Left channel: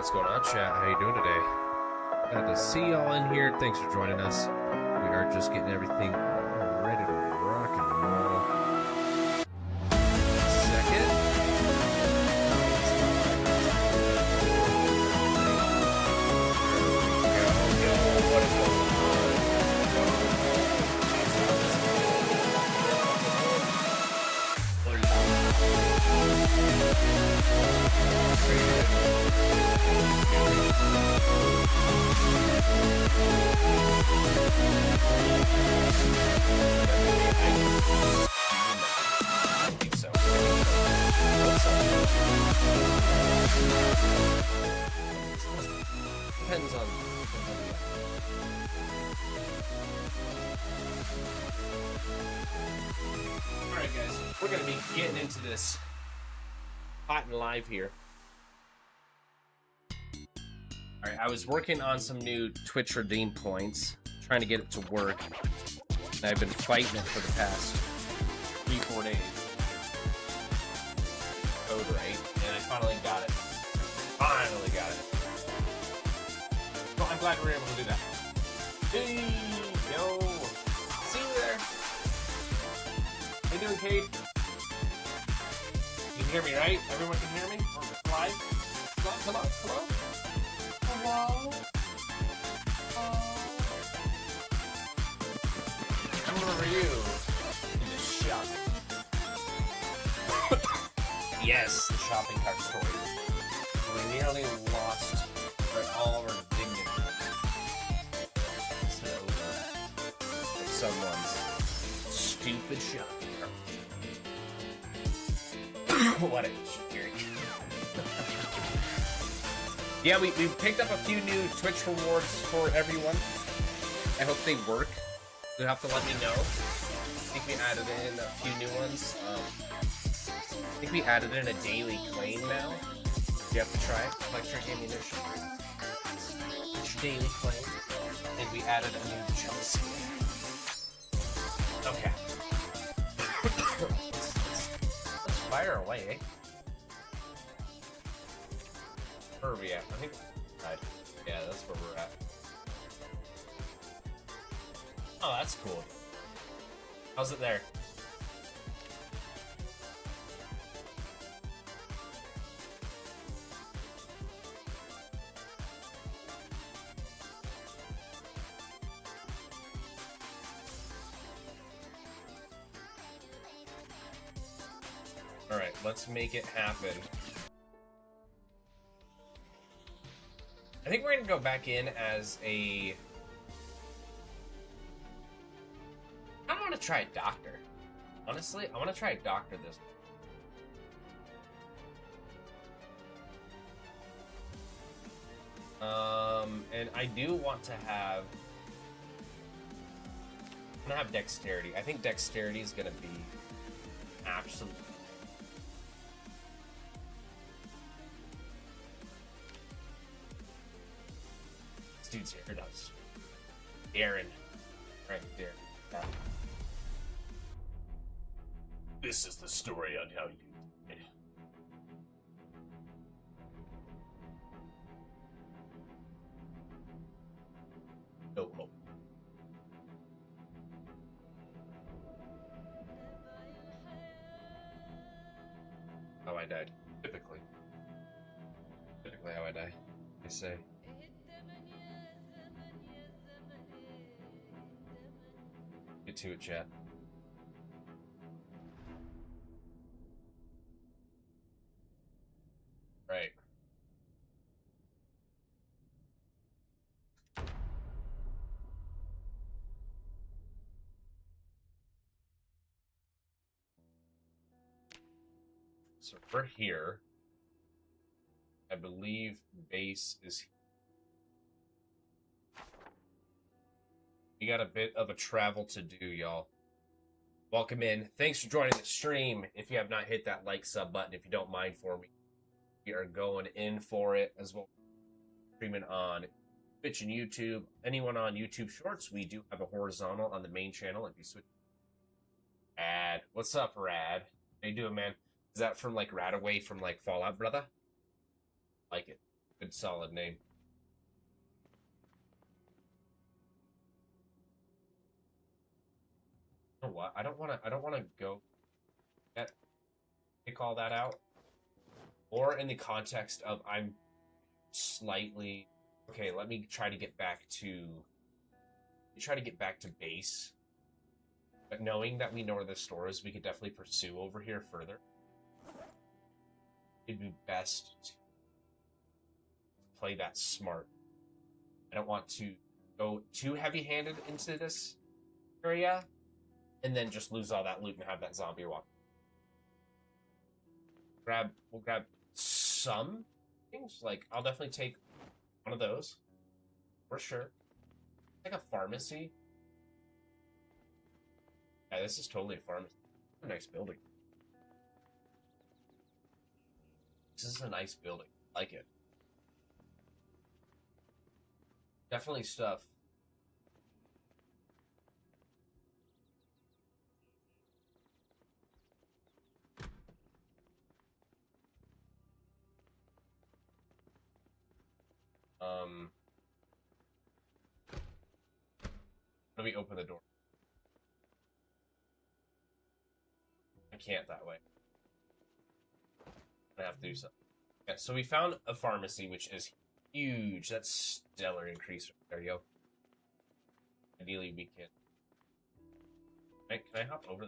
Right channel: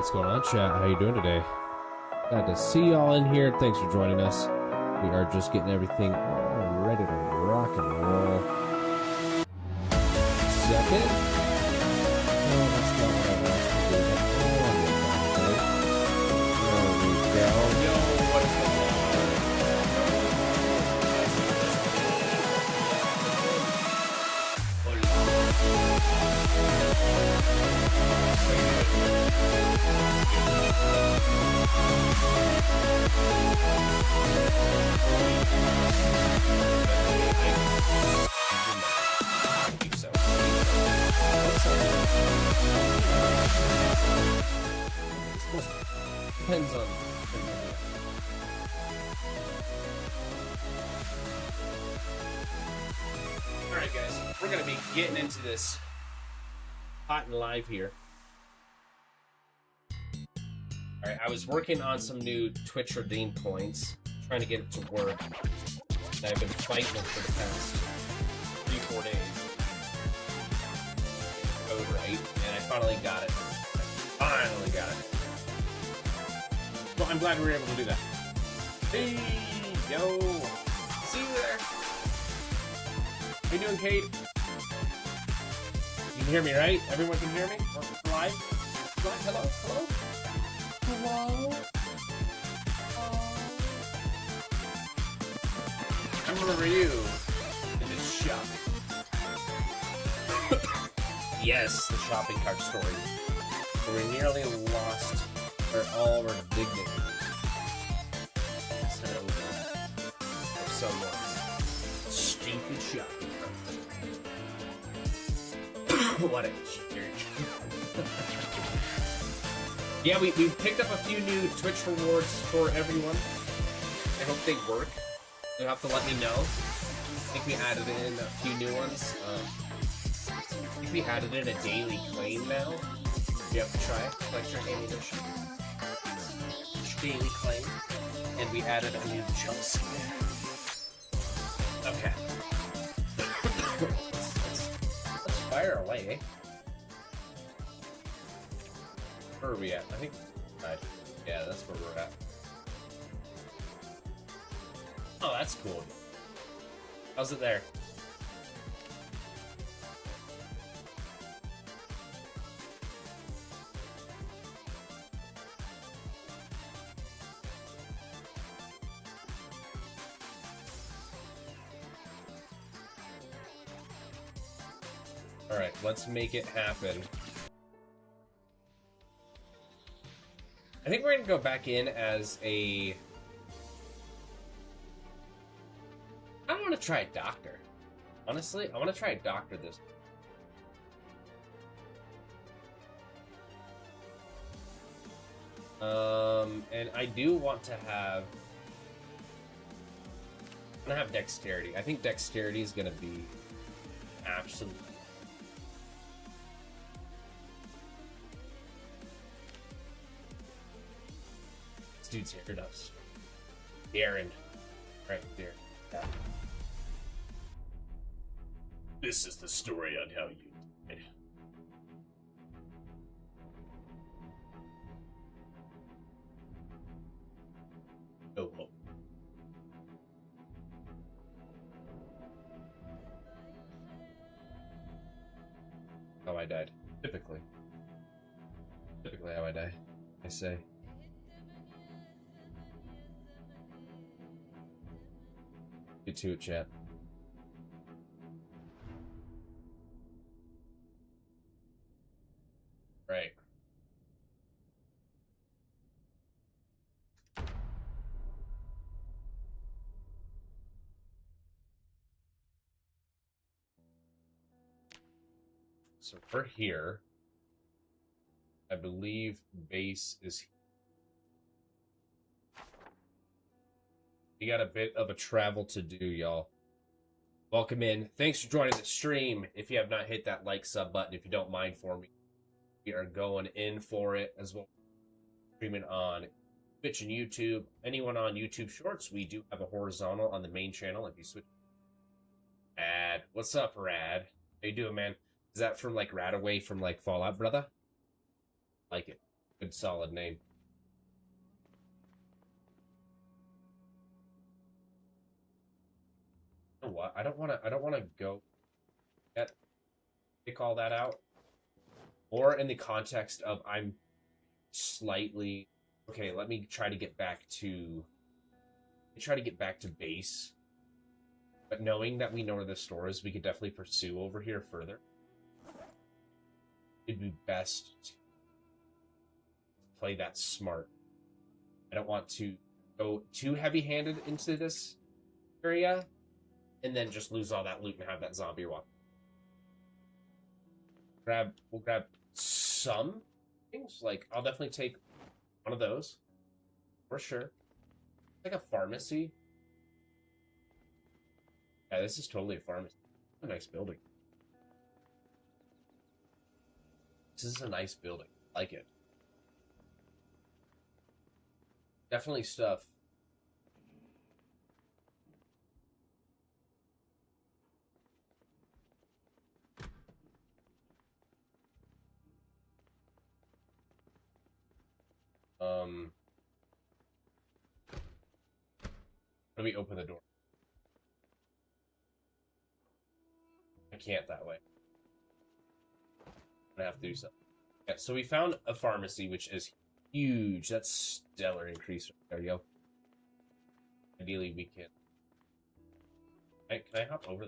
What's going on, chat? How you doing today? Glad to see y'all in here. Thanks for joining us. We are just getting everything all ready to rock and roll. Second. No, that's not what I meant to do. Alright guys, we're going to be getting into this hot and live here. Alright, I was working on some new Twitch redeem points, trying to get it to work, and I've been fighting it for the past 3-4 days. Right, and I finally got it. Finally got it. So I'm glad we were able to do that. Hey, yo! See you there! How you doing, Kate? You can hear me, right? Everyone can hear me? On this live? Hello? Hello? Come over you in the shop. Yes, the shopping cart story. We nearly lost all of our dignity. So stupid shopping cart. What a jerk. Yeah, we picked up a few new Twitch rewards for everyone. I hope they work. You'll have to let me know. I think we added in a few new ones. I think we added in a daily claim now. You have to try it. Daily claim. And we added a new choice. Okay. Let's fire away, eh? Where are we at? Right? Right. Yeah, that's where we're at. Oh, that's cool. How's it there? Alright, let's make it happen. I think we're gonna go back in as a... I want to try a doctor. Honestly, I want to try a doctor this and I do want to have... I'm gonna have dexterity. I think dexterity is gonna be absolutely... This dude's here, us. Darren. Right there. This is the story on how you... Oh. How I died. Typically how I die. I say. Get to it, chat. Right. So we're here. I believe base is here. We got a bit of a travel to do, y'all. Welcome in. Thanks for joining the stream. If you have not hit that like sub button, if you don't mind for me, we are going in for it as well. Streaming on Twitch and YouTube. Anyone on YouTube Shorts, we do have a horizontal on the main channel. If you switch. Rad. What's up, Rad? How you doing, man? Is that from like Radaway from like Fallout, brother? Like it. Good solid name. You know what? I don't wanna go yet pick all that out. Or in the context of I'm slightly okay, let me try to get back to base. But knowing that we know where the store is, we could definitely pursue over here further. It'd be best to play that smart. I don't want to go too heavy-handed into this area and then just lose all that loot and have that zombie walk. We'll grab some things. Like, I'll definitely take one of those. For sure. Like a pharmacy. Yeah, this is totally a pharmacy. A nice building. This is a nice building. I like it. Definitely stuff. Let me open the door. I can't that way. I'm gonna have to do something. Yeah, so we found a pharmacy, which is huge. That's stellar increase. There you go. Ideally, we can. Can I hop over?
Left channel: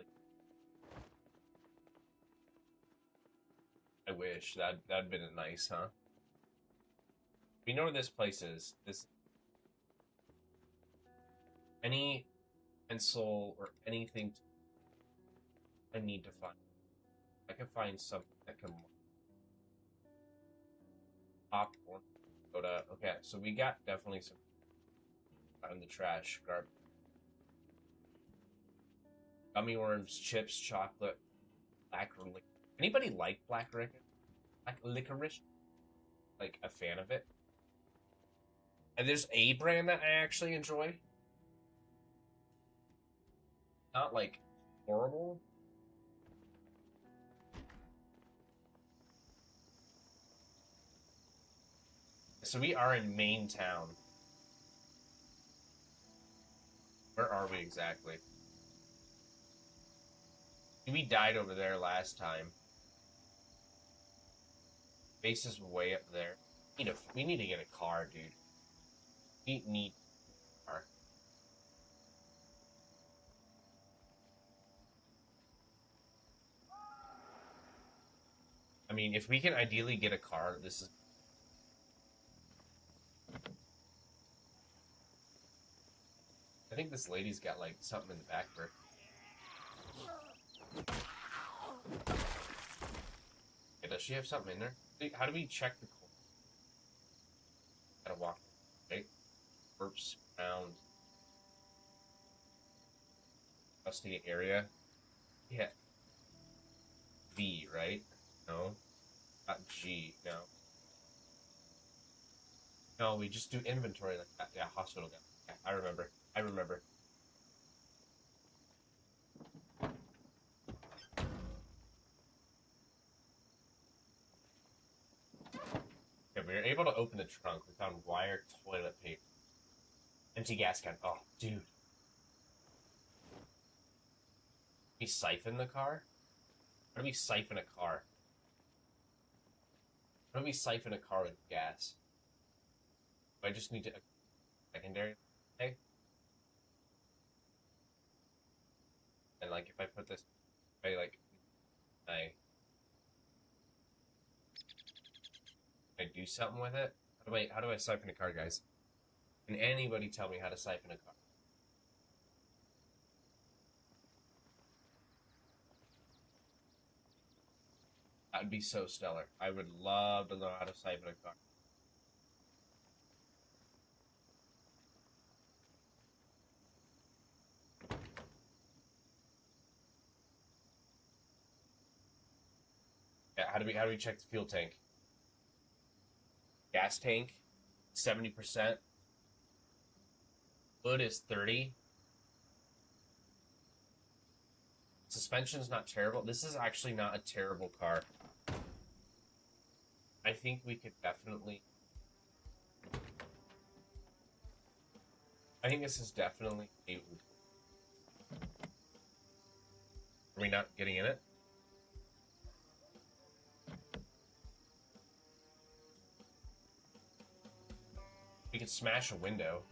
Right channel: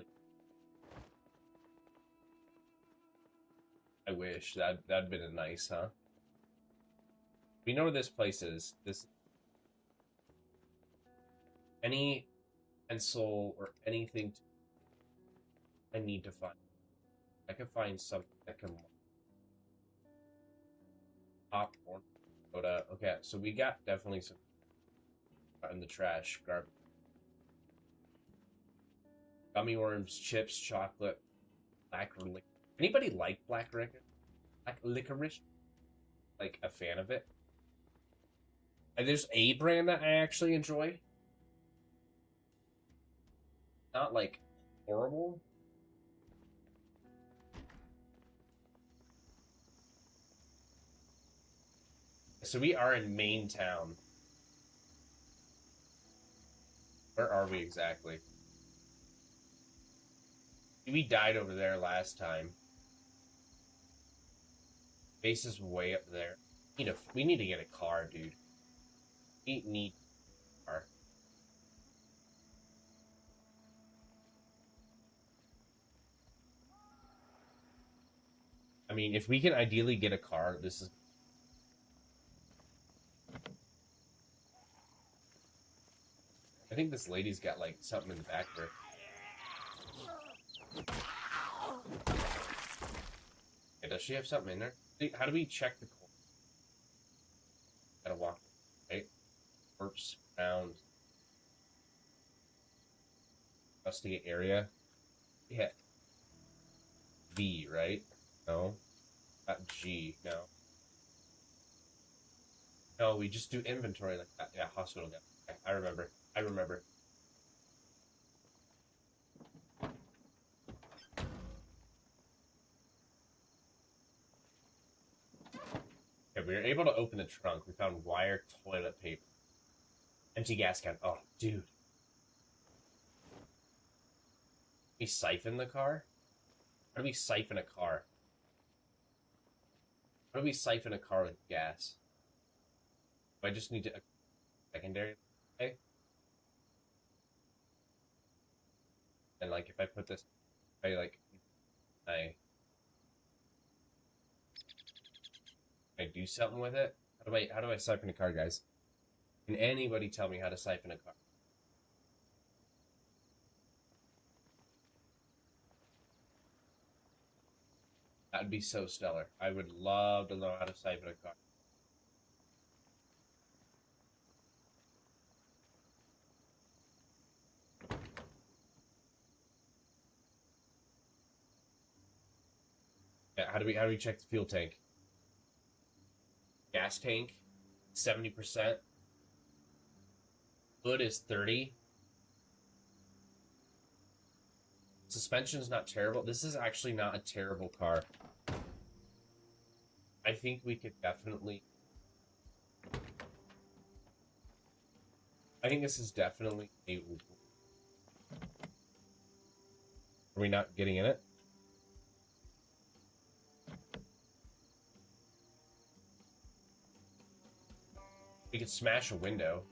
I wish that'd been a nice, huh? We know where this place is. This any pencil or anything I need to find. I can find something that can pop or go to. Okay, so we got definitely some in the trash. Gummy worms, chips, chocolate, black licorice. Anybody like black licorice? Black licorice? Like a fan of it? And there's a brand that I actually enjoy. Not like horrible. So we are in Main Town. Where are we exactly? We died over there last time. Base is way up there. We need to get a car, dude. We need a car. I mean, if we can ideally get a car, this is... I think this lady's got, like, something in the back there. Yeah, does she have something in there? How do we check the cold? Gotta walk, right? Corpse around. Investigate area. Yeah. V, right? No. Not G, no. No, we just do inventory like that. Yeah, hospital guy. Yeah, I remember. Okay, we were able to open the trunk. We found wire, toilet paper. Empty gas can. Oh, dude. We siphon the car? How do we siphon a car? How do we siphon a car with gas? Do I just need to... secondary? Okay. And, like, if I put this... I do something with it? How do I siphon a car, guys? Can anybody tell me how to siphon a car? That'd be so stellar. I would love to know how to siphon a car. Yeah, how do we check the fuel tank? Gas tank, 70%. Wood is 30. Suspension's not terrible. This is actually not a terrible car. I think we could definitely I think this is definitely a... Are we not getting in it? We could smash a window.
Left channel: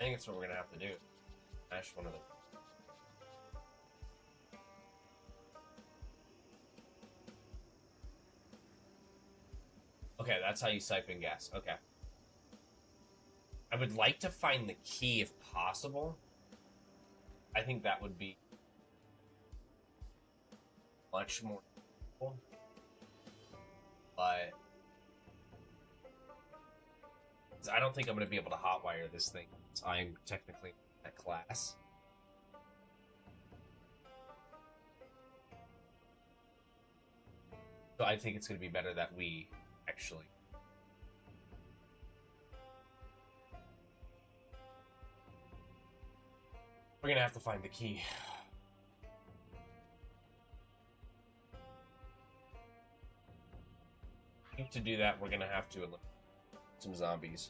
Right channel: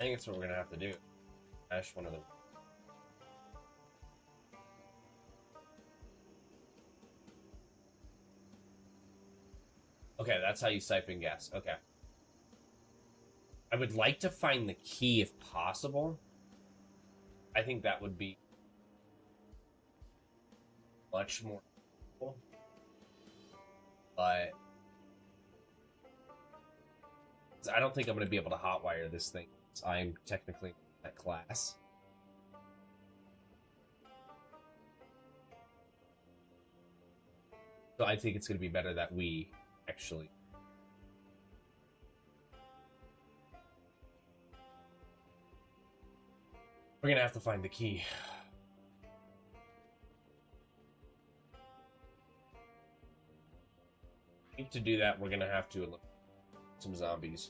I think that's what we're gonna have to do. Smash one of them. Okay, that's how you siphon gas. Okay. I would like to find the key if possible. I think that would be much more helpful. But I don't think I'm going to be able to hotwire this thing. I'm technically a class. So I think it's going to be better that we actually... We're going to have to find the key. I think to do that, we're going to have to eliminate some zombies.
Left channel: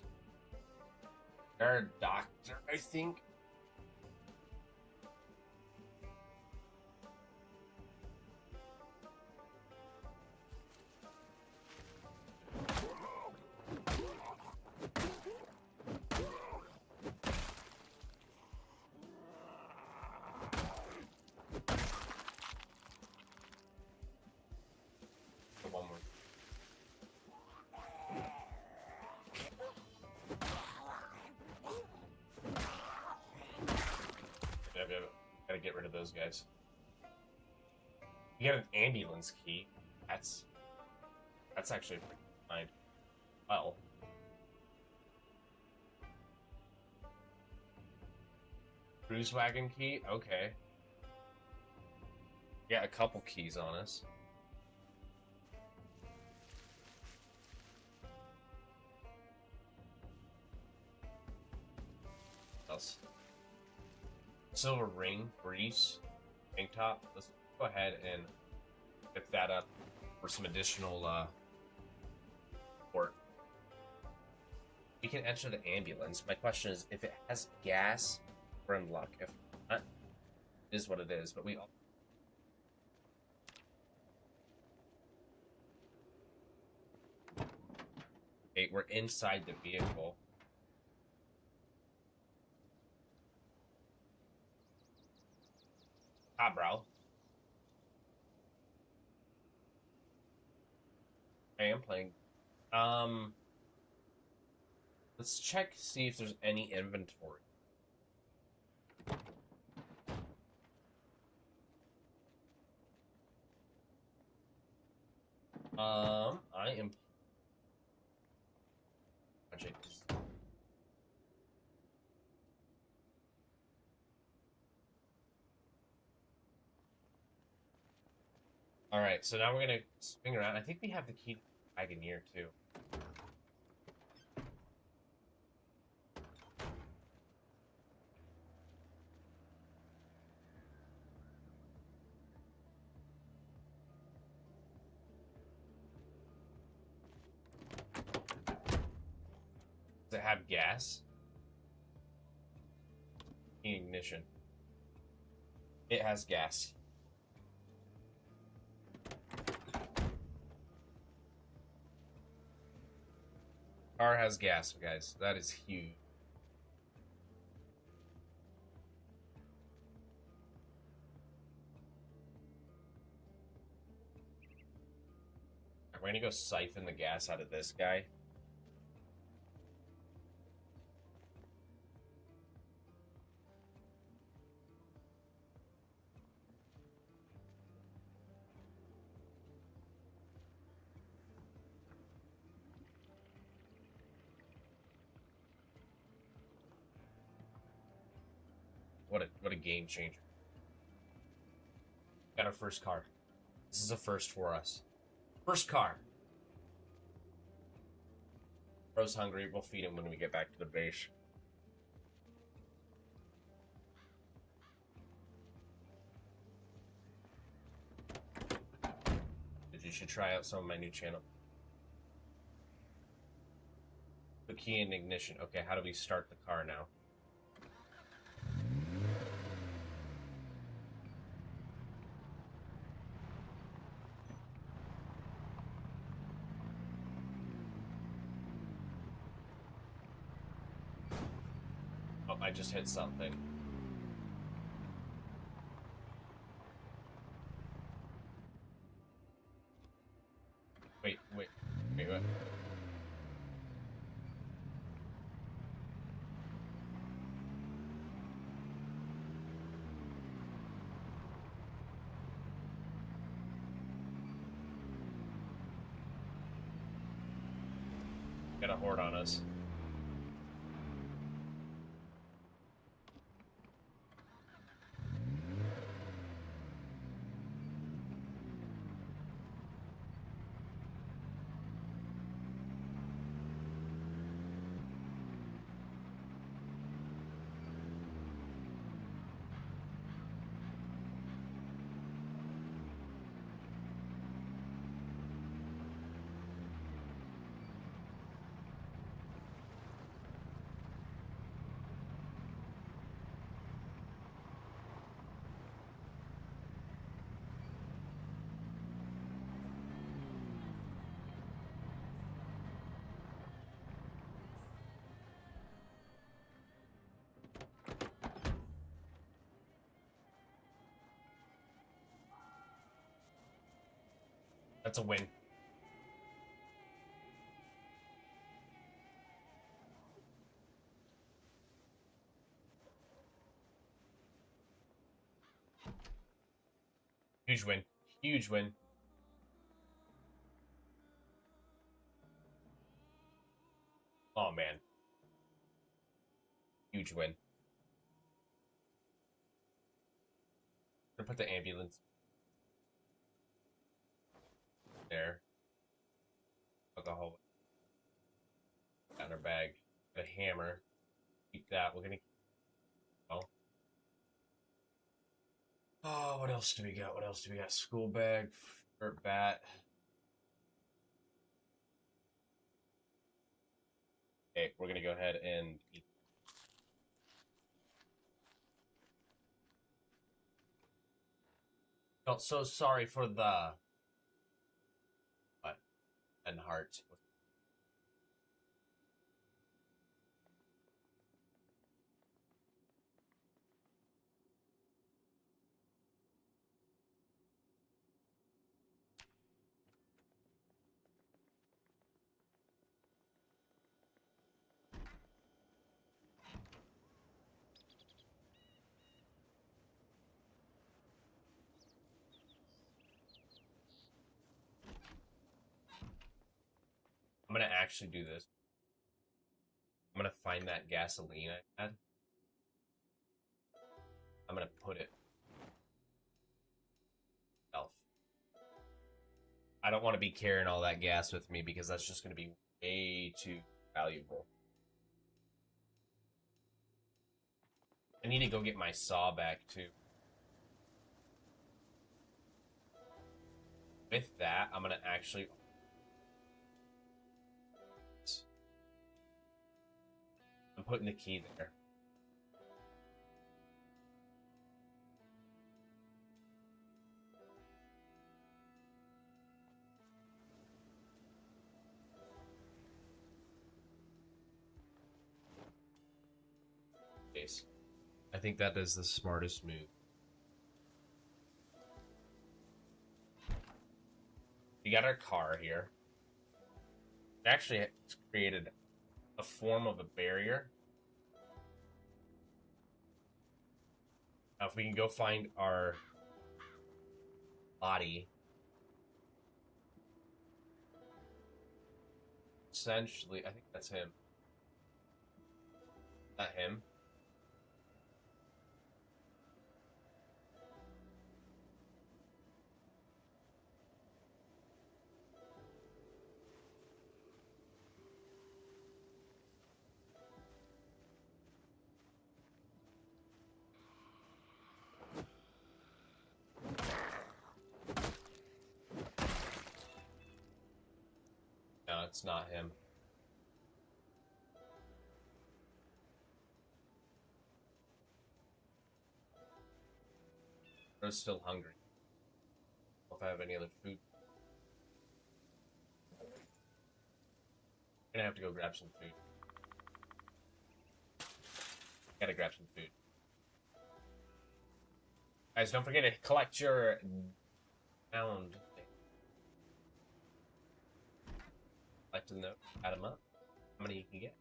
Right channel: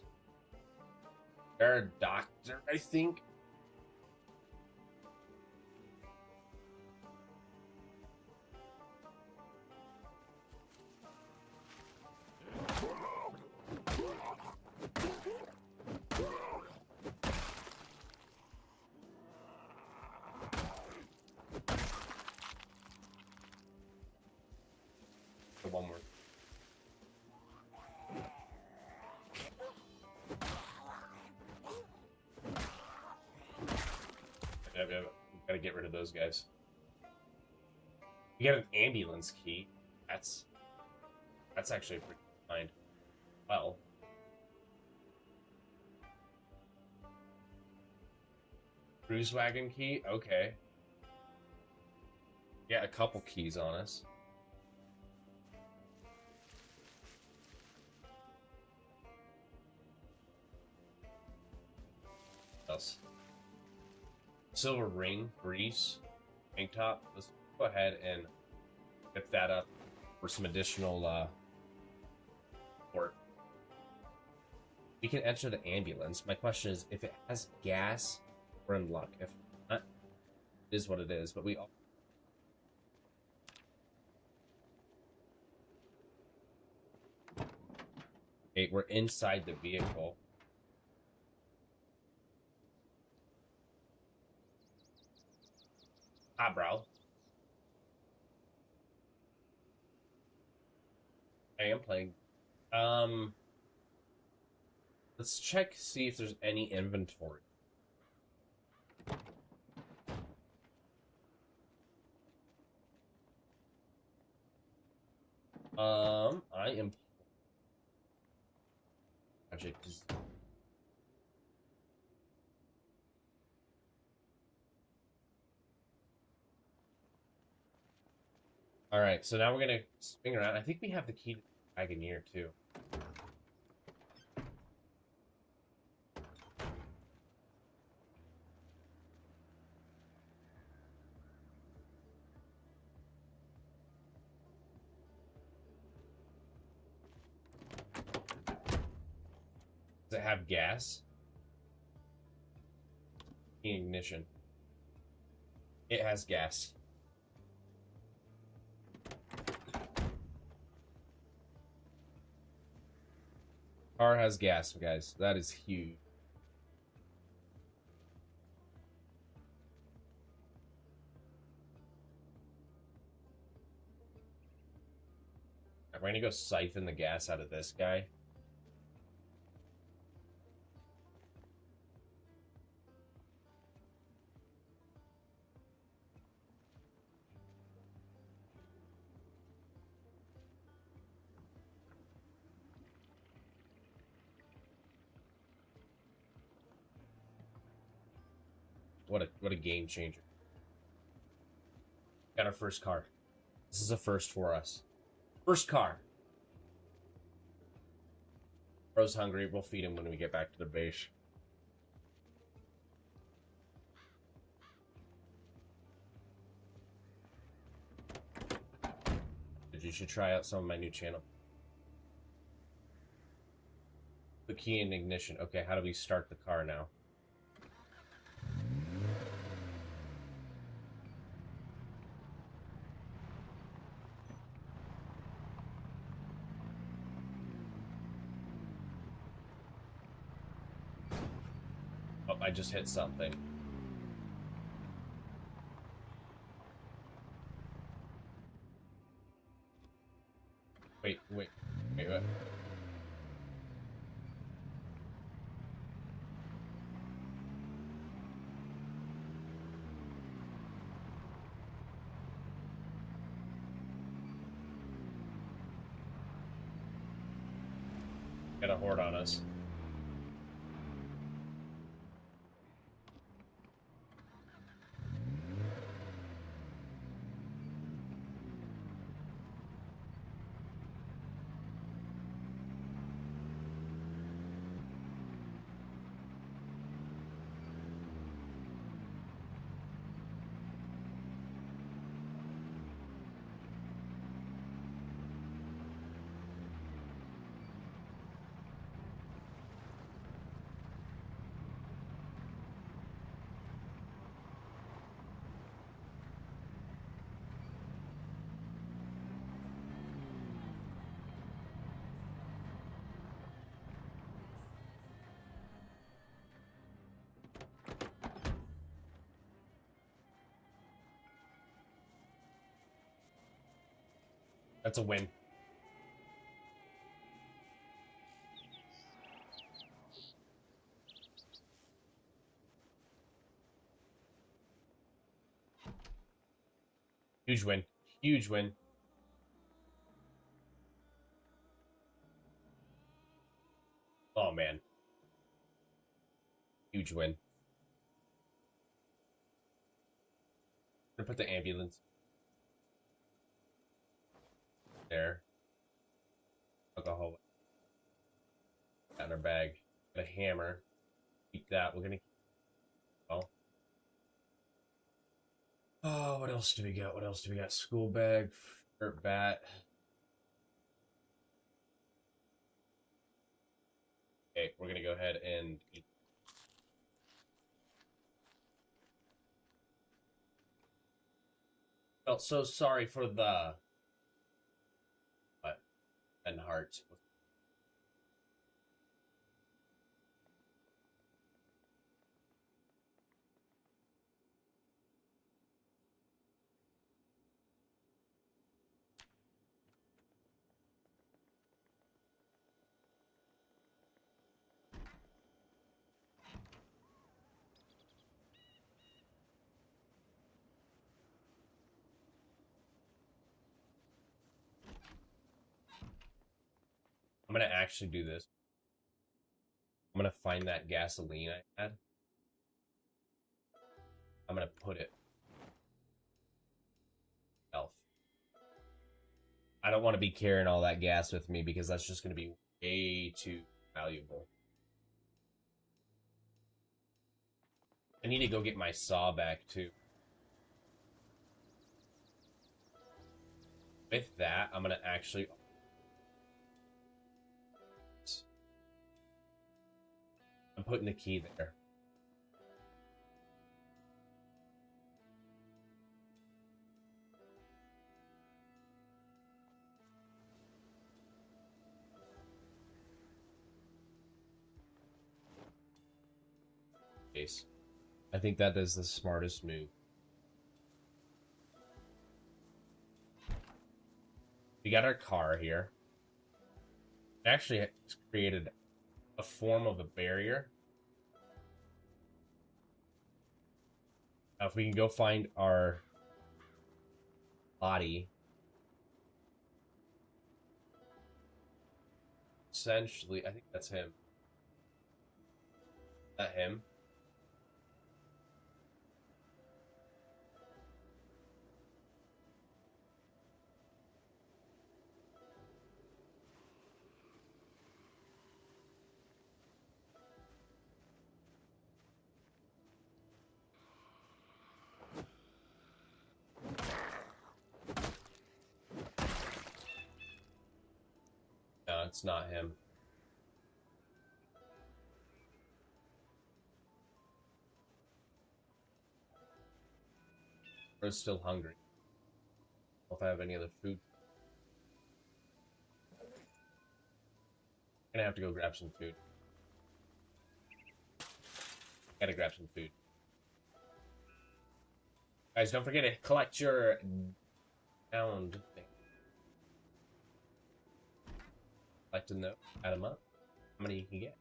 They're a doctor, I think. One more. Gotta get rid of those guys. You got an ambulance key. That's actually pretty fine. Well, cruise wagon key. Okay. Yeah, a couple keys on us. What else? Silver ring, grease, tank top. Let's go ahead and pick that up for some additional work. We can enter the ambulance. My question is, if it has gas, we're in luck. If not, it is what it is. But we all... Okay, we're inside the vehicle. Ah, bro. I am playing. Let's check, see if there's any inventory. I am... Project is... Alright, so now we're gonna spin around. I think we have the key to the Wagoneer, too. Does it have gas? Ignition. It has gas. Car has gas, guys. That is huge. I'm going to go siphon the gas out of this guy. What a game changer. Got our first car. This is a first for us. First car. Bro's hungry. We'll feed him when we get back to the base. You should try out some of my new channel. key in ignition. Okay, how do we start the car now? Oh, I just hit something. Wait. Got a horde on us. That's a win. Huge win. Huge win. Oh, man. Huge win. I'm gonna put the ambulance there. Alcohol in our bag. A hammer. Keep that. We're gonna. Oh, what else do we got? What else do we got? School bag, dirt bat. Okay, we're gonna go ahead and. Felt so sorry for the. What? And heart. I'm gonna actually do this. I'm gonna find that gasoline I had. I'm gonna put it. Elf. I don't want to be carrying all that gas with me because that's just gonna be way too valuable. I need to go get my saw back too. With that, I'm gonna actually. I'm putting the key there. Case. I think that is the smartest move. We got our car here. It actually created a form of a barrier. Now, if we can go find our body, essentially, I think that's him. Is that him? No, it's not him. is still hungry. I don't know if I have any other food. I'm gonna have to go grab some food. Gotta grab some food. Guys, don't forget to collect your pound thing. Collect them, add them up. How many you can get?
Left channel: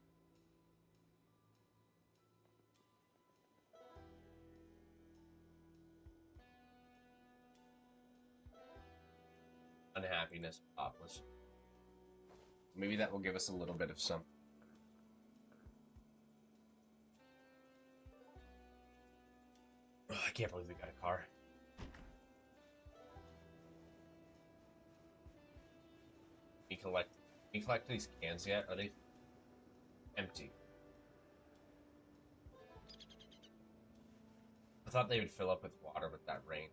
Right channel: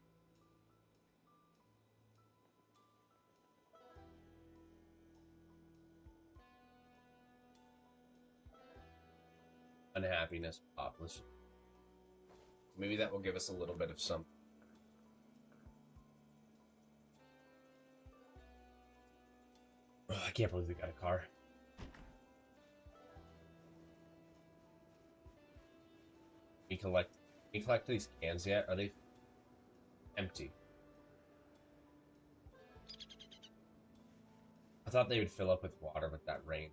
Unhappiness pop. Maybe that will give us a little bit of something. Oh, I can't believe we got a car. Can you collect these cans yet? Are they empty? I thought they would fill up with water with that rain.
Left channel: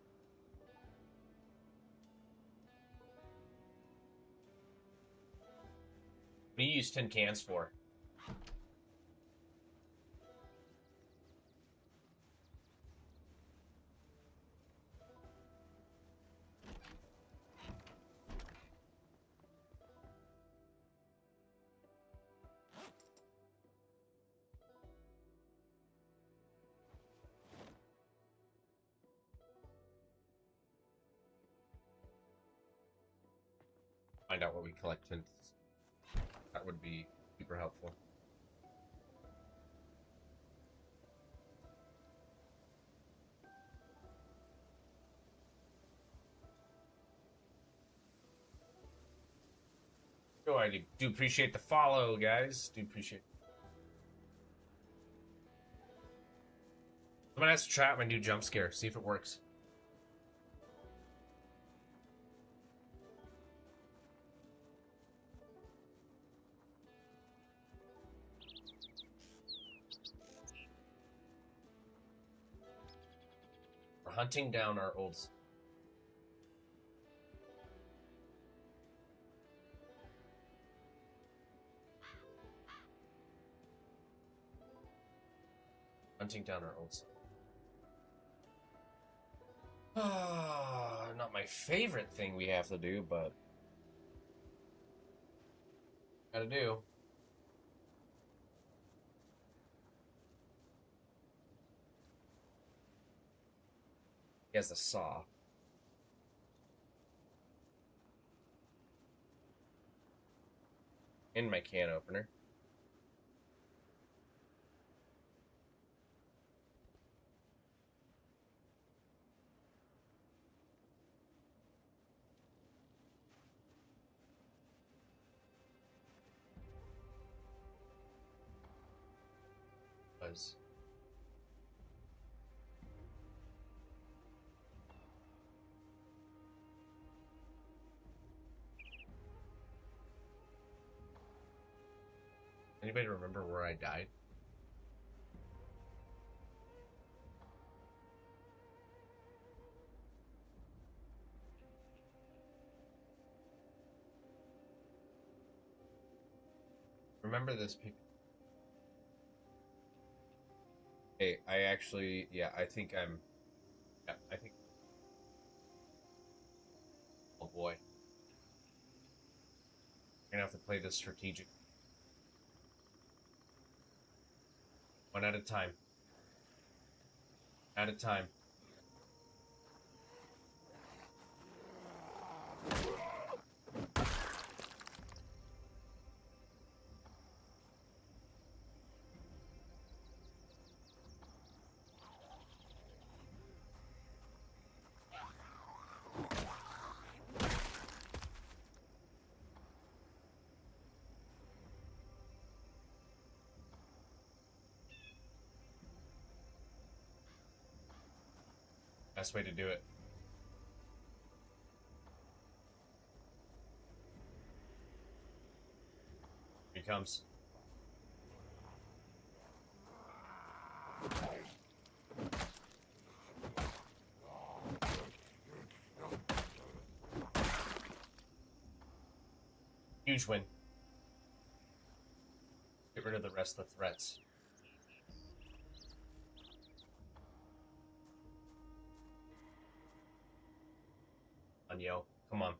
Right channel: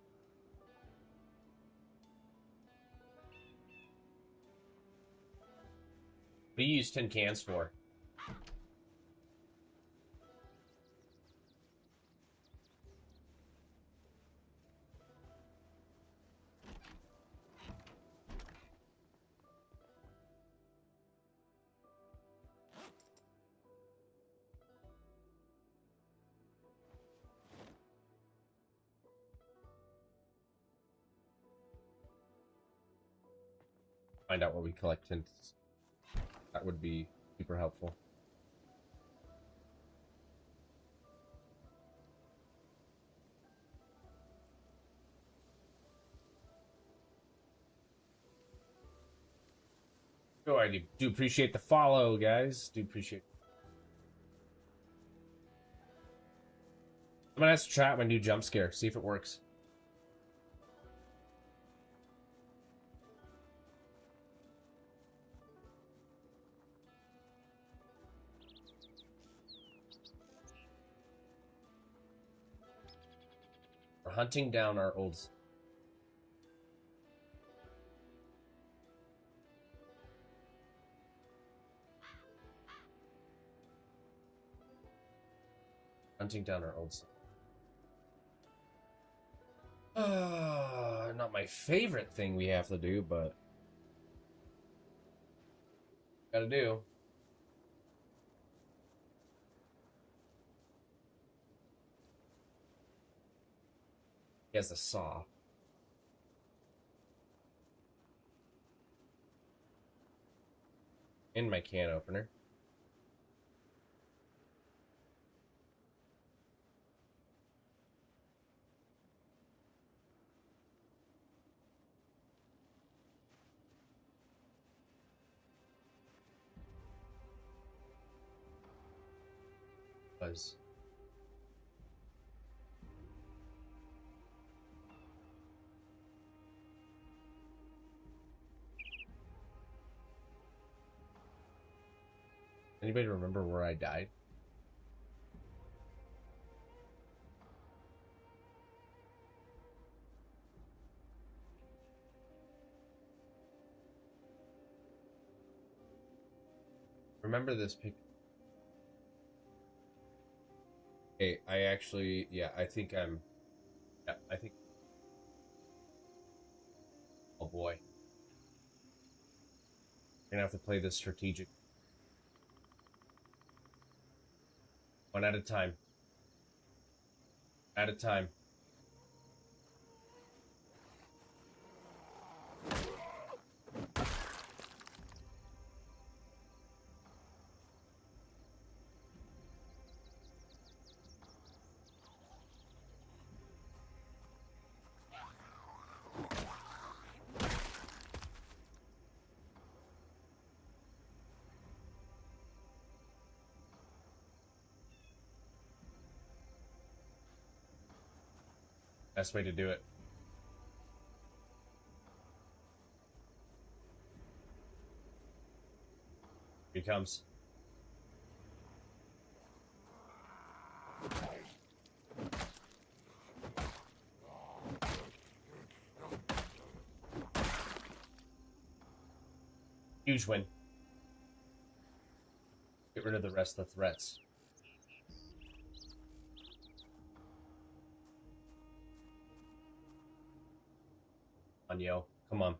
What do you use 10 cans for? Find out where we collect tints. That would be super helpful. So I do appreciate the follow, guys. Do appreciate it. I'm gonna ask chat my new jump scare, see if it works. We're hunting down our old... Hunting down our old... not my favorite thing we have to do, but... Gotta do. He has the saw. In my can opener. Was. Anybody remember where I died? Remember this picture? Hey, I actually, yeah, I think I'm, yeah, I think, oh boy. I'm gonna have to play this strategic. One at a time. At a time. Best way to do it. Here he comes. Huge win. Get rid of the rest of the threats. Come on, yo. Come on.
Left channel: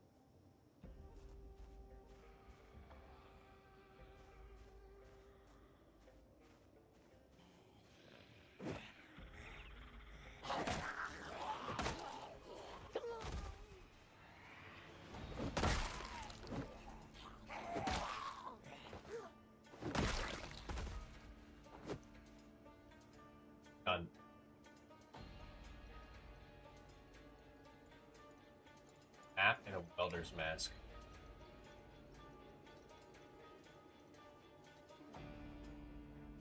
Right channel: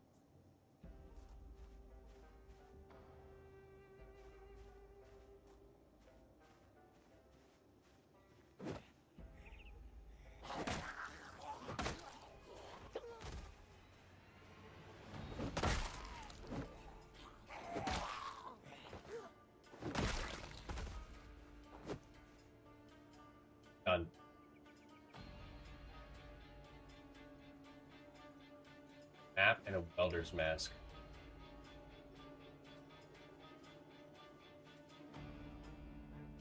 Done. Map and a welder's mask.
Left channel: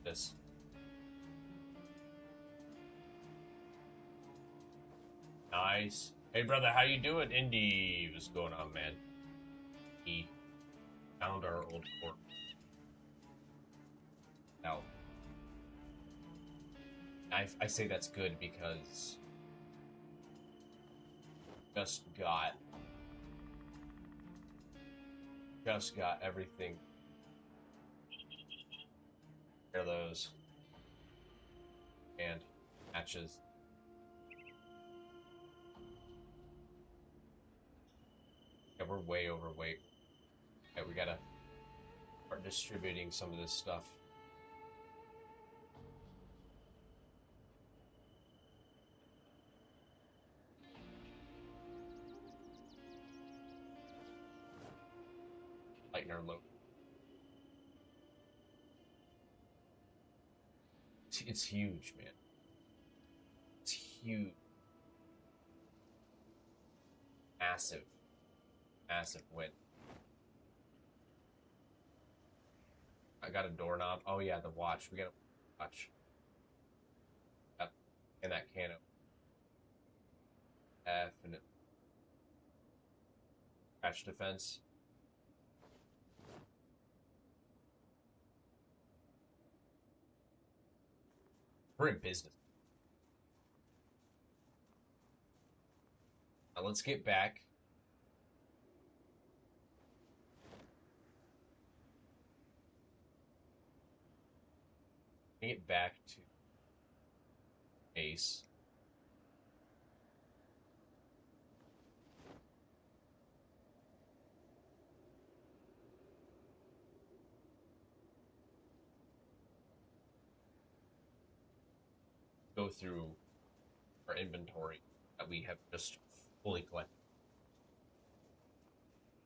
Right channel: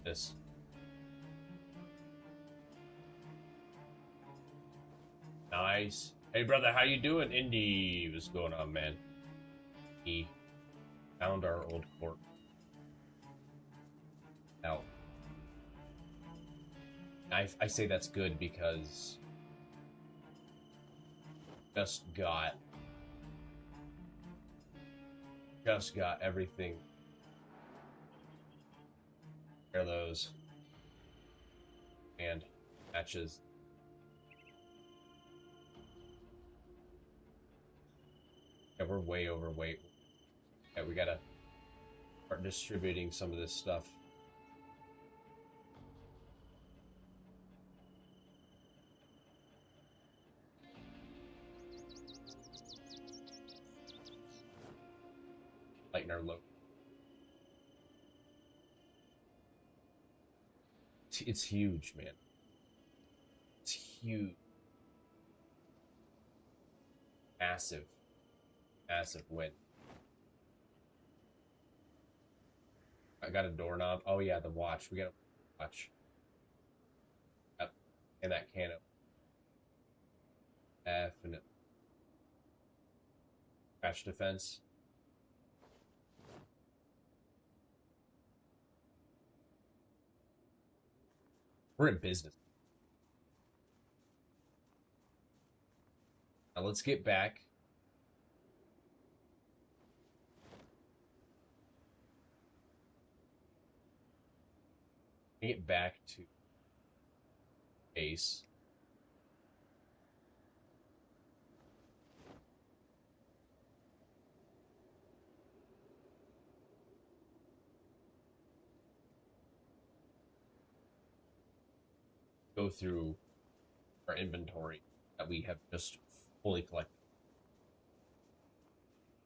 This. Nice. Hey, brother, how you doing? Indy, what's going on, man? He found our old fort. Now, I say that's good because just got everything. Pair those and matches. Yeah, we're way overweight. Yeah, we gotta start distributing some of this stuff. Lighten our load. It's huge, man. It's huge. Massive. Massive win. I got a doorknob. Oh yeah, the watch. We got a watch. And that can of definite crash defense. We're in business. Now let's get back. Get back to base. Go through our inventory that we have just fully collected.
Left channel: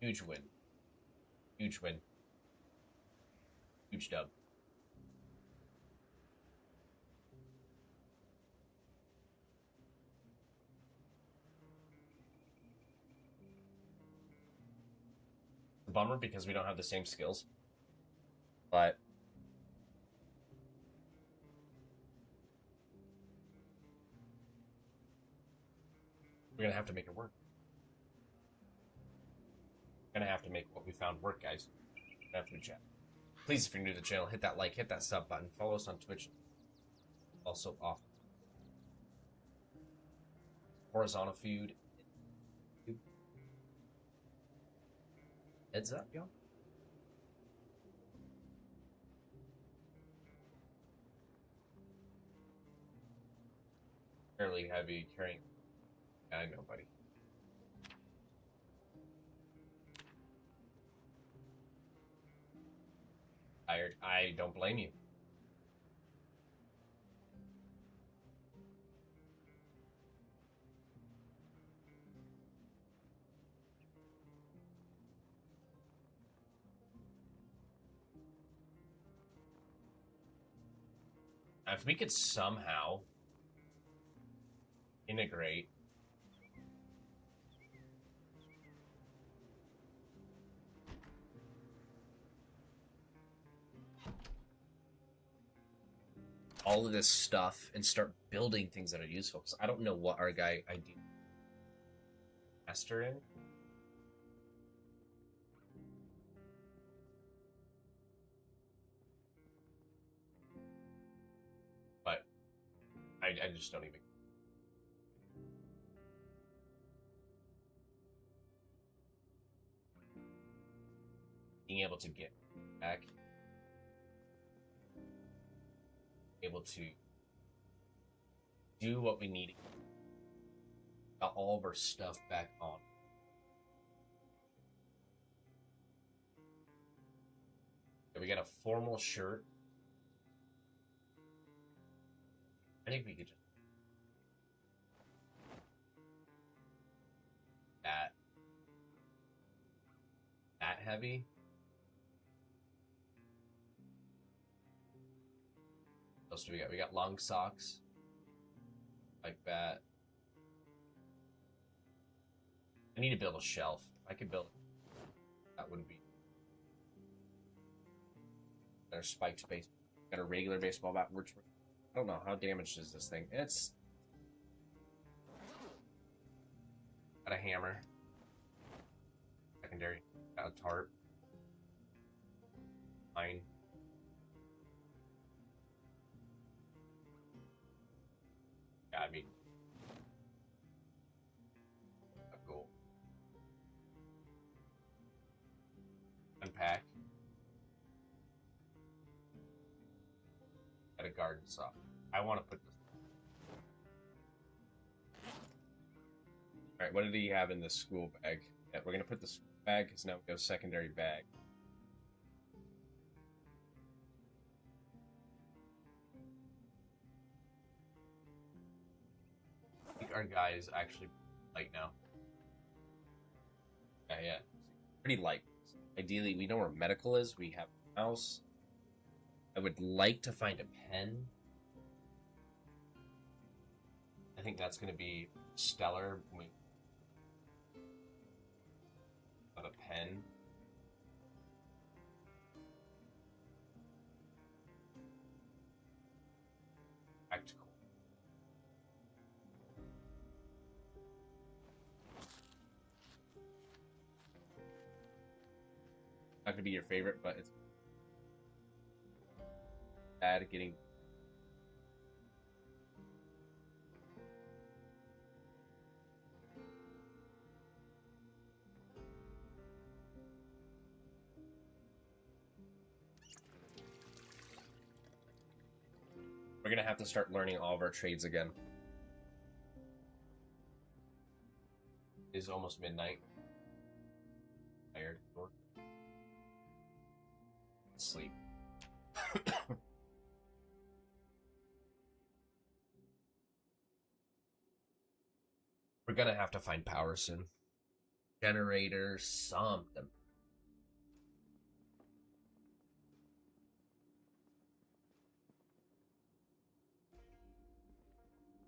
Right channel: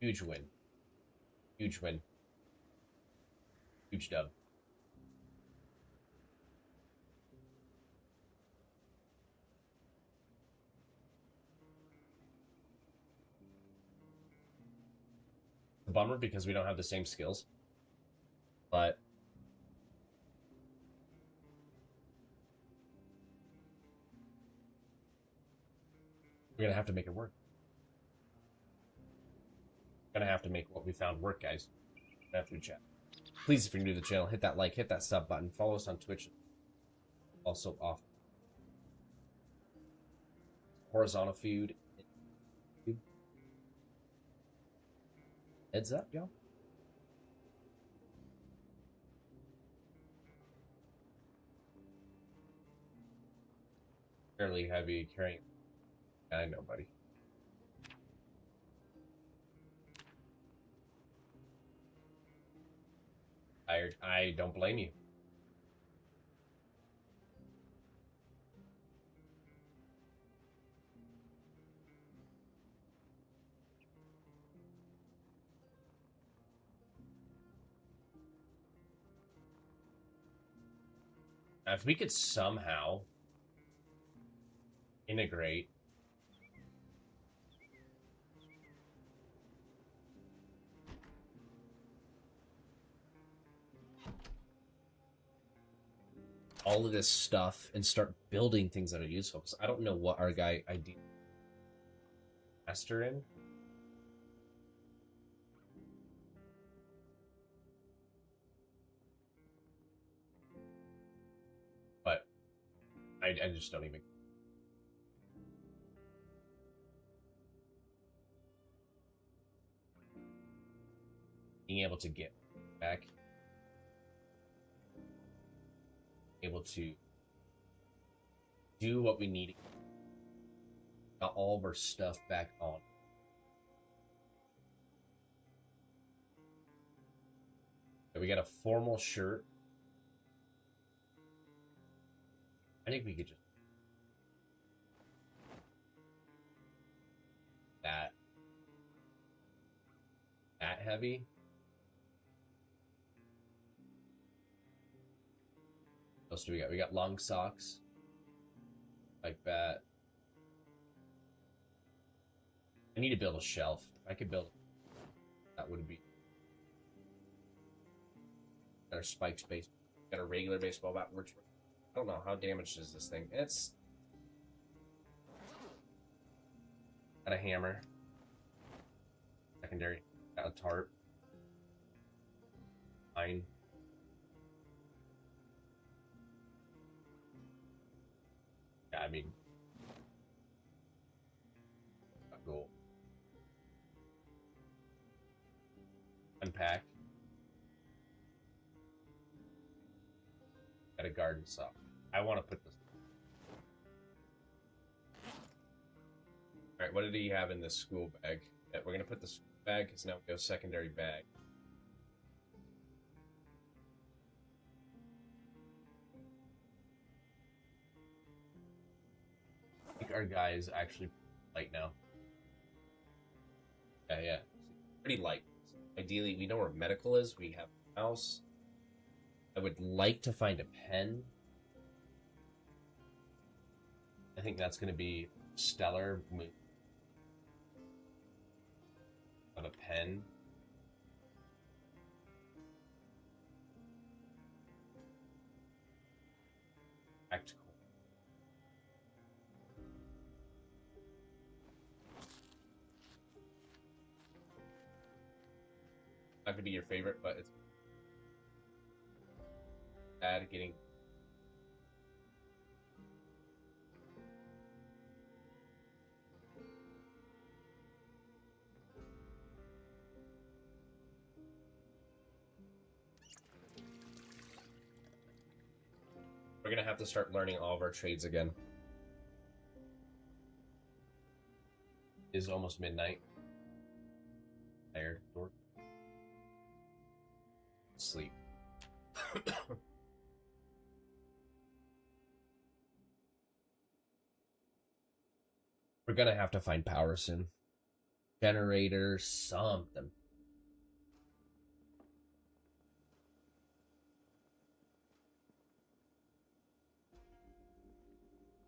Huge win. Huge win. Huge dub. A bummer because we don't have the same skills. But we're gonna have to make it work. Gonna have to make what we found work, guys. After the chat. Please, if you're new to the channel, hit that like, hit that sub button, follow us on Twitch. Also off. Horizontal food. Heads up, y'all. Fairly heavy carrying. I know, buddy. Tired. I don't blame you. If we could somehow integrate all of this stuff and start building things that are useful. So I don't know what our guy ID master in. But I just don't even. Being able to get back, able to do what we need, got all of our stuff back on. We got a formal shirt. I think we could just that heavy. What else do we got? We got long socks like that. I need to build a shelf. If I could build, that would be better. Spikes base. Got a regular baseball bat. Works. I don't know how damaged is this thing. It's got a hammer. Secondary. Got a tarp. Mine. Yeah, I mean, a goal. Unpack. Got a garden saw. I want to put this. All right, what did he have in this school bag? Yeah, we're gonna put this bag because now we go secondary bag. I think our guy is actually light now. Yeah, pretty light. Ideally, we know where medical is. We have a mouse. I would like to find a pen. I think that's going to be stellar. But a pen. Practical. Not going to be your favorite, but it's bad at getting. We're going to have to start learning all of our trades again. It is almost midnight. Tired. Sleep. We're going to have to find power soon. Generator, something.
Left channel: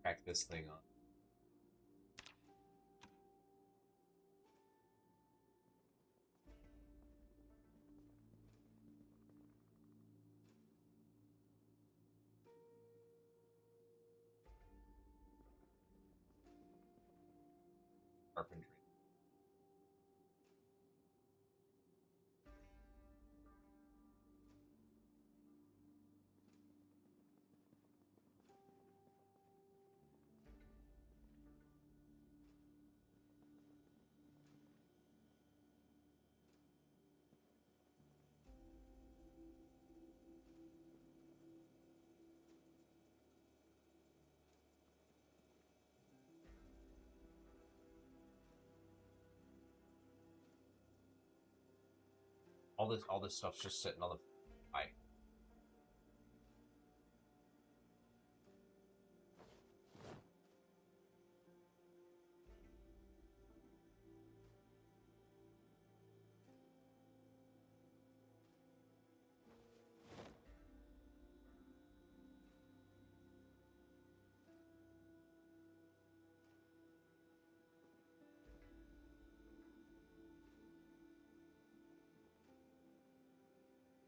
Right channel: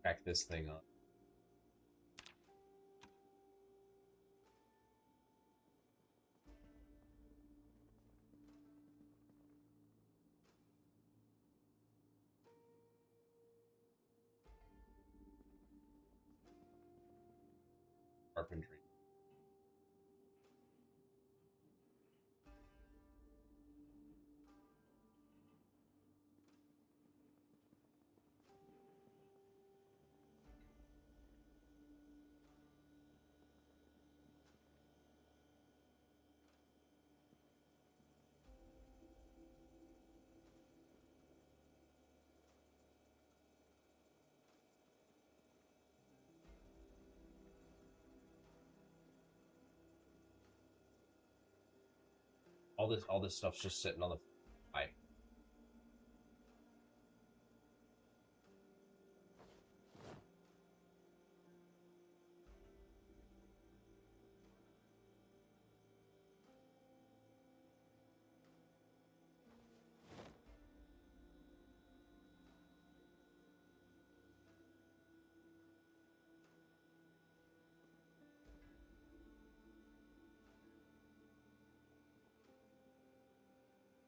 Crack this thing on. Carpentry. All this stuff's just sitting on the pipe.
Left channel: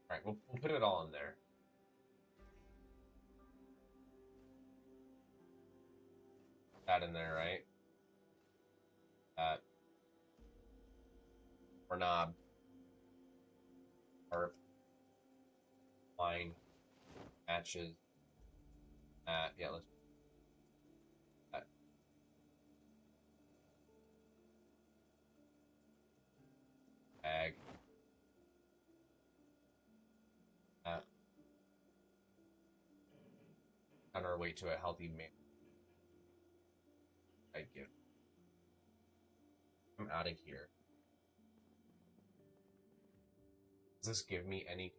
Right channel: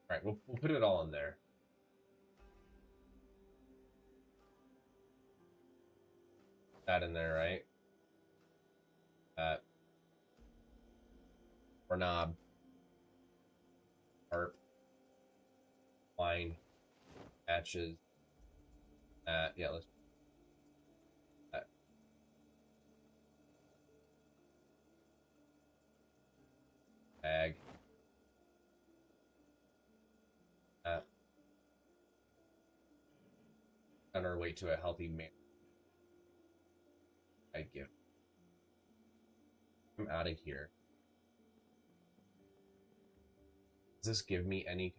All right, we'll put it all in there. That in there, right? That. Or knob. Harp. Line. Matches. That. Yeah, let's. That. Bag. That. On our way to a healthy man. I give. I'm out of here. Does this give me any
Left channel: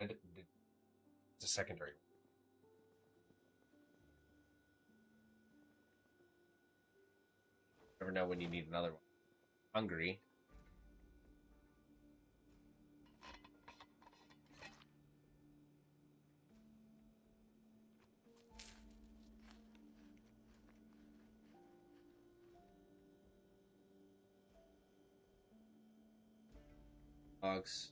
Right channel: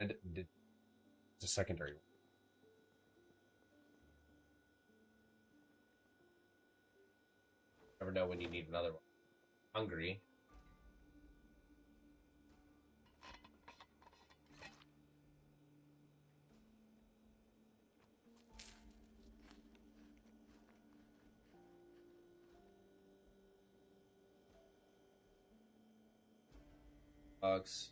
And it's a secondary one. Never know when you need another one. Hungry. Bugs.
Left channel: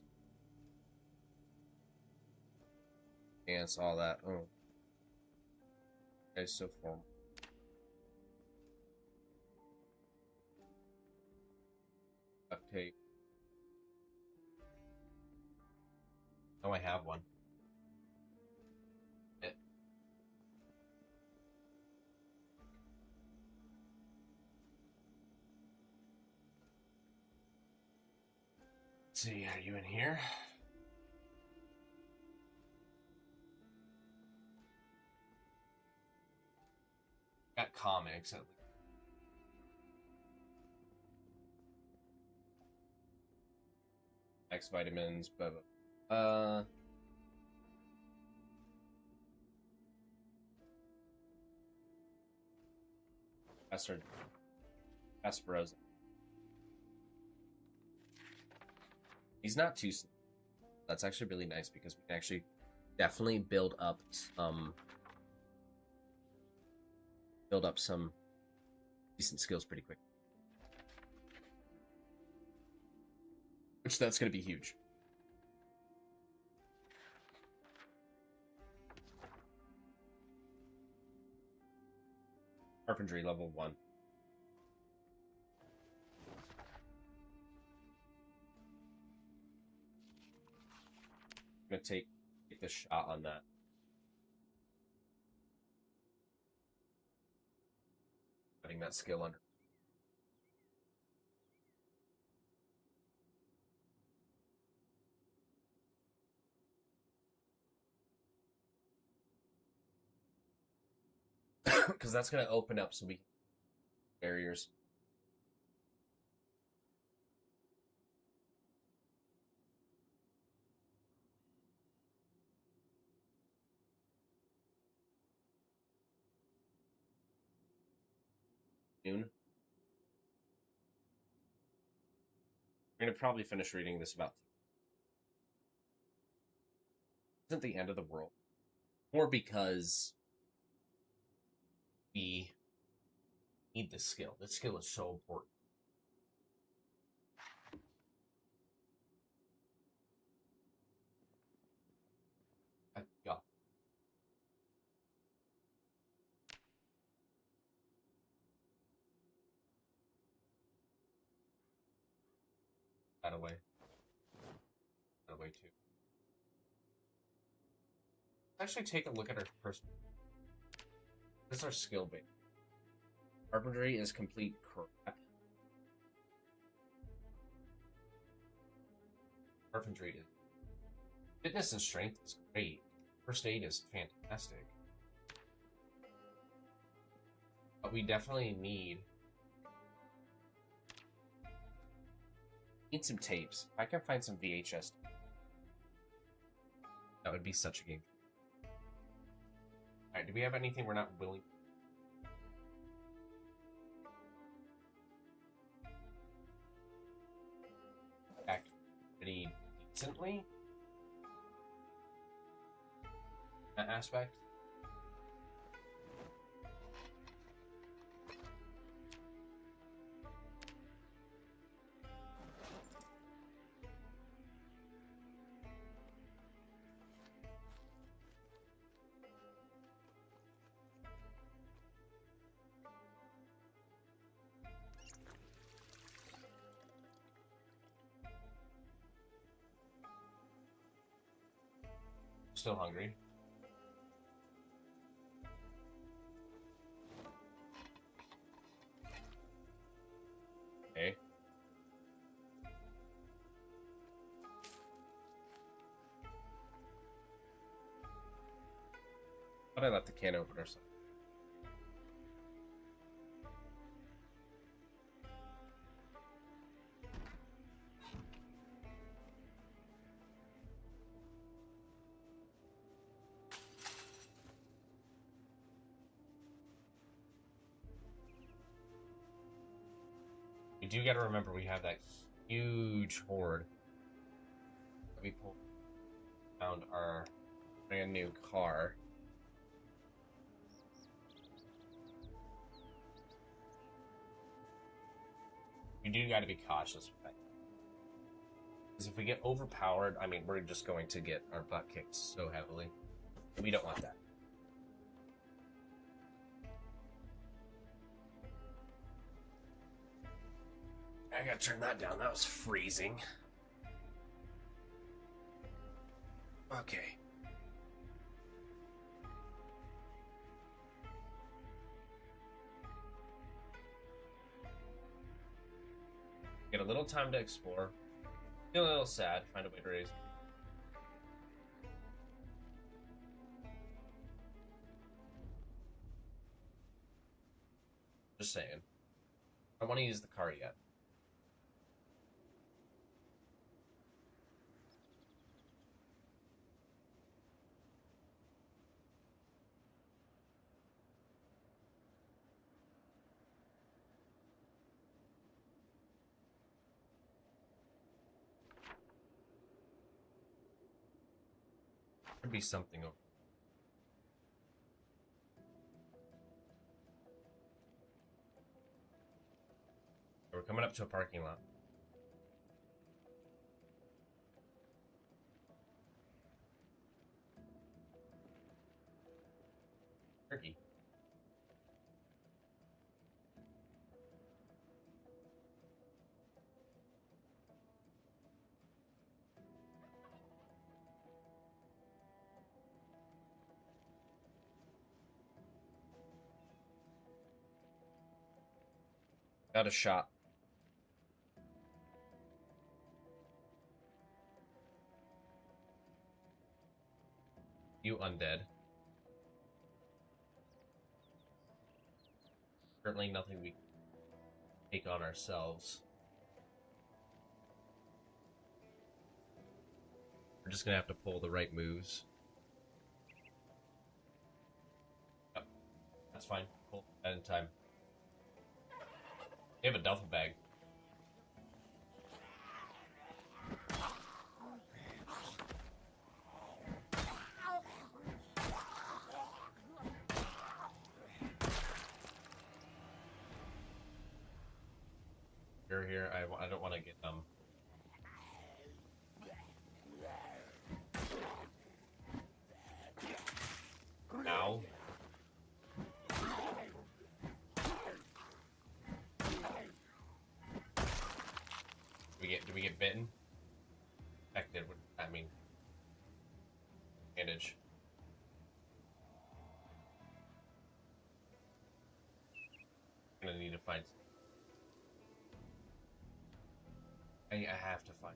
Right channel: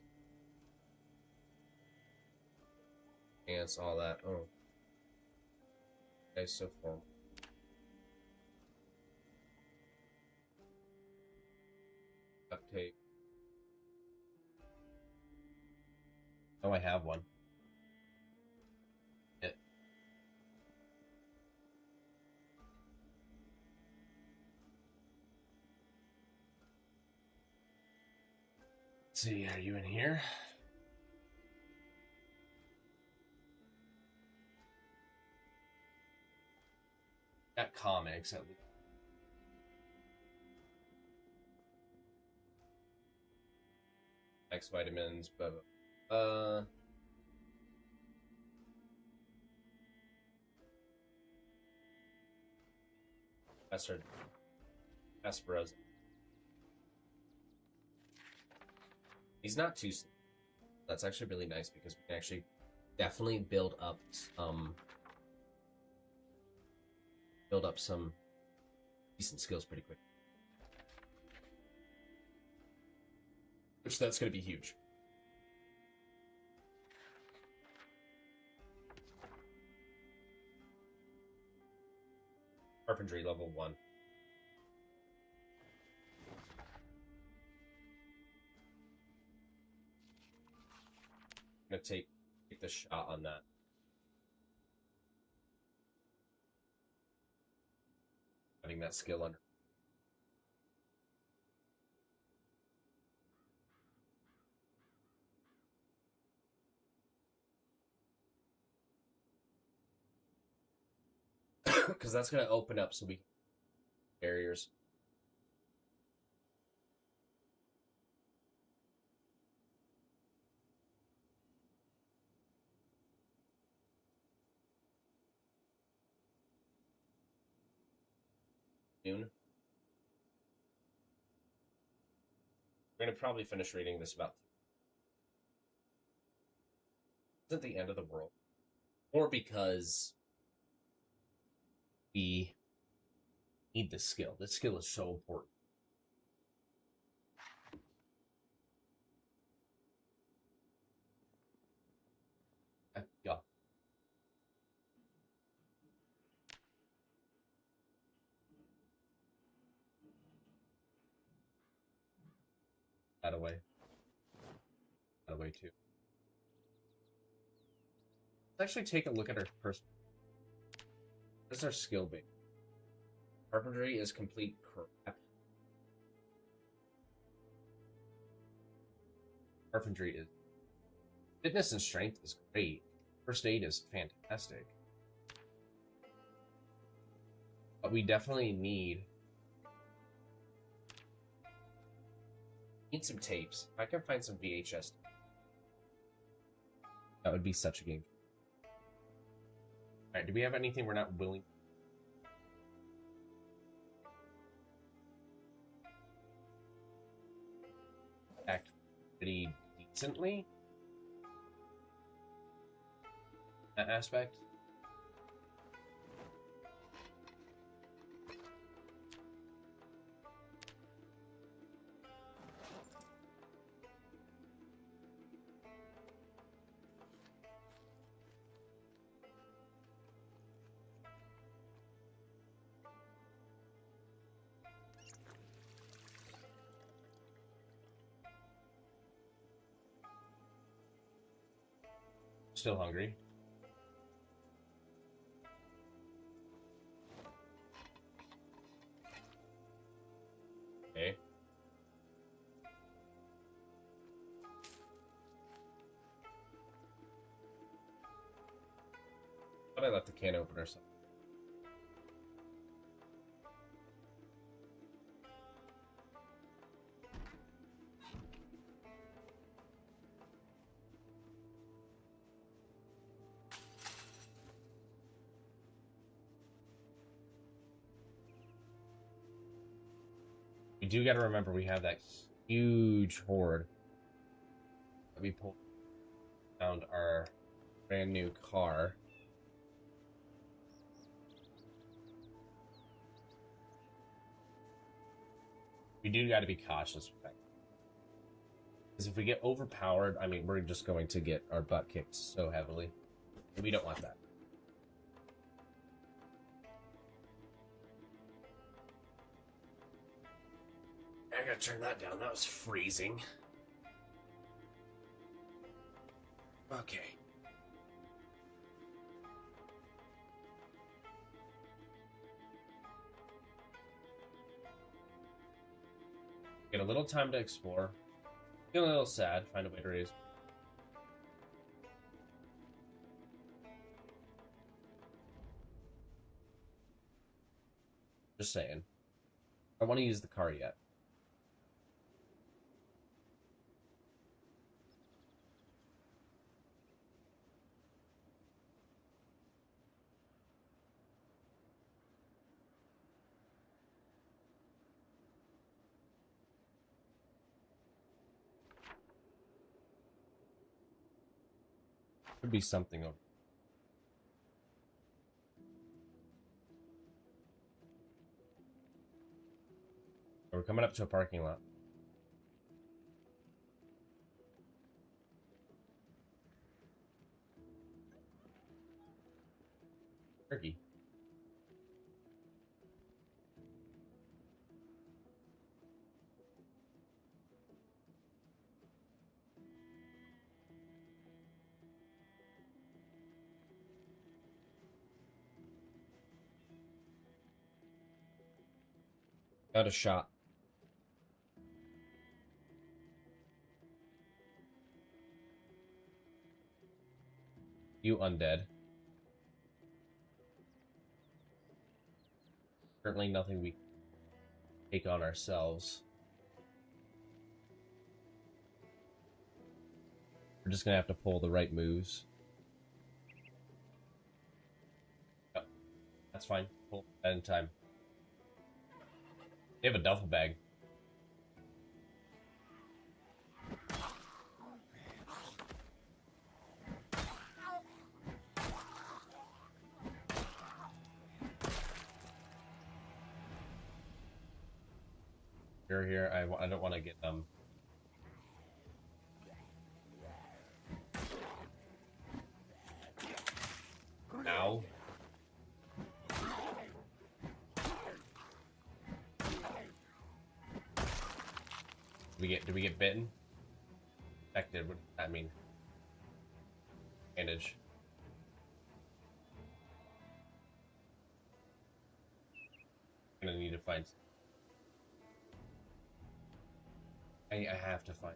Ants, all that. Oh. Okay, so formal. Duct tape. Oh, I have one. Yeah. Let's see, are you in here? Got comics at least. X vitamins, but Professor Kasparov. He's not too. That's actually really nice because we can actually definitely build up some decent skills pretty quick. Which that's going to be huge. Carpentry level 1. I'm going to take the shot on that. Putting that skill under. Because that's going to open up so we barriers. Noon. We're going to probably finish reading this about. Isn't the end of the world. Or because we need this skill. This skill is so important. Yeah. That away. That away too. Let's actually take a look at our person. This is our skill base. Carpentry is complete crap. Carpentry is. Fitness and strength is great. First aid is fantastic. But we definitely need some tapes. If I can find some VHS, that would be such a game. Alright, do we have anything we're not willing? Act pretty decently? That aspect? Still hungry. Okay. But I left the can opener. So. We do got to remember we have that huge horde. Let me pull around our brand new car. We do got to be cautious with that. Because if we get overpowered, I mean, we're just going to get our butt kicked so heavily. We don't want that. I gotta turn that down. That was freezing. Okay. Get a little time to explore. Feel a little sad. Find a way to raise. Just saying. I don't want to use the car yet. Could be something over. We're coming up to a parking lot. Turkey. Got a shot. You undead. Certainly nothing we can take on ourselves. We're just gonna have to pull the right moves. Yep. That's fine. Pull that in time. They have a duffel bag. Here. I don't want to get them. Now. Did we get bitten? Affected. What does that mean? Bandage. I'm gonna need to find. I have to find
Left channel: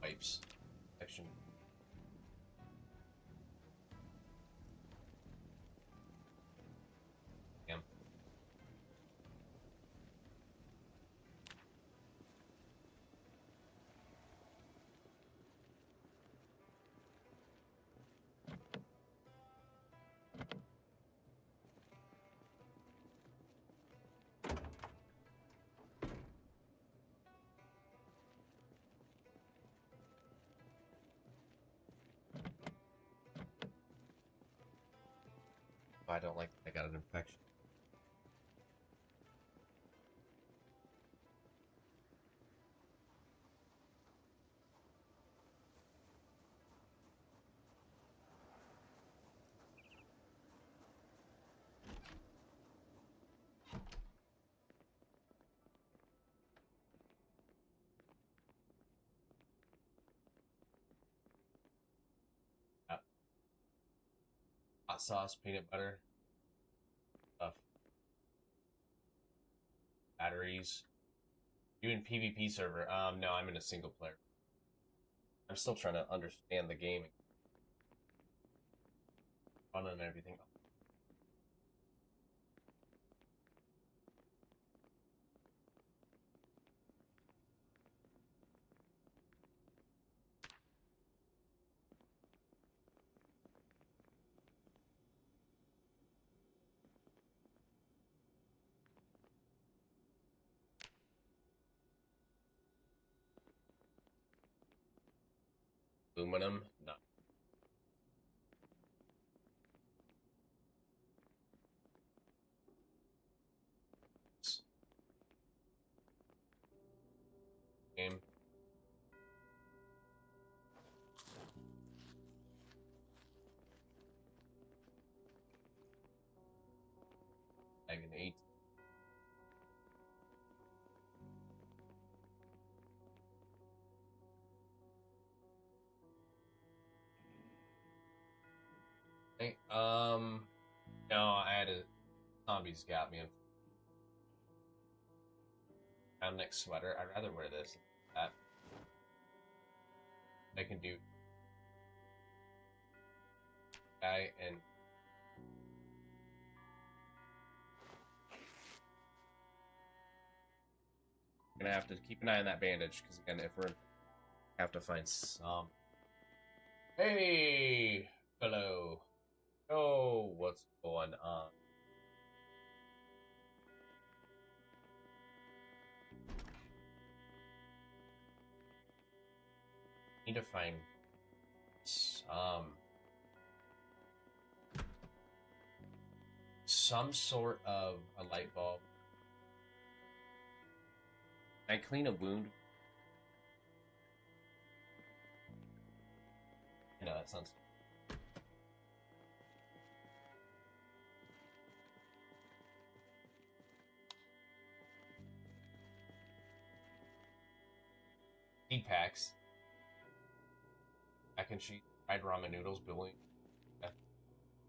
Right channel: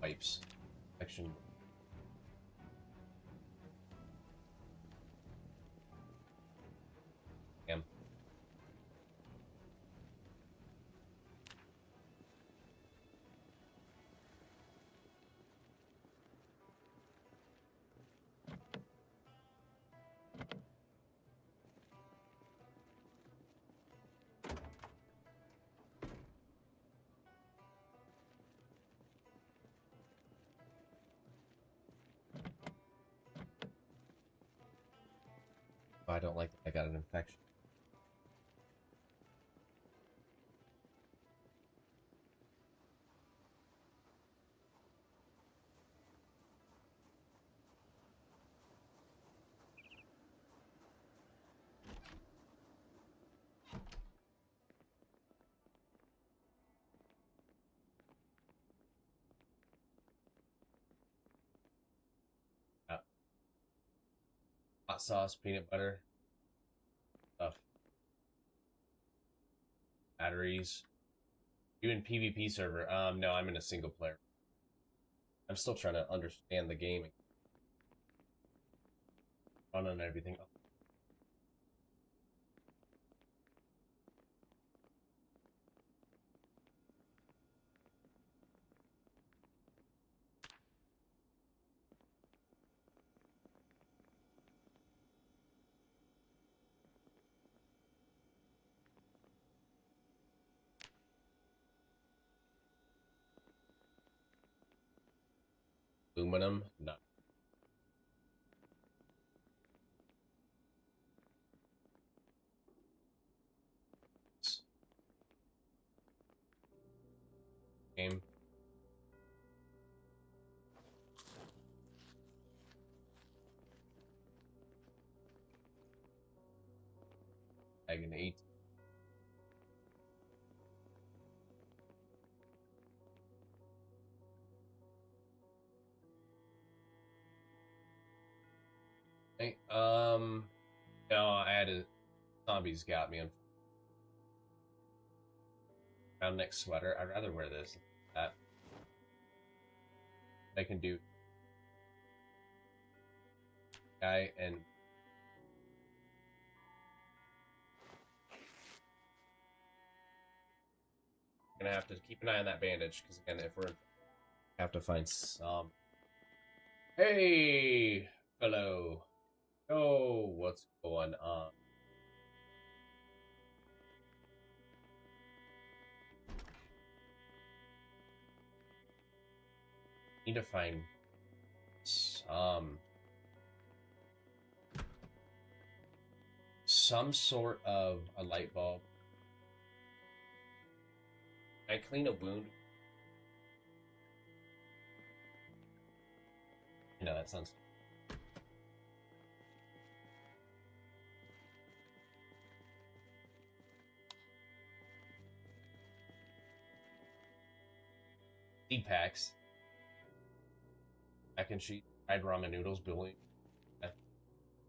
wipes. Action. Damn. Oh, I don't like that I got an infection. Hot sauce, peanut butter, stuff. Batteries. You in PvP server? No, I'm in a single player. I'm still trying to understand the game. Fun and everything. aluminum. No. Game. Bag an 8. Okay, no, I had a zombies got me. Round neck sweater. I'd rather wear this than that. I can do guy and I'm gonna have to keep an eye on that bandage because again, if we're have to find some. Hey, hello. Oh, what's going on? Need to find some sort of a light bulb. Can I clean a wound? You know, that sounds... Seed packs. Mac and cheese, fried ramen noodles, building.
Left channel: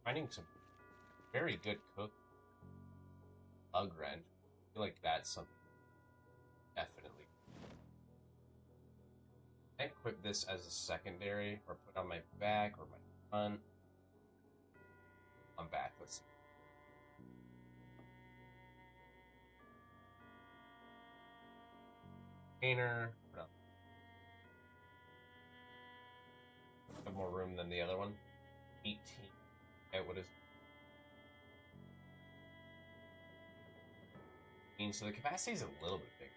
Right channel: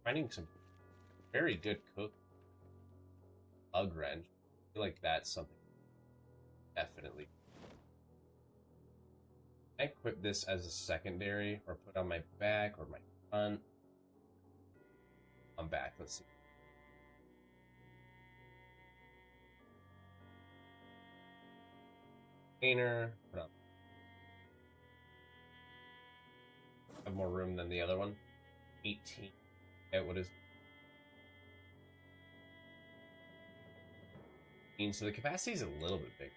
Finding some very good cook. Lug wrench. I feel like that's something definitely. I equip this as a secondary or put on my back or my front. I'm back. Let's see. Painter. Have more room than the other one. 18. Okay, what is it? So the capacity is a little bit big.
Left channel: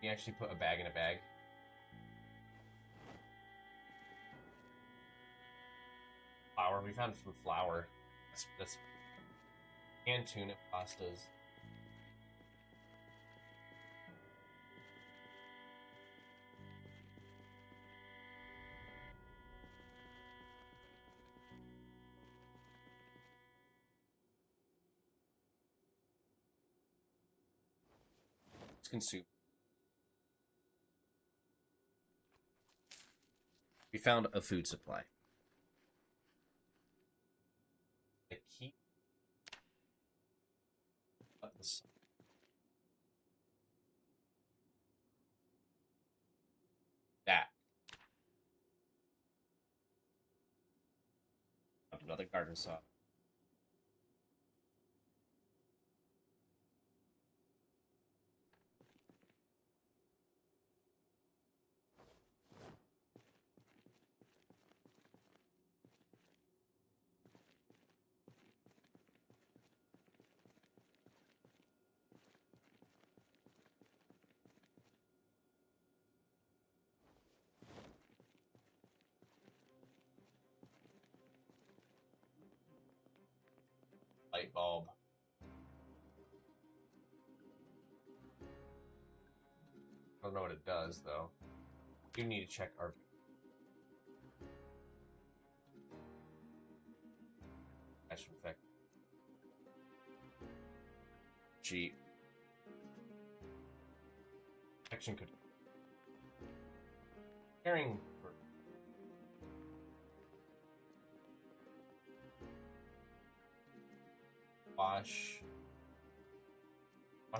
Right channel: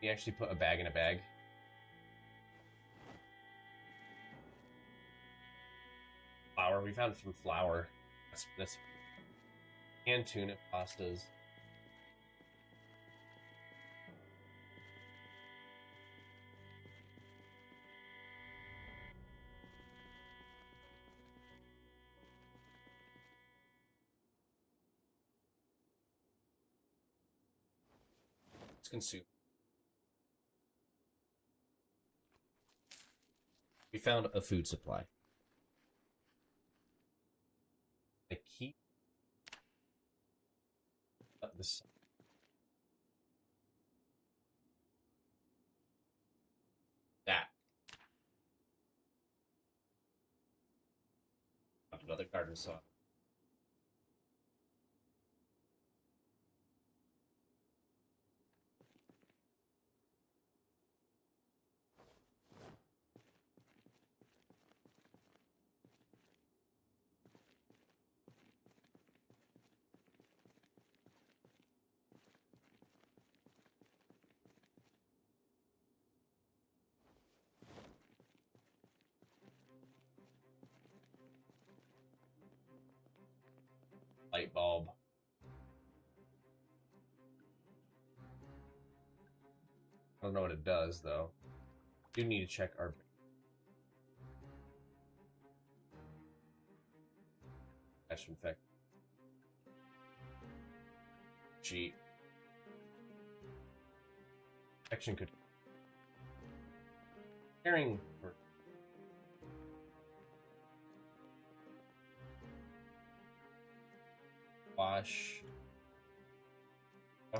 You actually put a bag in a bag. Flour. We found some flour. That's canned tuna pastas. Let's consume. We found a food supply. The key. This. That. Another garden saw. Light bulb. I don't know what it does though. We do need to check our infect. Gee. Infection could caring for wash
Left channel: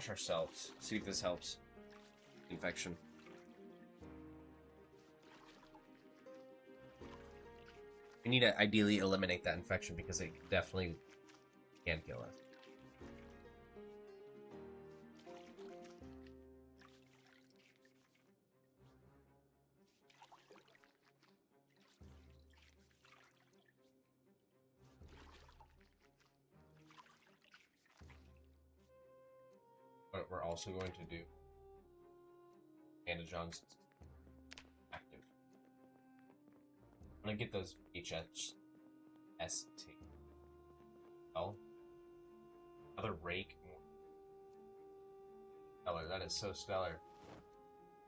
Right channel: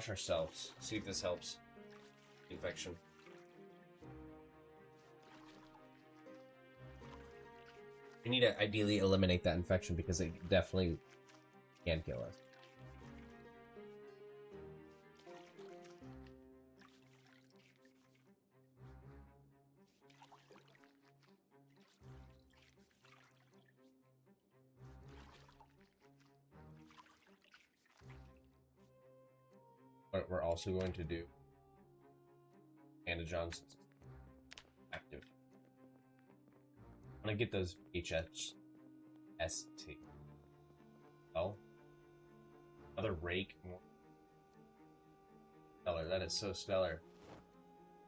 ourselves. See if this helps. Infection. We need to ideally eliminate that infection because it definitely can kill us. What we're also going to do, Anna Johnson. I'm gonna get those HST. Oh, another rake. Stellar. That is so stellar.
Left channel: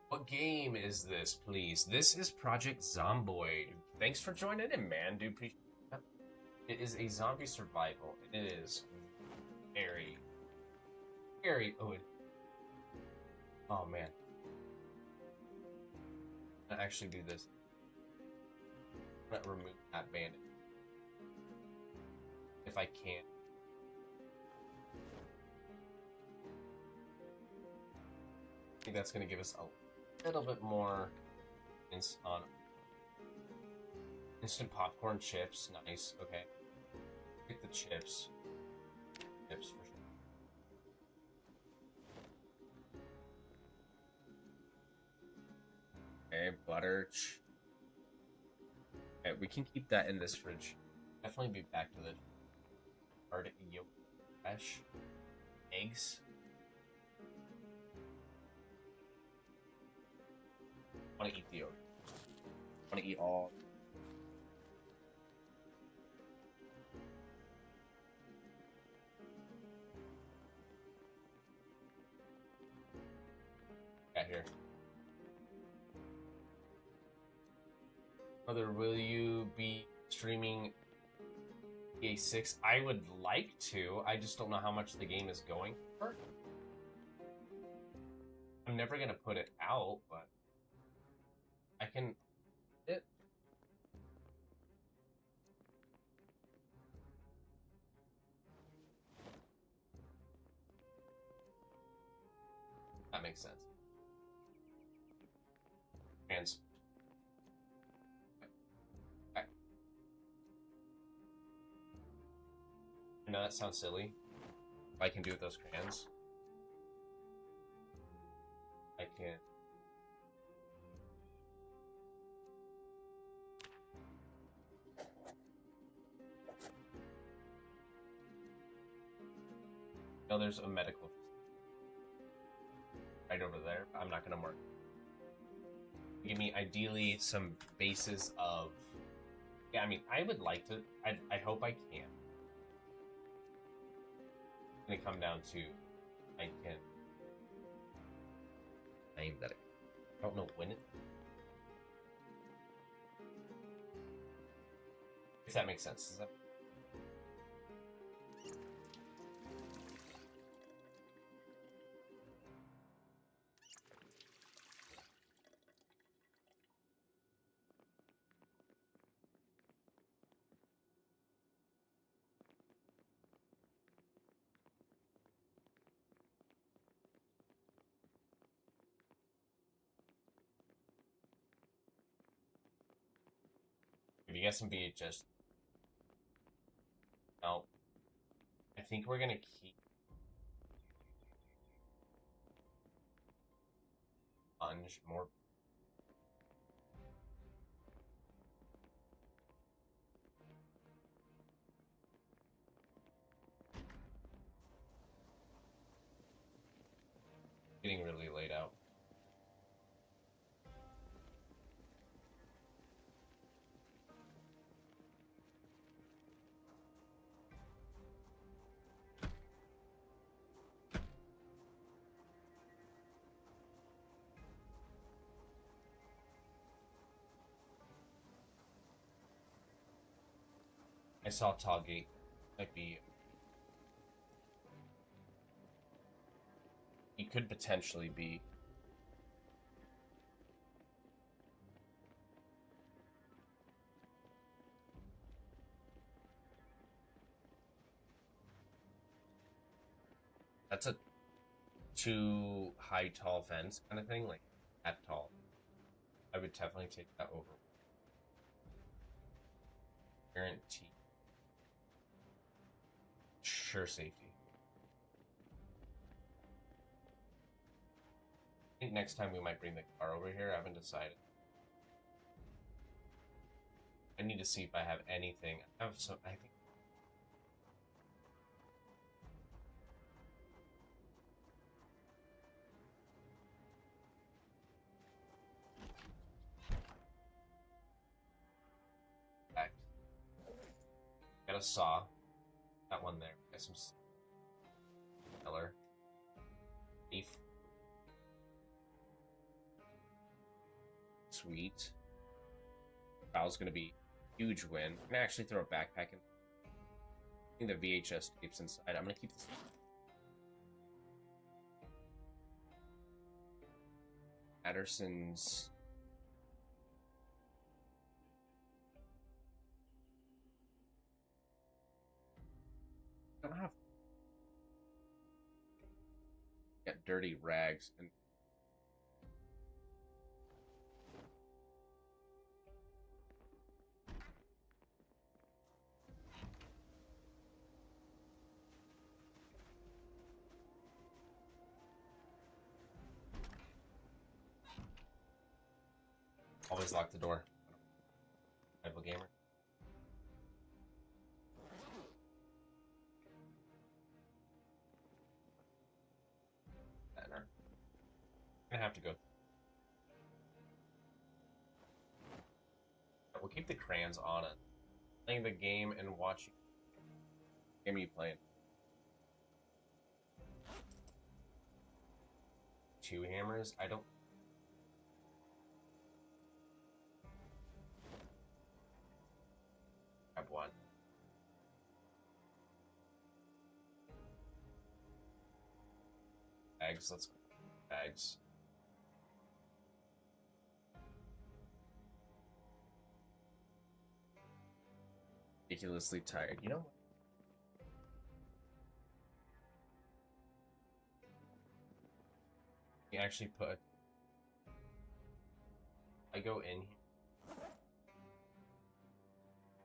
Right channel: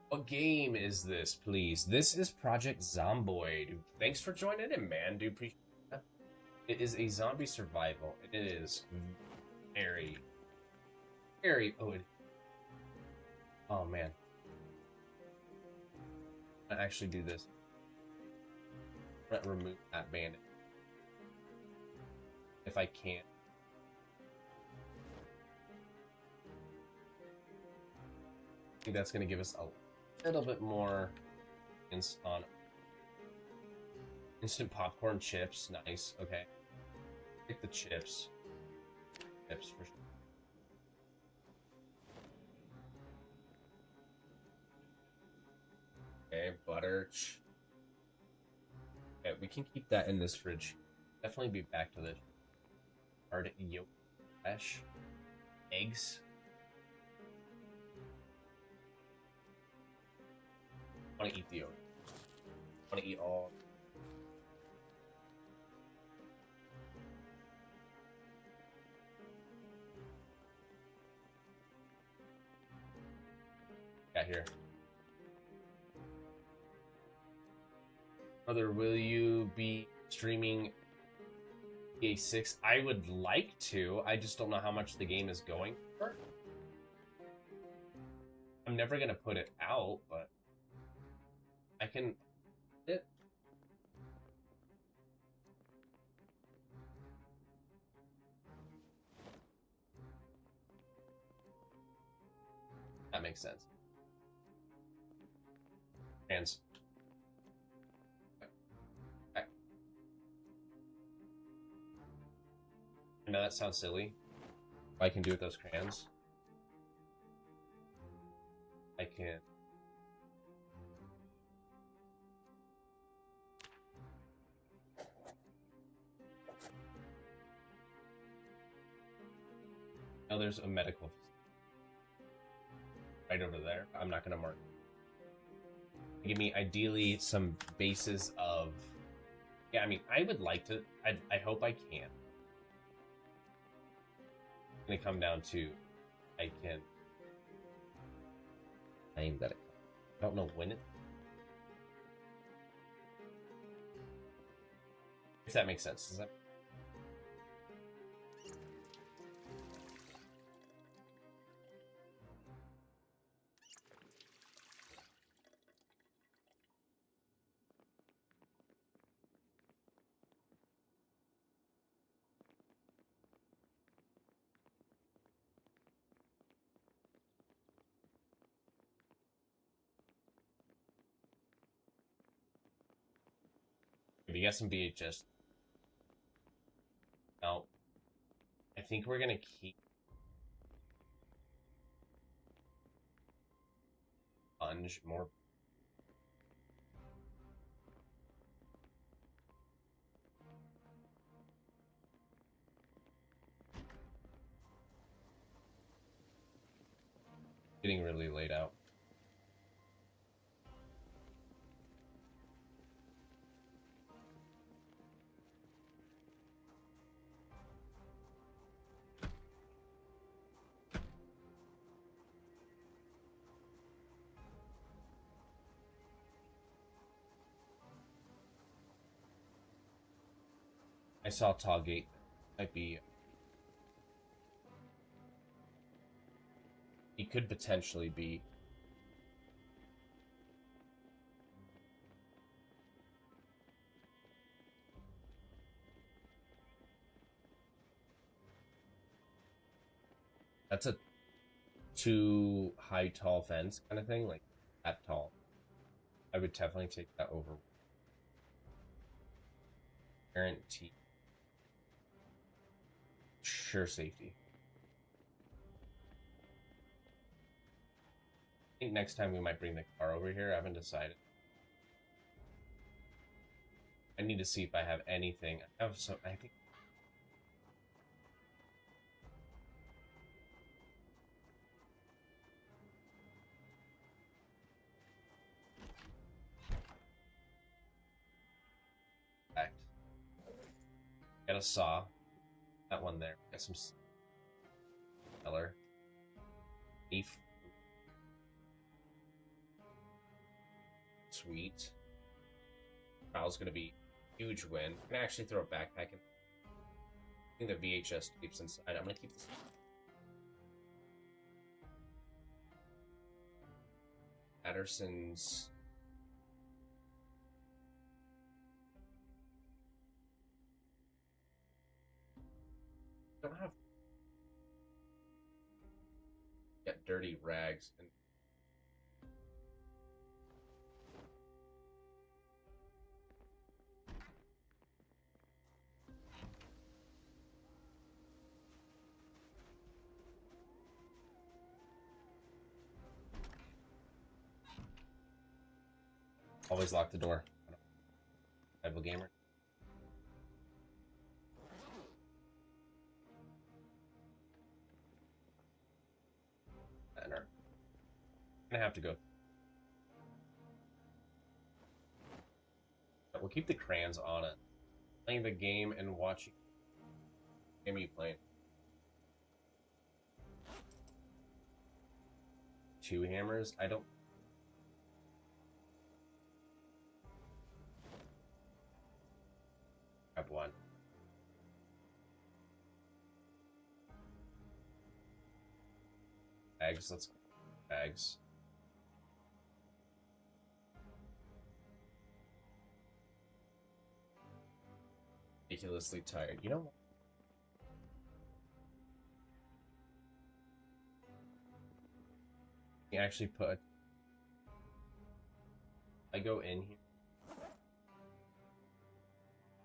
What game is this, please? This is Project Zomboid. Thanks for joining in, man. Do appreciate that. It is a zombie survival. It is very, very. Oh man. I actually do this. Remove that bandit if I can. I think that's going to give us a little bit more on instant popcorn chips. Nice. Okay. Get the chips. Chips for sure. Okay, butter. Okay, we can keep that in this fridge. Definitely be back to the hard yolk fresh. Eggs. I want to eat the yolk. I want to eat all. Got here. Mother, will you be streaming EA 6? I would like to. I just don't know how much the game is going for. I'm never gonna put it out, but I can. That makes sense. Hands. Okay. I know that sounds silly. I can do with those crayons. I can. No, there's a medical right over there. I'm not gonna mark. Give me ideally some bases of. Yeah, I mean, I would like to. I hope I can. It's gonna come down to I can claim that I don't know when it. If that makes sense, does that? If you got some VHS. No. I think we're gonna keep sponge more. Getting really laid out. I saw Toggate. Might be. He could potentially be. That's a too high, tall fence kind of thing, like that tall. I would definitely take that over. Guarantee. Sure safety. I think next time we might bring the car over here. I haven't decided. I need to see if I have anything. I have some. I think. a saw. That one there. Got some color. Leaf. Sweet. Val's gonna be a huge win. I'm gonna actually throw a backpack in. I think the VHS tapes inside. I'm gonna keep this. Patterson's. Don't have. Got dirty rags and. Always lock the door. Rival gamer. I'm gonna have to go. We'll keep the crayons on it. Playing the game and watching. What game are you playing? 2 hammers? I don't. Grab one. Bags, let's go. Bags. Ridiculously tired. You know what? You actually put. I go in here.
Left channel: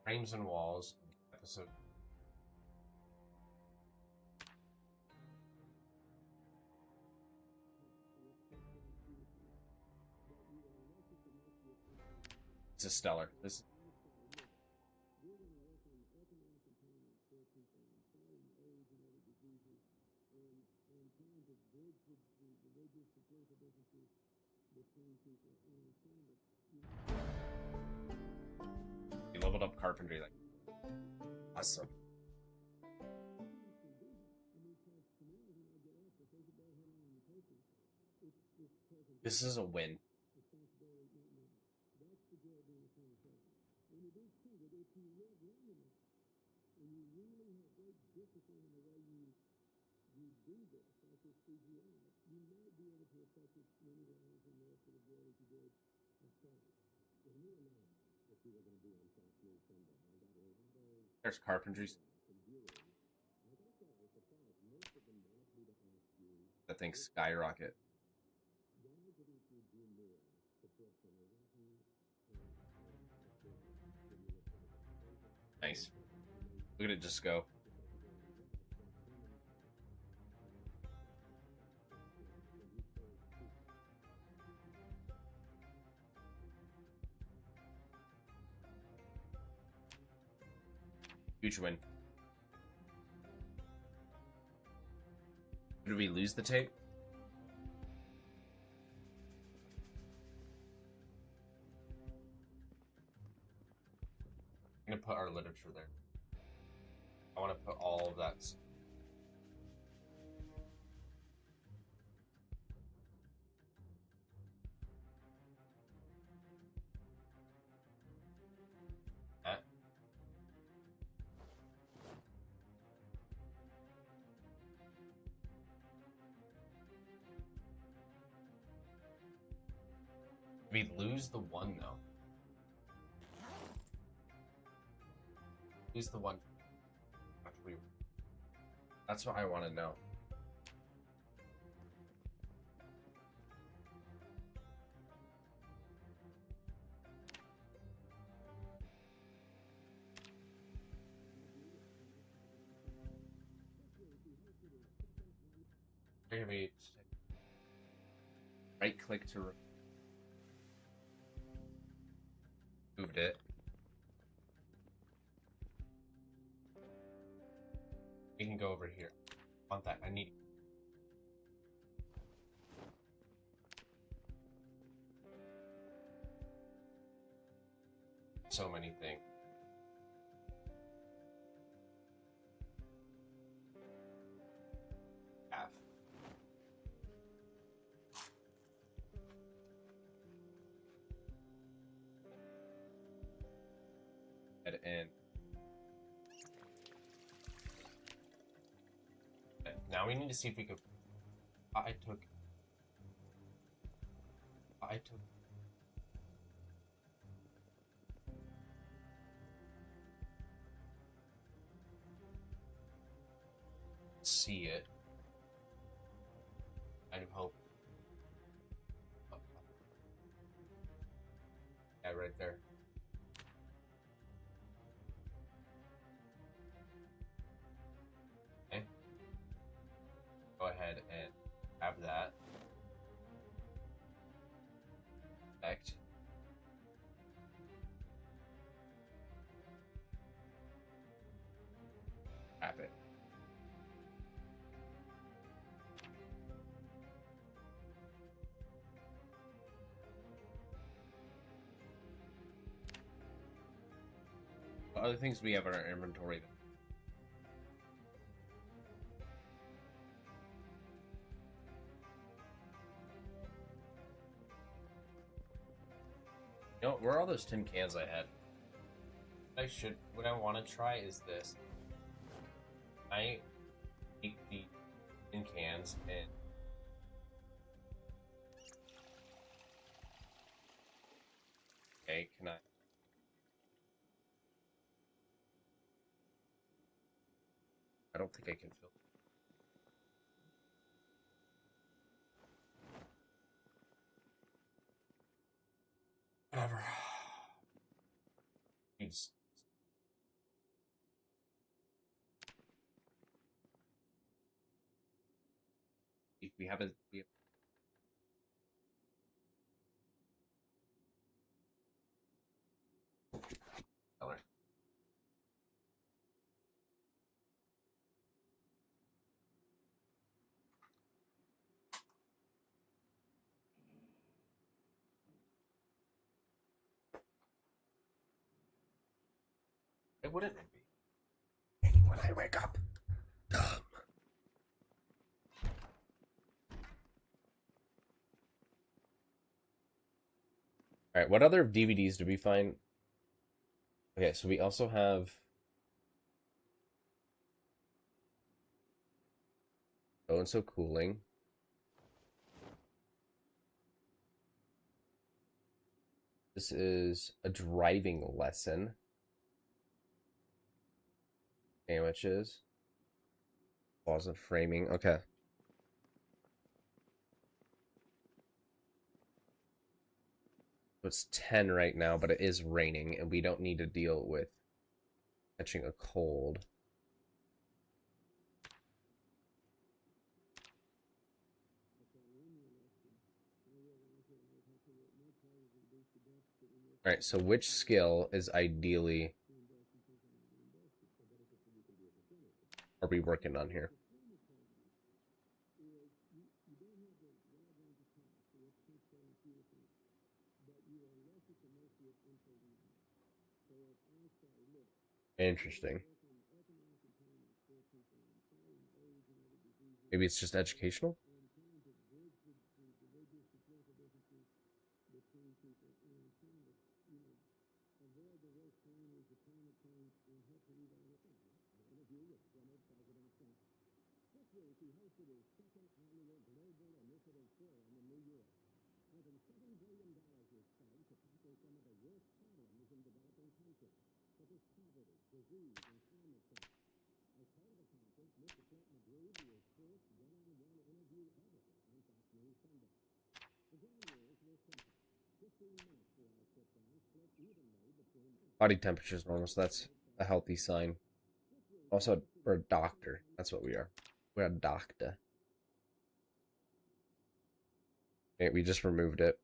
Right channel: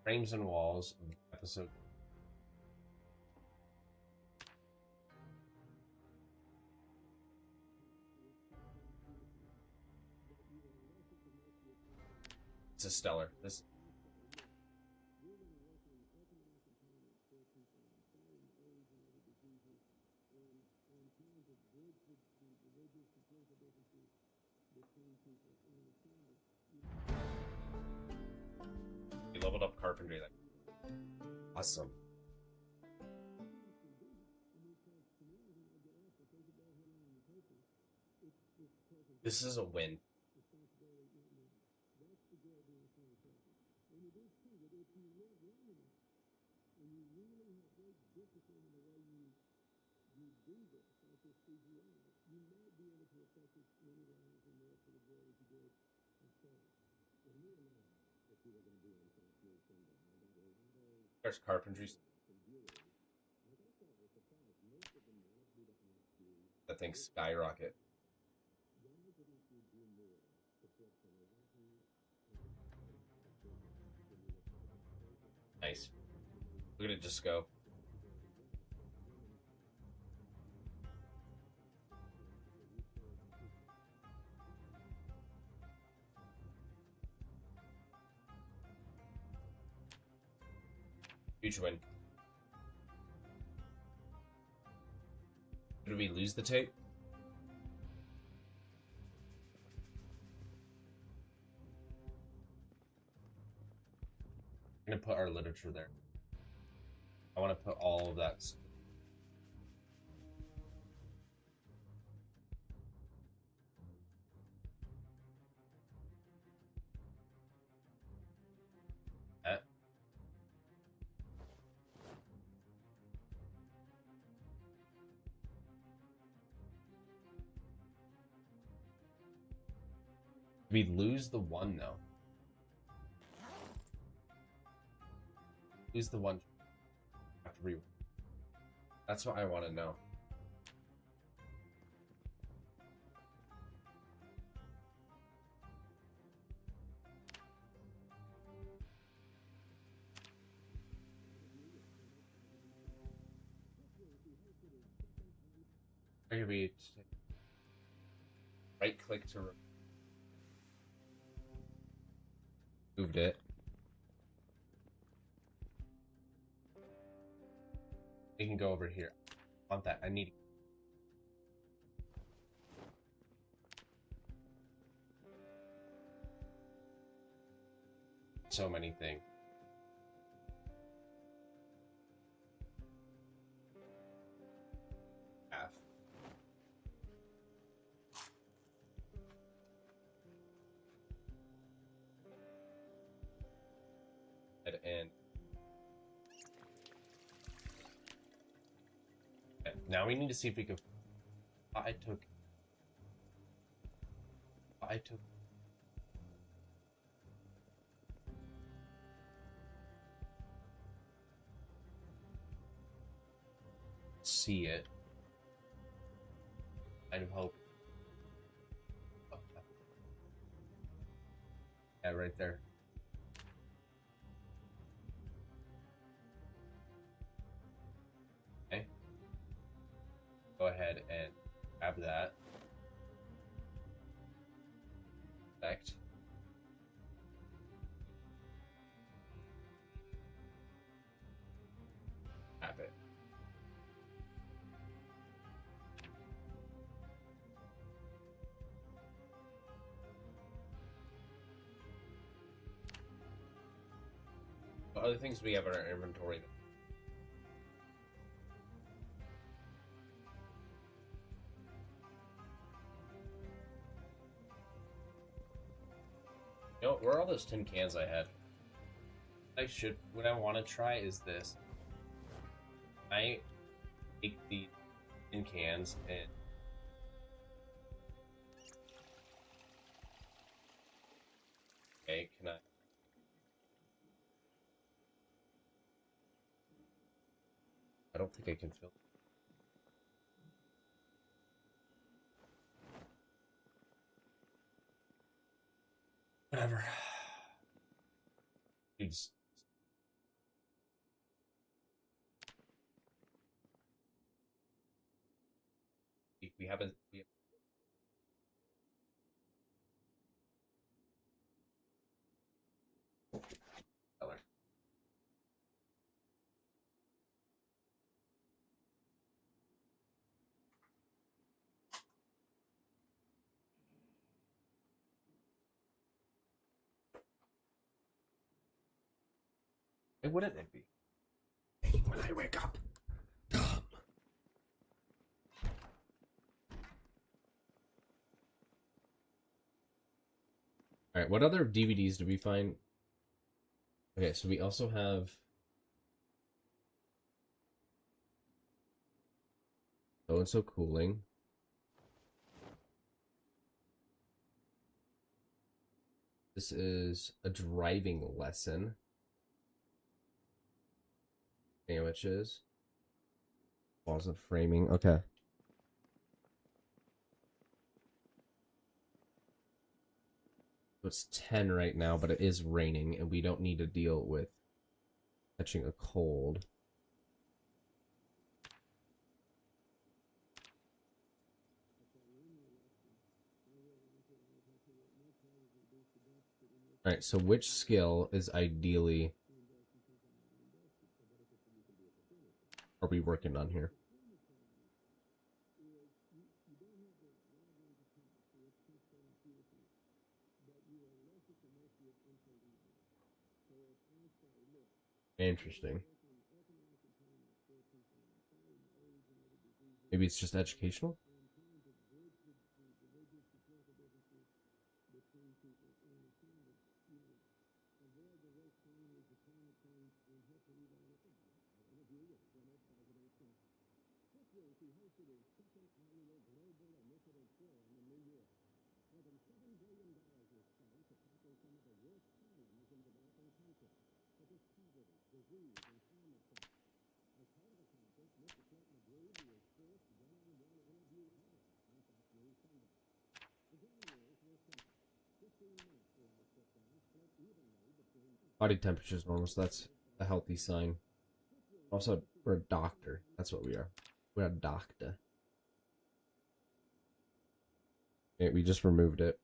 Frames and walls episode. This is stellar. This. We leveled up carpentry. Awesome. This is a win. There's carpentry. That thing skyrocket. Nice. Look at it just go. Huge win. Did we lose the tape? I'm gonna put our literature there. I want to put all of that. We lose the one though. Lose the one. That's what I want to know. Maybe right click to moved it. We can go over here. I want that. I need. So many things. Now we need to see if we can. I took. See it. Kind of hope. Yeah, right there. Okay. Go ahead and grab that. Perfect. Grab it. What other things we have in our inventory? You know, where are all those tin cans I had? What I want to try is this. I take the tin cans and okay, can I don't think I can fill. Whatever. Dude's we haven't. Color. Why wouldn't it be? When I wake up. Alright, what other DVDs did we find? Okay, so we also have So and So Cooling. This is a driving lesson. Sandwiches. Closet framing. Okay. It's 10 right now, but it is raining, and we don't need to deal with catching a cold. Alright, so which skill is ideally are we working on here? Interesting. Maybe it's just educational? Body temperature is normal, so that's a healthy sign. Also, we're a doctor. That's what we are. We're a doctor. Okay, we just removed it.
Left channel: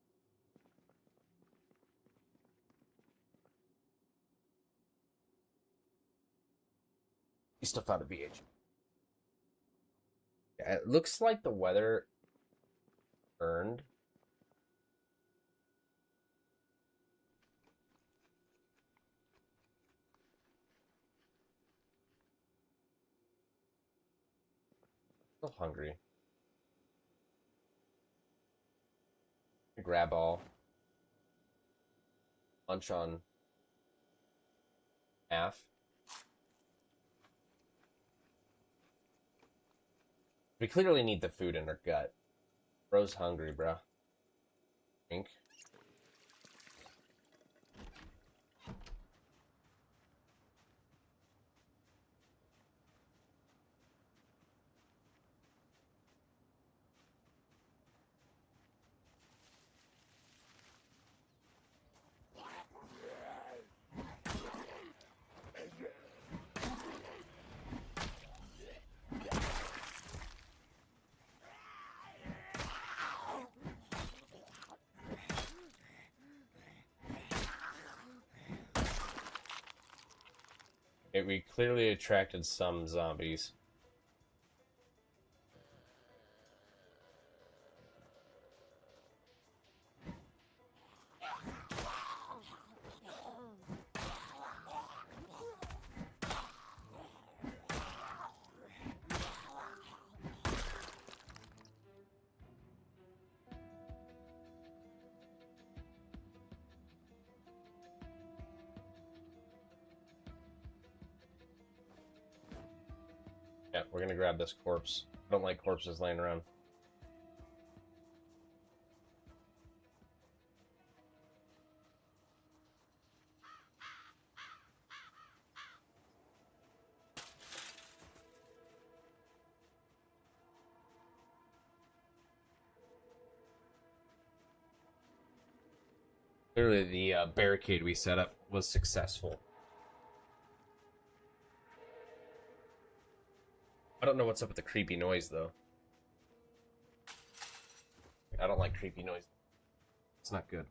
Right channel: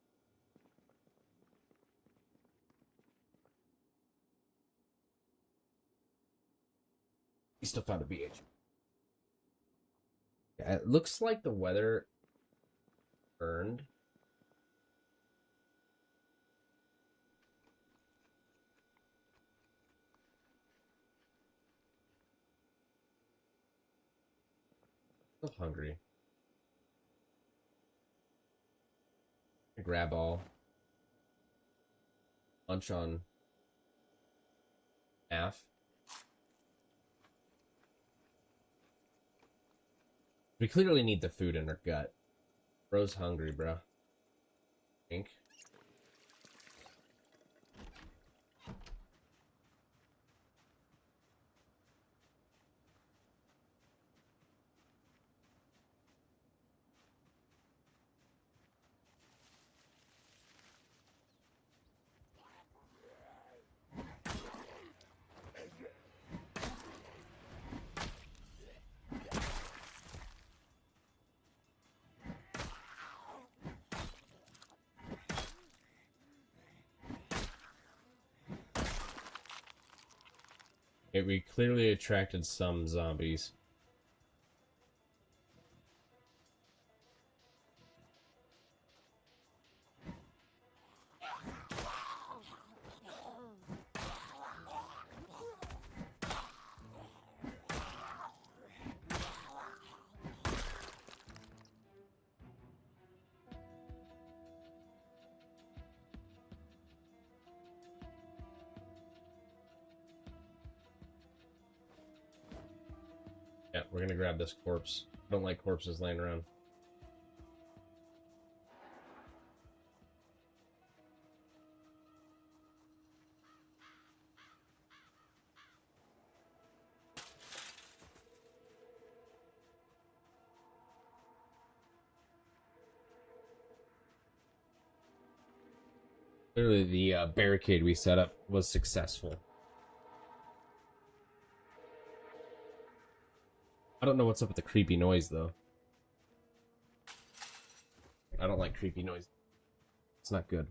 We still found a BH. Yeah, it looks like the weather turned. Still hungry. Grab all. Lunch on half. We clearly need the food in our gut. Bro's hungry, bro. Think. We clearly attracted some zombies. Yeah, we're gonna grab this corpse. I don't like corpses laying around. Clearly, the barricade we set up was successful. I don't know what's up with the creepy noise, though. I don't like creepy noise. It's not good.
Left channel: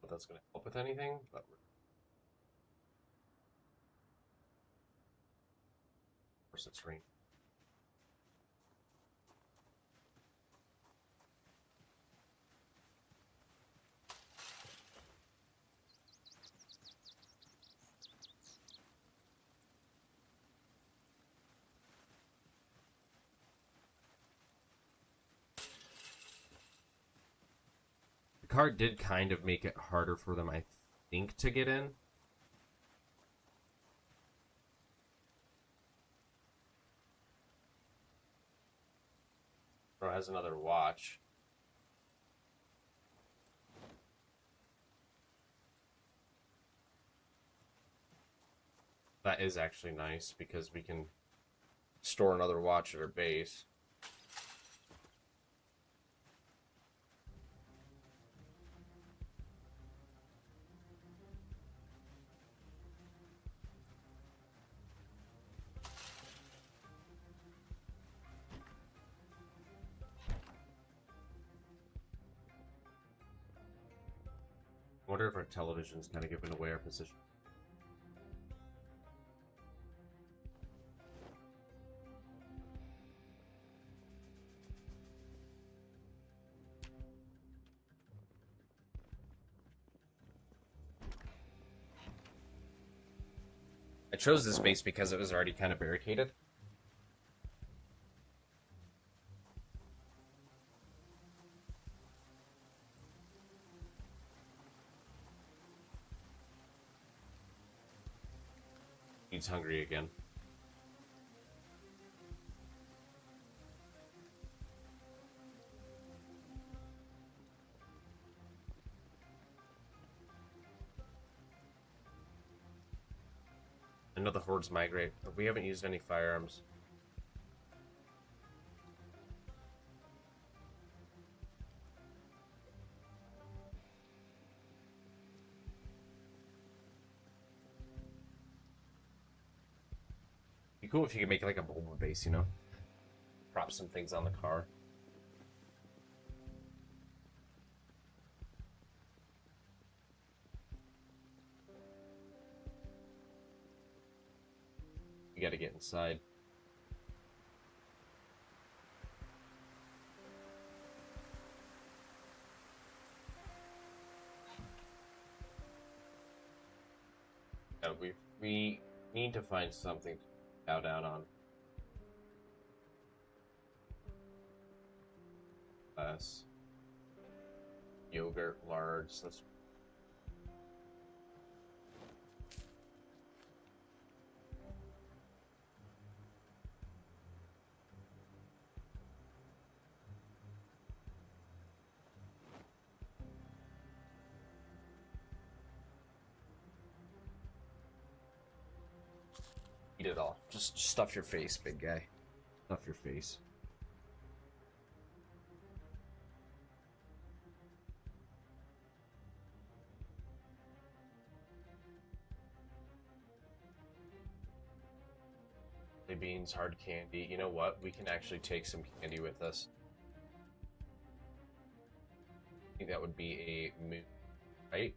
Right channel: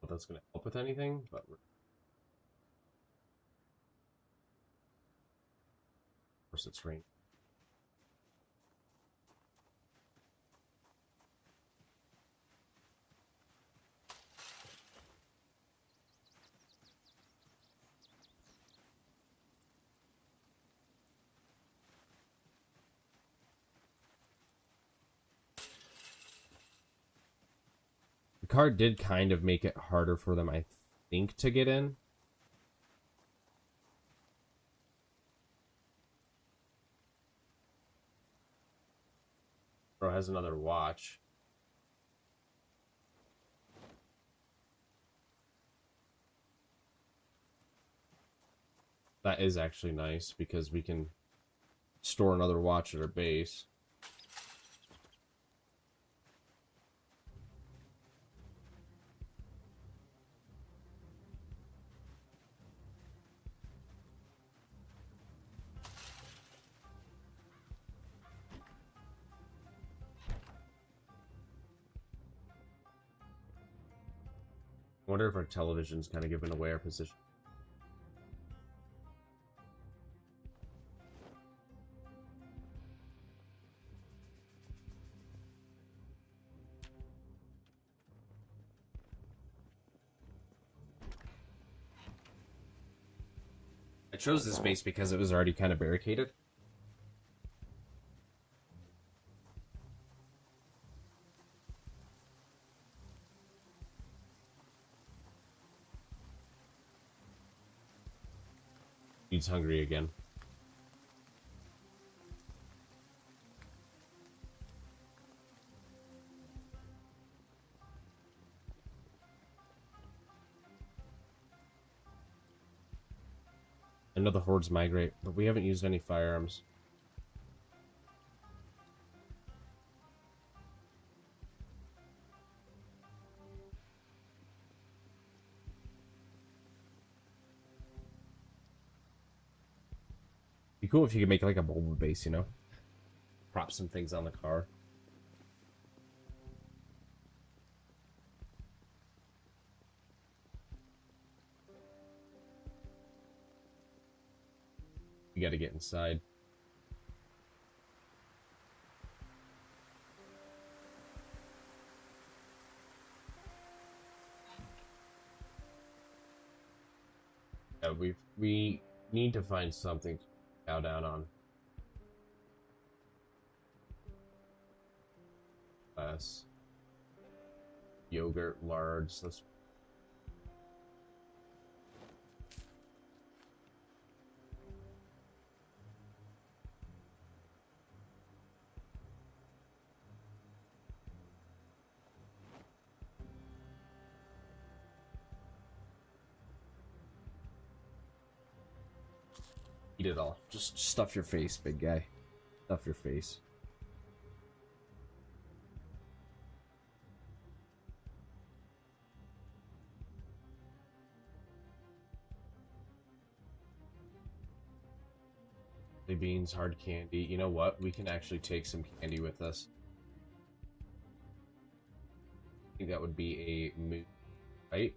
But that's going to help with anything, but we're... Of course, it's raining. The card did kind of make it harder for them, I think, to get in. Bro has another watch. That is actually nice because we can store another watch at our base. I wonder if our television's kind of giving away our position. I chose this base because it was already kind of barricaded. He's hungry again. I know the hordes migrate, but we haven't used any firearms. Be cool if you could make like a bulba base, you know? Prop some things on the car. You gotta get inside. Yeah, we need to find something to bow down on. Yes. Yogurt, large. Let's eat it all. Just stuff your face, big guy. Stuff your face. Beans, hard candy. You know what? We can actually take some candy with us. I think that would be a move, right?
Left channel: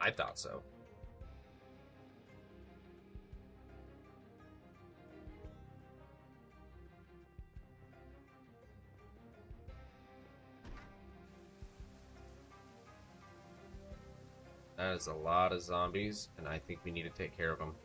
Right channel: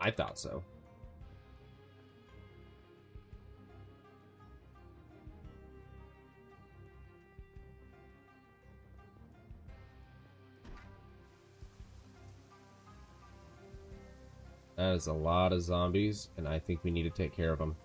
I thought so. That is a lot of zombies, and I think we need to take care of them.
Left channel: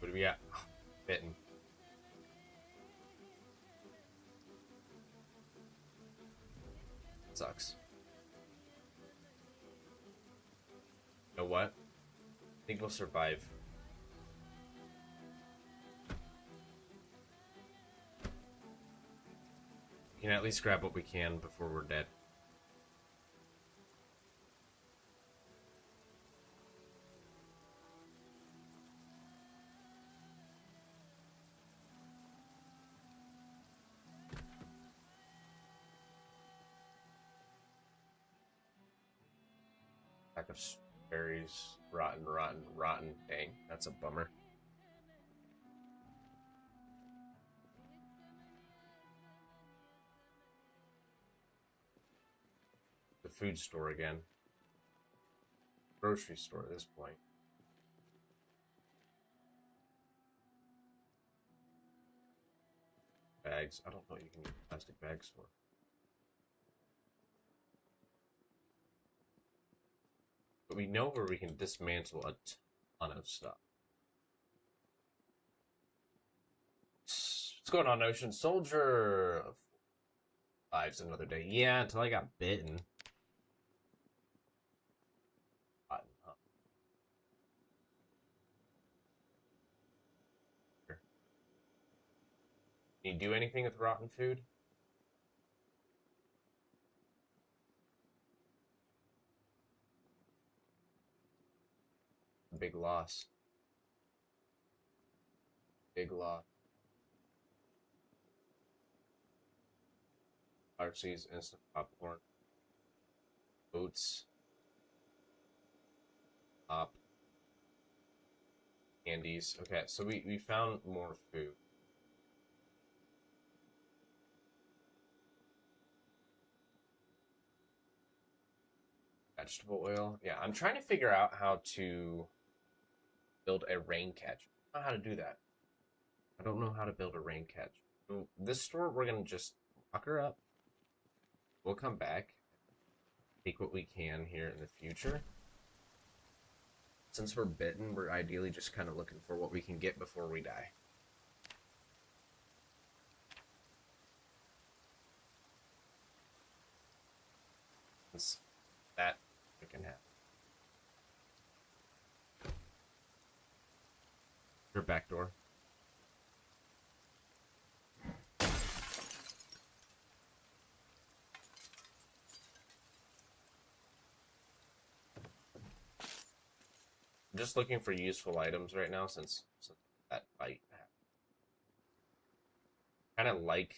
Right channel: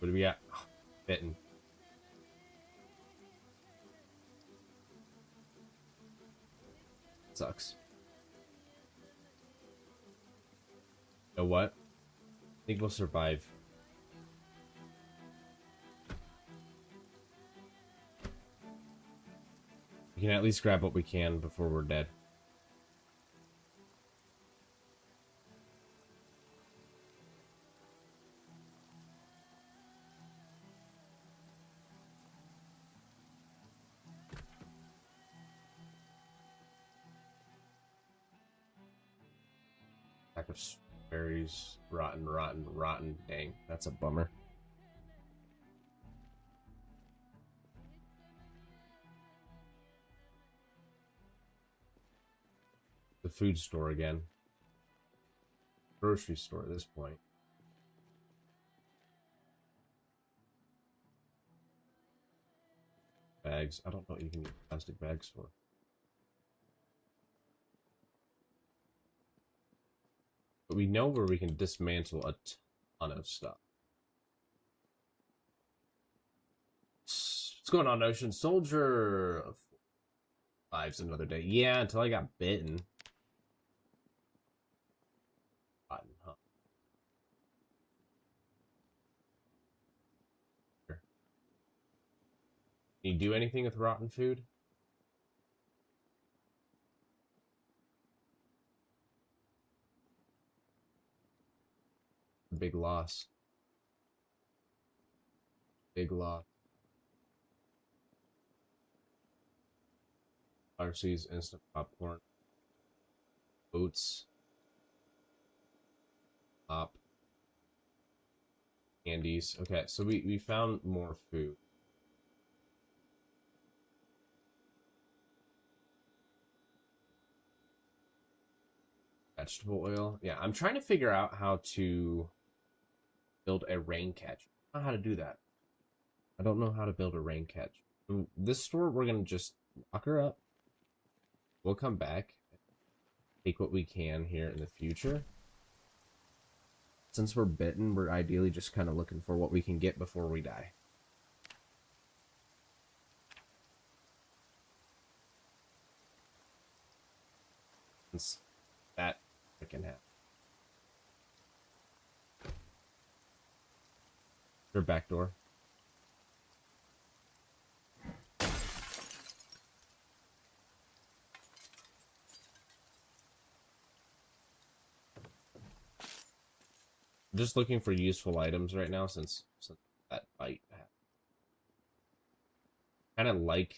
What do we got? Bitten. Sucks. You know what? I think we'll survive. We can at least grab what we can before we're dead. Pack of berries, rotten. Dang, that's a bummer. The food store again. Grocery store at this point. Bags. I don't know what you can use plastic bags for. But we know where we can dismantle a ton of stuff. What's going on, Ocean Soldier? Lives another day. Yeah, until I got bitten. Rotten, huh? Can you do anything with rotten food? Big loss. Big loss. RC's instant popcorn. Oats. Pop. Candies. Okay, so we found more food. Vegetable oil. Yeah, I'm trying to figure out how to build a rain catch. I don't know how to do that. I don't know how to build a rain catch. This store, we're going to just lock her up. We'll come back. Take what we can here in the future. Since we're bitten, we're ideally just kind of looking for what we can get before we die. Since that can happen. Your back door. Just looking for useful items right now since that fight happened. Kind of like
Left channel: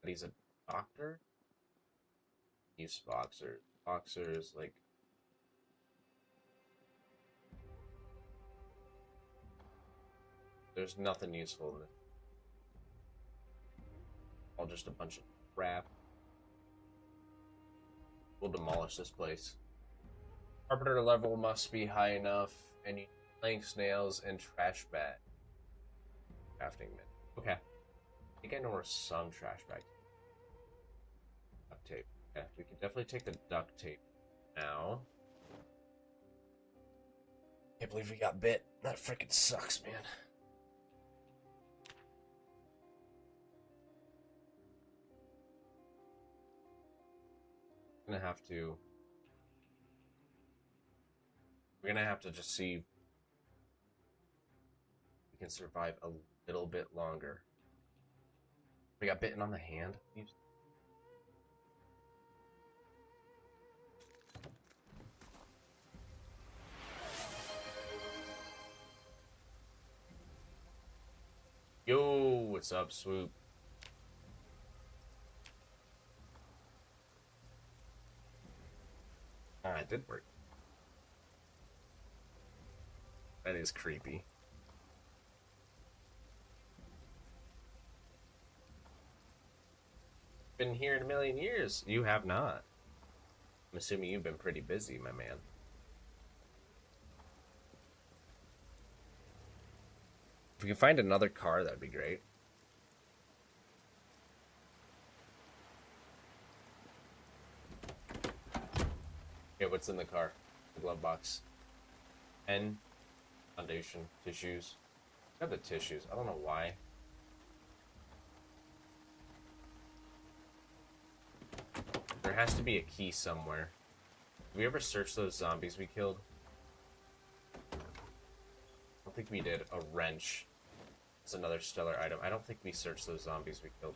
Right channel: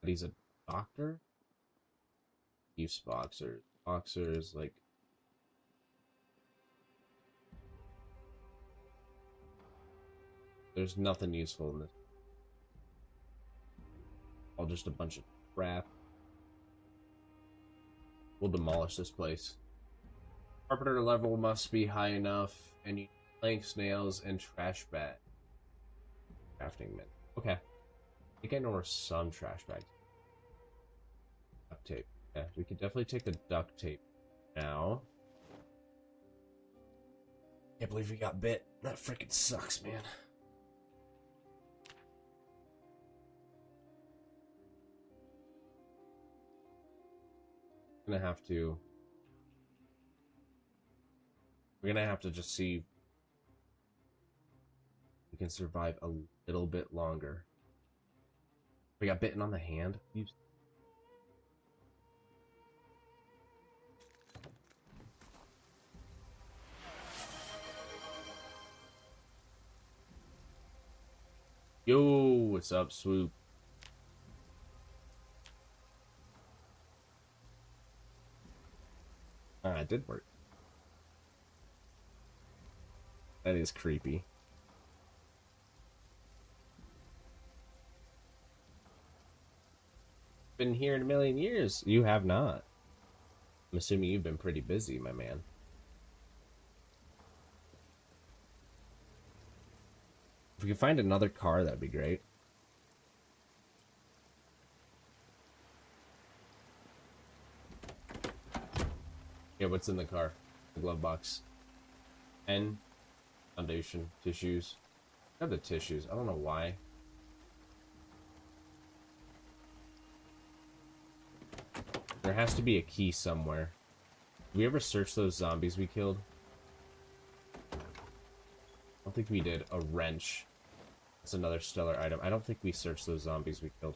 that he's a doctor. Use boxers. Boxers, like... There's nothing useful in this. All just a bunch of crap. We'll demolish this place. Carpenter level must be high enough, and you planks, nails, and trash bag. Crafting mint. Okay. I think I know where some trash bags. Duct tape. Okay, we could definitely take the duct tape now. Can't believe we got bit. That freaking sucks, man. We're gonna have to just see if we can survive a little bit longer. We got bitten on the hand. Yo, what's up, Swoop? Ah, it did work. That is creepy. Been here in a million years. You have not. I'm assuming you've been pretty busy, my man. If we can find another car, that'd be great. Yeah, what's in the car? The glove box. Pen, foundation, tissues. I have the tissues. I don't know why. There has to be a key somewhere. Did we ever search those zombies we killed? I don't think we did. A wrench. That's another stellar item. I don't think we searched those zombies we killed.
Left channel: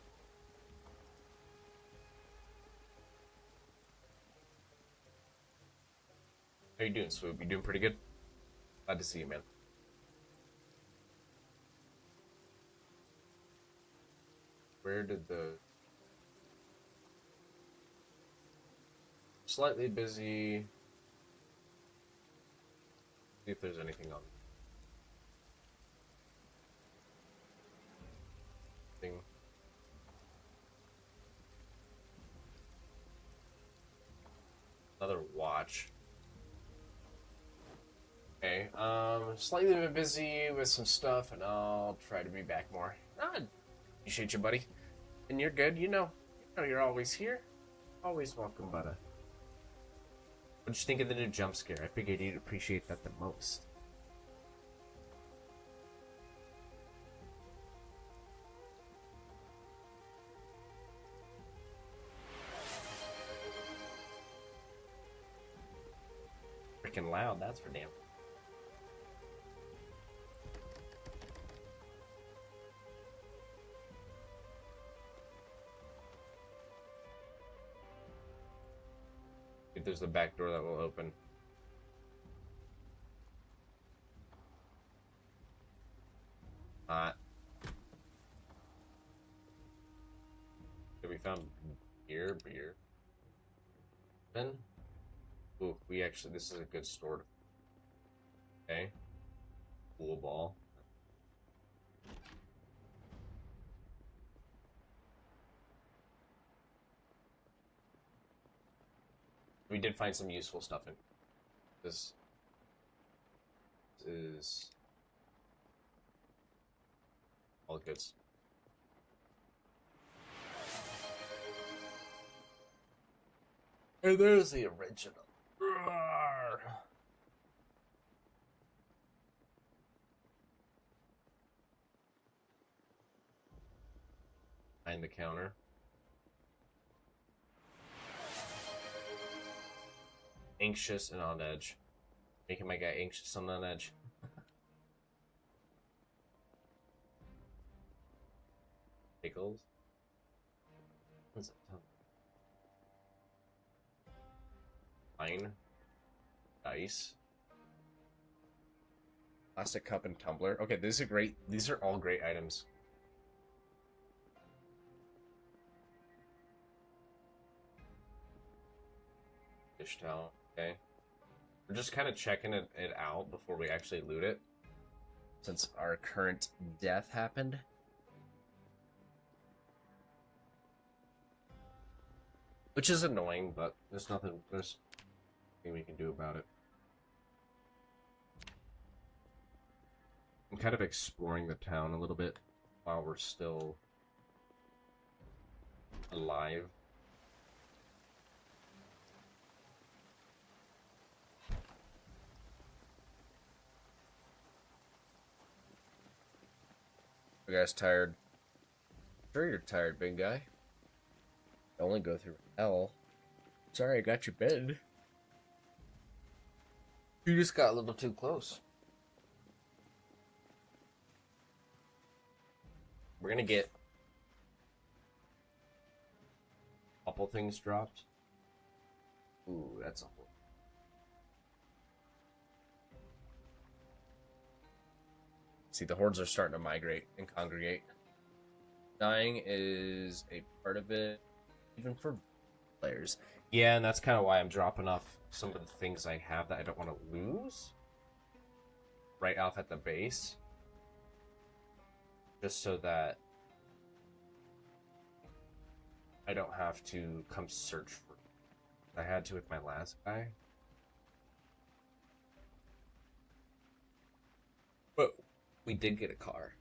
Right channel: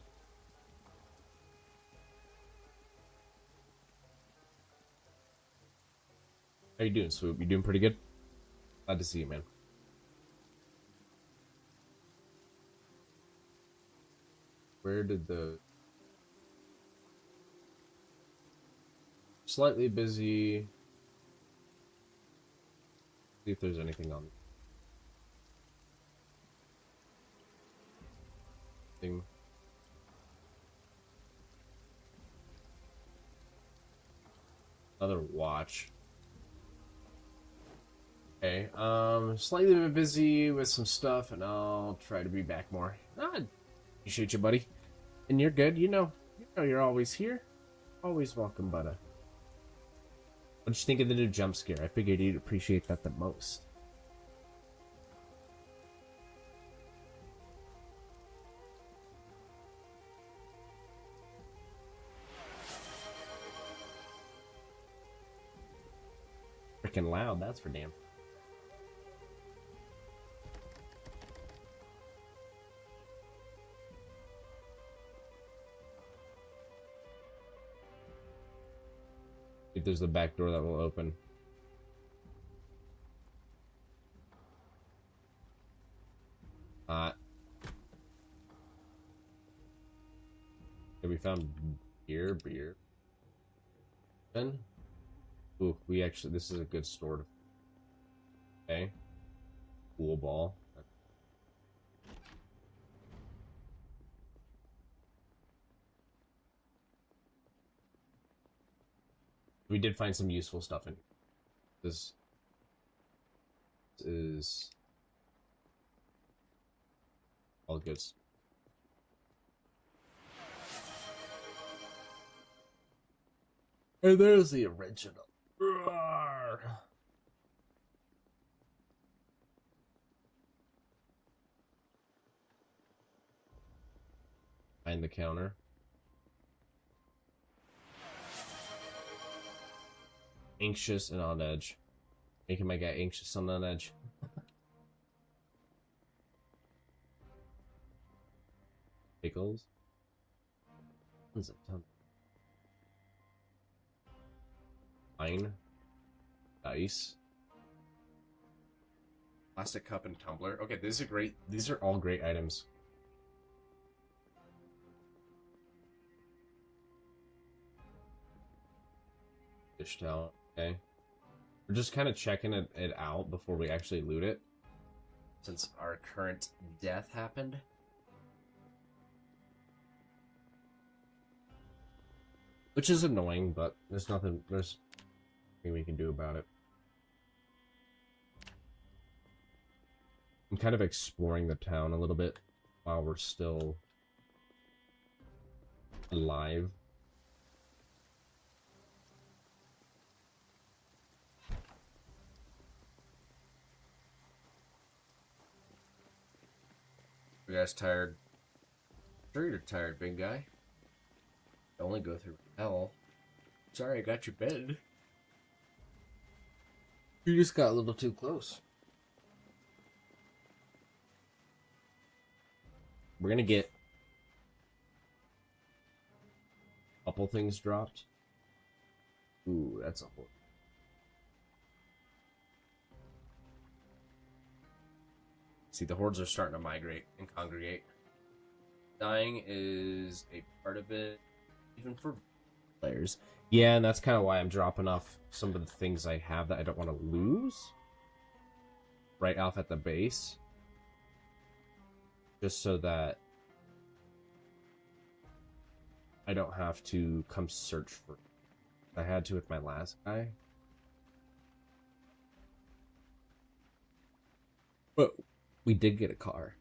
How you doing, Swoop? You doing pretty good? Glad to see you, man. Where did the... Slightly busy. See if there's anything on. Thing. Another watch. Okay, slightly bit busy with some stuff, and I'll try to be back more. Ah, appreciate you, buddy. And you're good, you know you're always here. Always welcome, budda. What'd you think of the new jump scare? I figured you'd appreciate that the most. Freaking loud, that's for damn. If there's the back door that will open. Okay, we found beer. Then, ooh, this is a good store. Okay, pool ball. We did find some useful stuff in this. Is all good. Hey, there's the original. Roar. Behind the counter. Anxious and on edge. Making my guy anxious and on edge. Pickles. Tons of tons. Wine. Dice. Plastic cup and tumbler. Okay, these are great. These are all great items. fish down. Okay. We're just kind of checking it out before we actually loot it. Since our current death happened. Which is annoying, but there's nothing we can do about it. I'm kind of exploring the town a little bit while we're still alive. You guys tired? Sure you're tired, big guy. I only go through hell. Sorry, I got your bed. You just got a little too close. We're gonna get a couple things dropped. Ooh, that's a whole. See, the hordes are starting to migrate and congregate. Dying is a part of it, even for players. Yeah, and that's kind of why I'm dropping off some of the things I have that I don't want to lose right off at the base. Just so that I don't have to come search for it. I had to with my last guy. But we did get a car.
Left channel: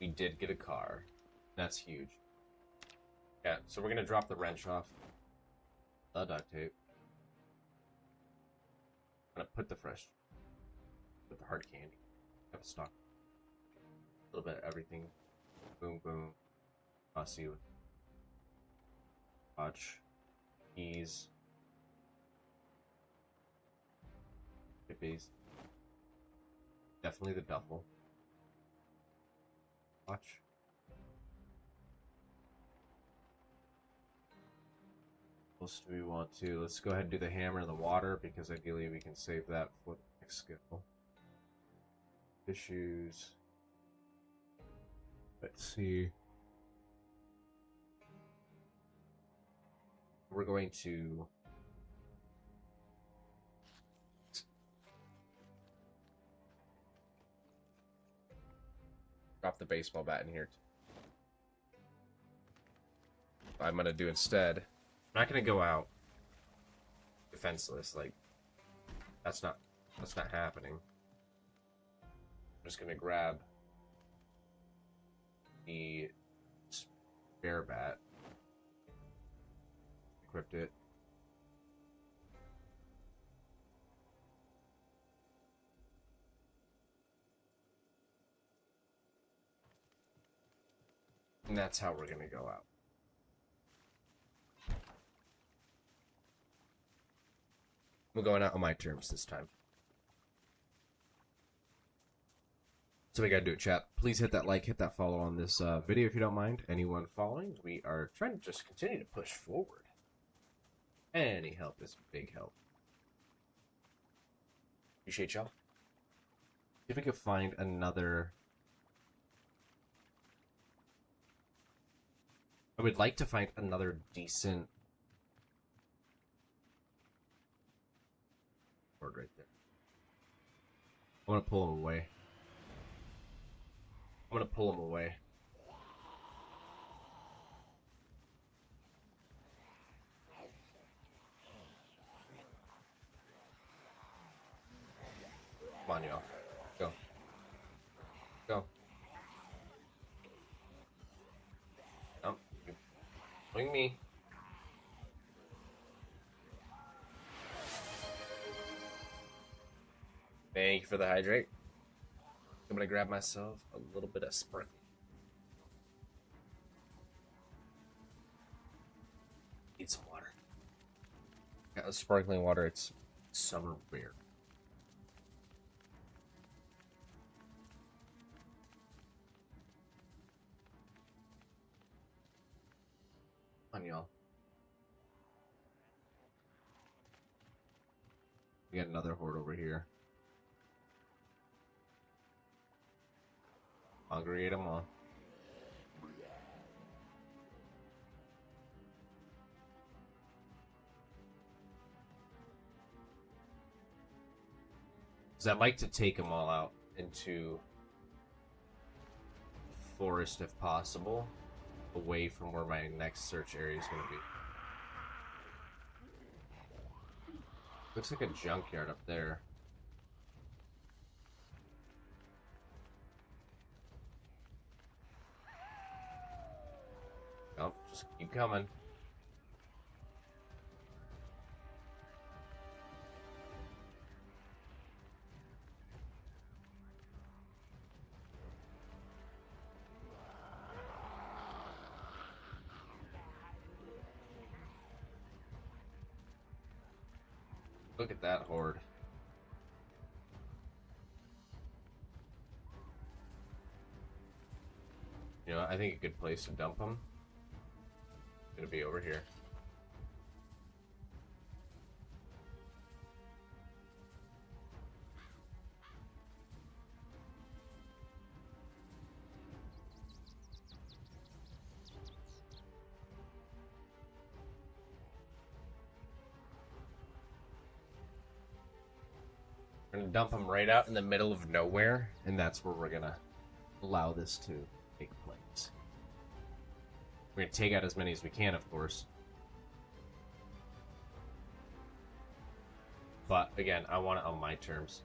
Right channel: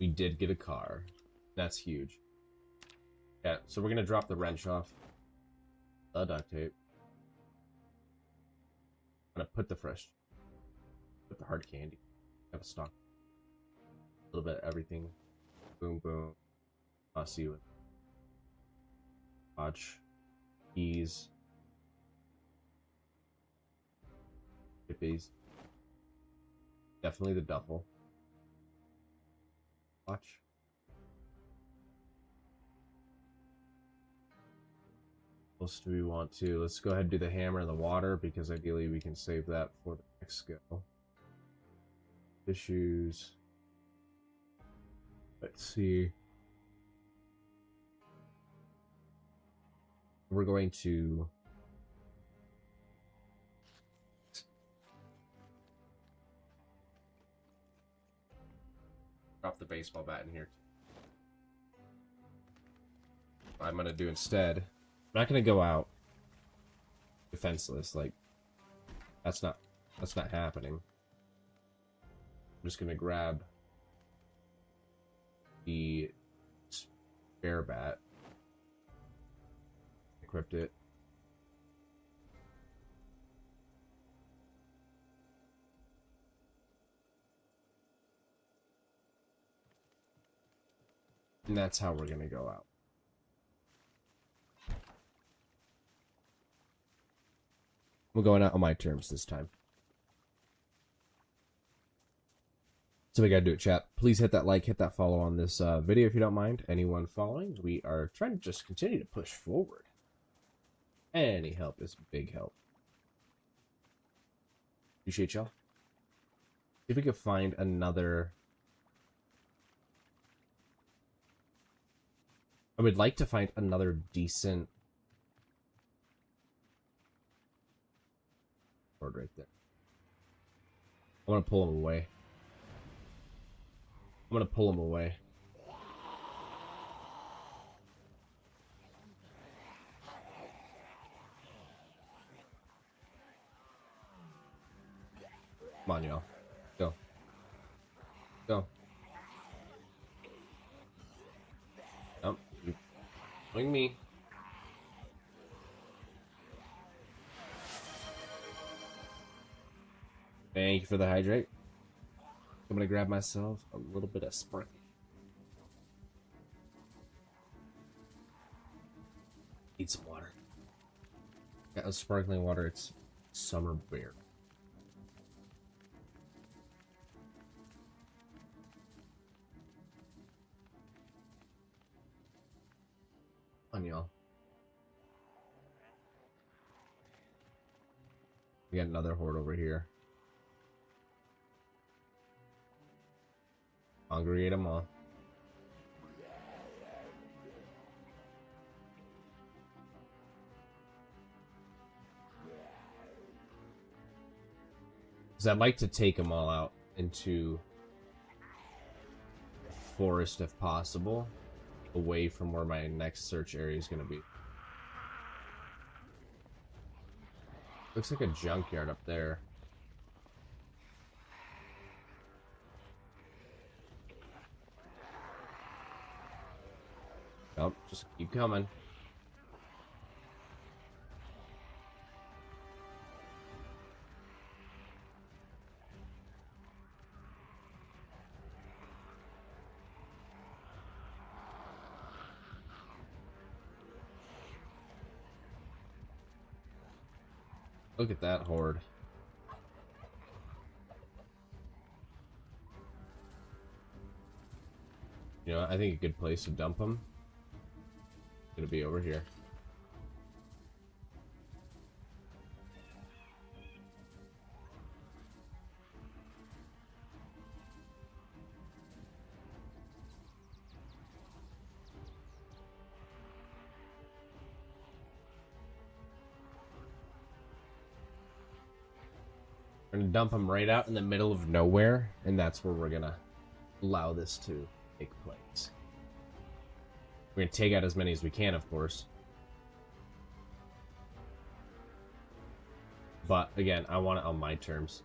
We did get a car. That's huge. Yeah, so we're gonna drop the wrench off. The duct tape. I'm gonna put the fresh. Put the hard candy. Have a stock. A little bit of everything. Boom, boom. I'll see you. Watch. Keys. Hippies. Definitely the duffel. Watch. What else do we want to? Let's go ahead and do the hammer and the water because ideally we can save that for the next skill. Issues. Let's see. We're going to drop the baseball bat in here. What I'm gonna do instead. I'm not gonna go out defenseless. Like that's not happening. I'm just gonna grab the spare bat, equipped it. And that's how we're gonna go out. We're going out on my terms this time. So we gotta do it, chat. Please hit that like, hit that follow on this video if you don't mind. Anyone following, we are trying to just continue to push forward. Any help is big help. Appreciate y'all. See if we could find another. I would like to find another decent board right there. I want to pull him away. I'm gonna pull him away. Come on, y'all. Go. Go. Nope. Swing me. Thank you for the hydrate. I'm gonna grab myself a little bit of Sprite. Need some water. Got the sparkling water. It's summer beer. On y'all. We got another horde over here. Congregate them all. Because I'd like to take them all out into the forest if possible, away from where my next search area is going to be. Looks like a junkyard up there. Nope, just keep coming. Look at that horde. You know, I think a good place to dump them is gonna be over here. We're gonna dump them right out in the middle of nowhere, and that's where we're gonna allow this to take place. We're gonna take out as many as we can, of course. But again, I want it on my terms.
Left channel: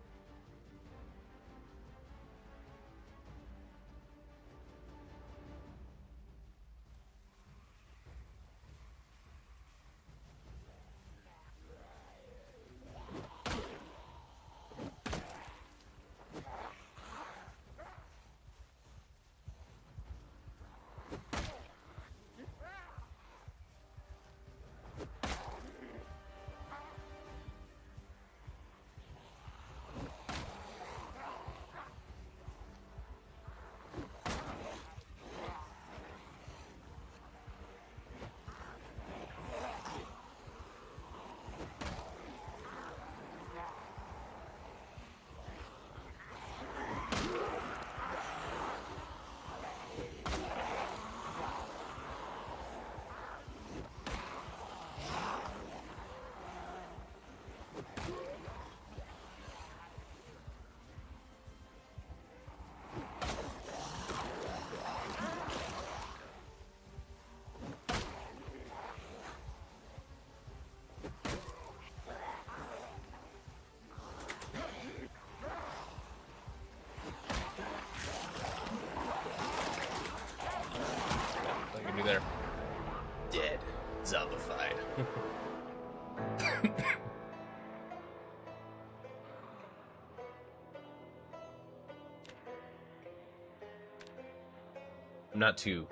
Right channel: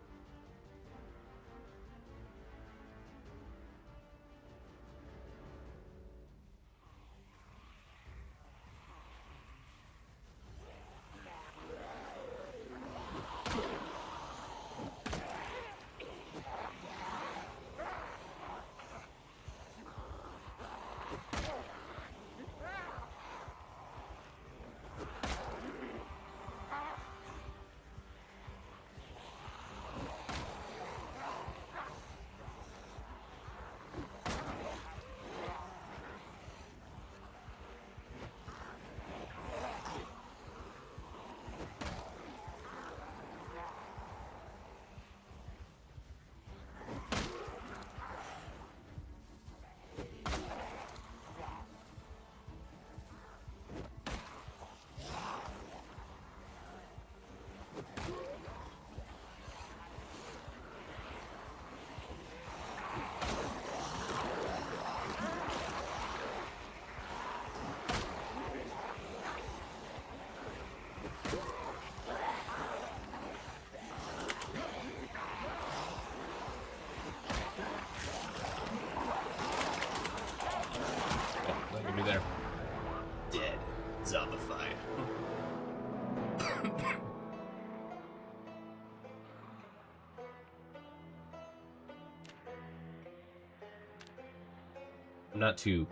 Not too.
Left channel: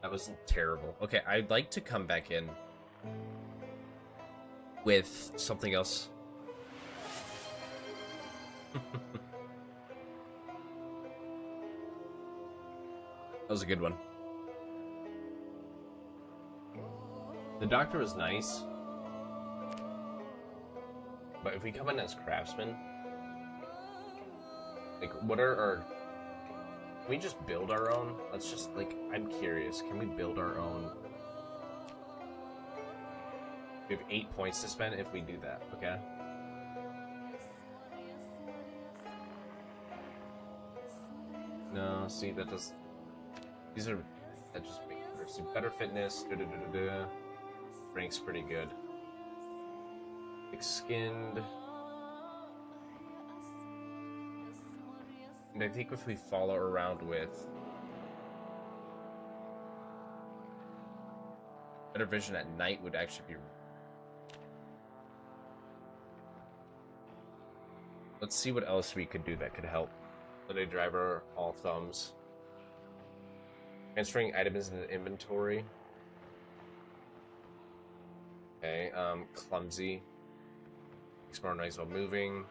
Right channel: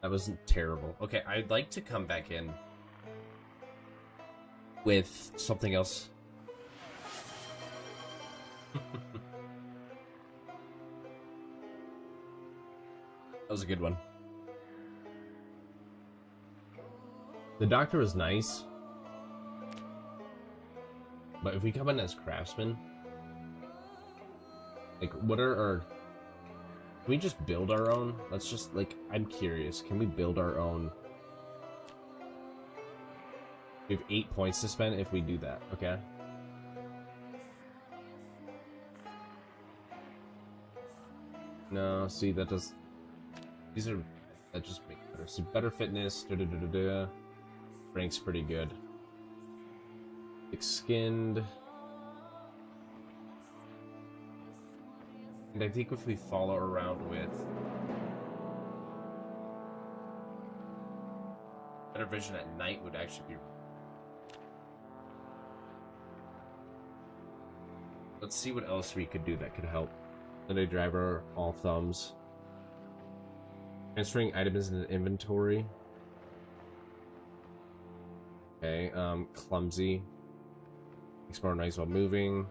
That wasn't terrible. Okay, I'd like to come back in with something else. That was a good one. The doctor was nice, but if we come in as craftsmen, like, what are our... Can we just build our own? Let's just, like, I'm curious. Can we build our own? We have 8 points to spend if we do that, okay? No, see, that does... These are... That just make better. So better fitness, da-da-da-da-da. Rank's pretty good. Thick-skinned. And I think if we follow around with better vision at night would actually be... Let's see what else we could do that could help. Sunday driver, all thumbs. Transferring items into inventory. Okay, clumsy. Explore nice while moving.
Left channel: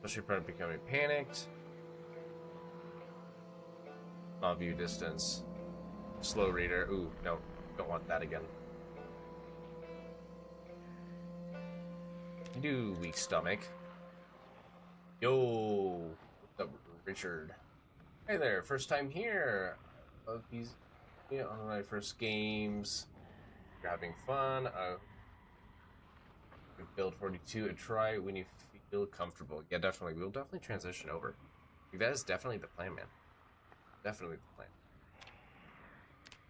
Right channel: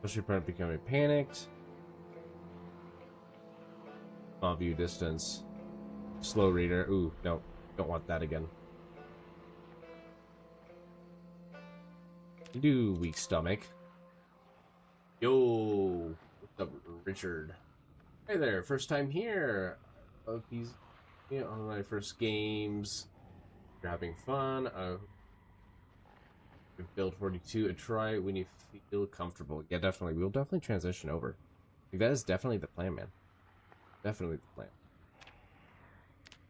Push your part becoming panicked. Small view distance. Slow reader. Ooh, no. Don't want that again. You do, weak stomach. Yo, what's up, Richard? Hey there, first time here. Oh, he's on my first games. You're having fun. Build 42 and try when you feel comfortable. Yeah, definitely. We'll definitely transition over. Like, that is definitely the plan, man. Definitely the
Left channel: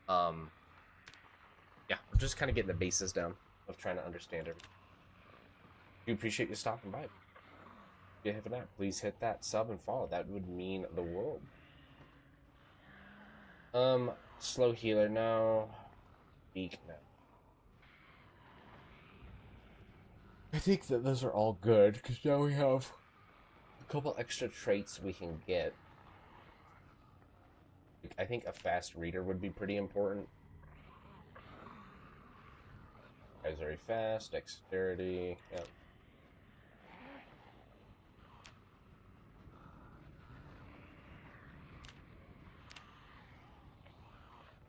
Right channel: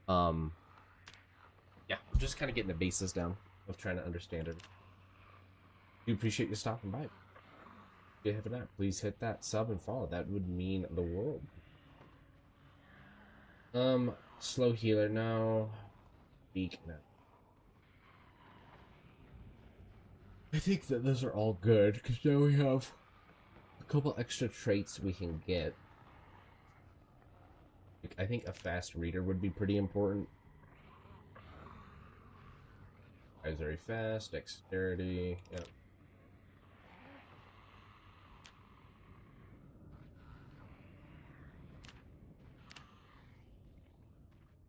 plan. Yeah, I'm just kind of getting the basis down of trying to understand it. We appreciate you stopping by. If you have that, please hit that sub and follow. That would mean the world. Slow healer now. Weak now. I think that those are all good, because now we have a couple extra traits we can get. I think a fast reader would be pretty important. Guys, very fast, dexterity, yep.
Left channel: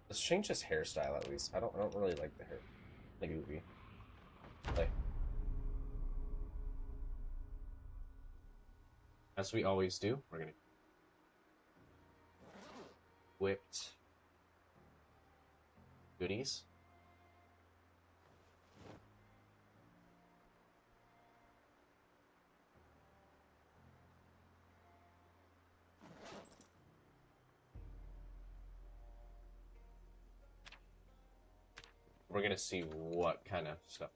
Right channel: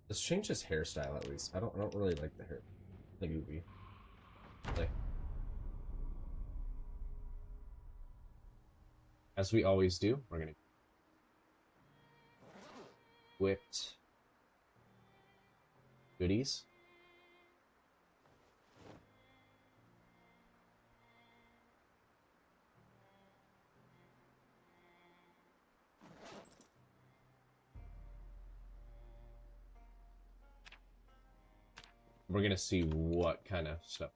Let's change his hairstyle at least. I don't really like the hair. The movie. Like, as we always do, we're gonna whipped goodies. We're gonna see what kind of stuff.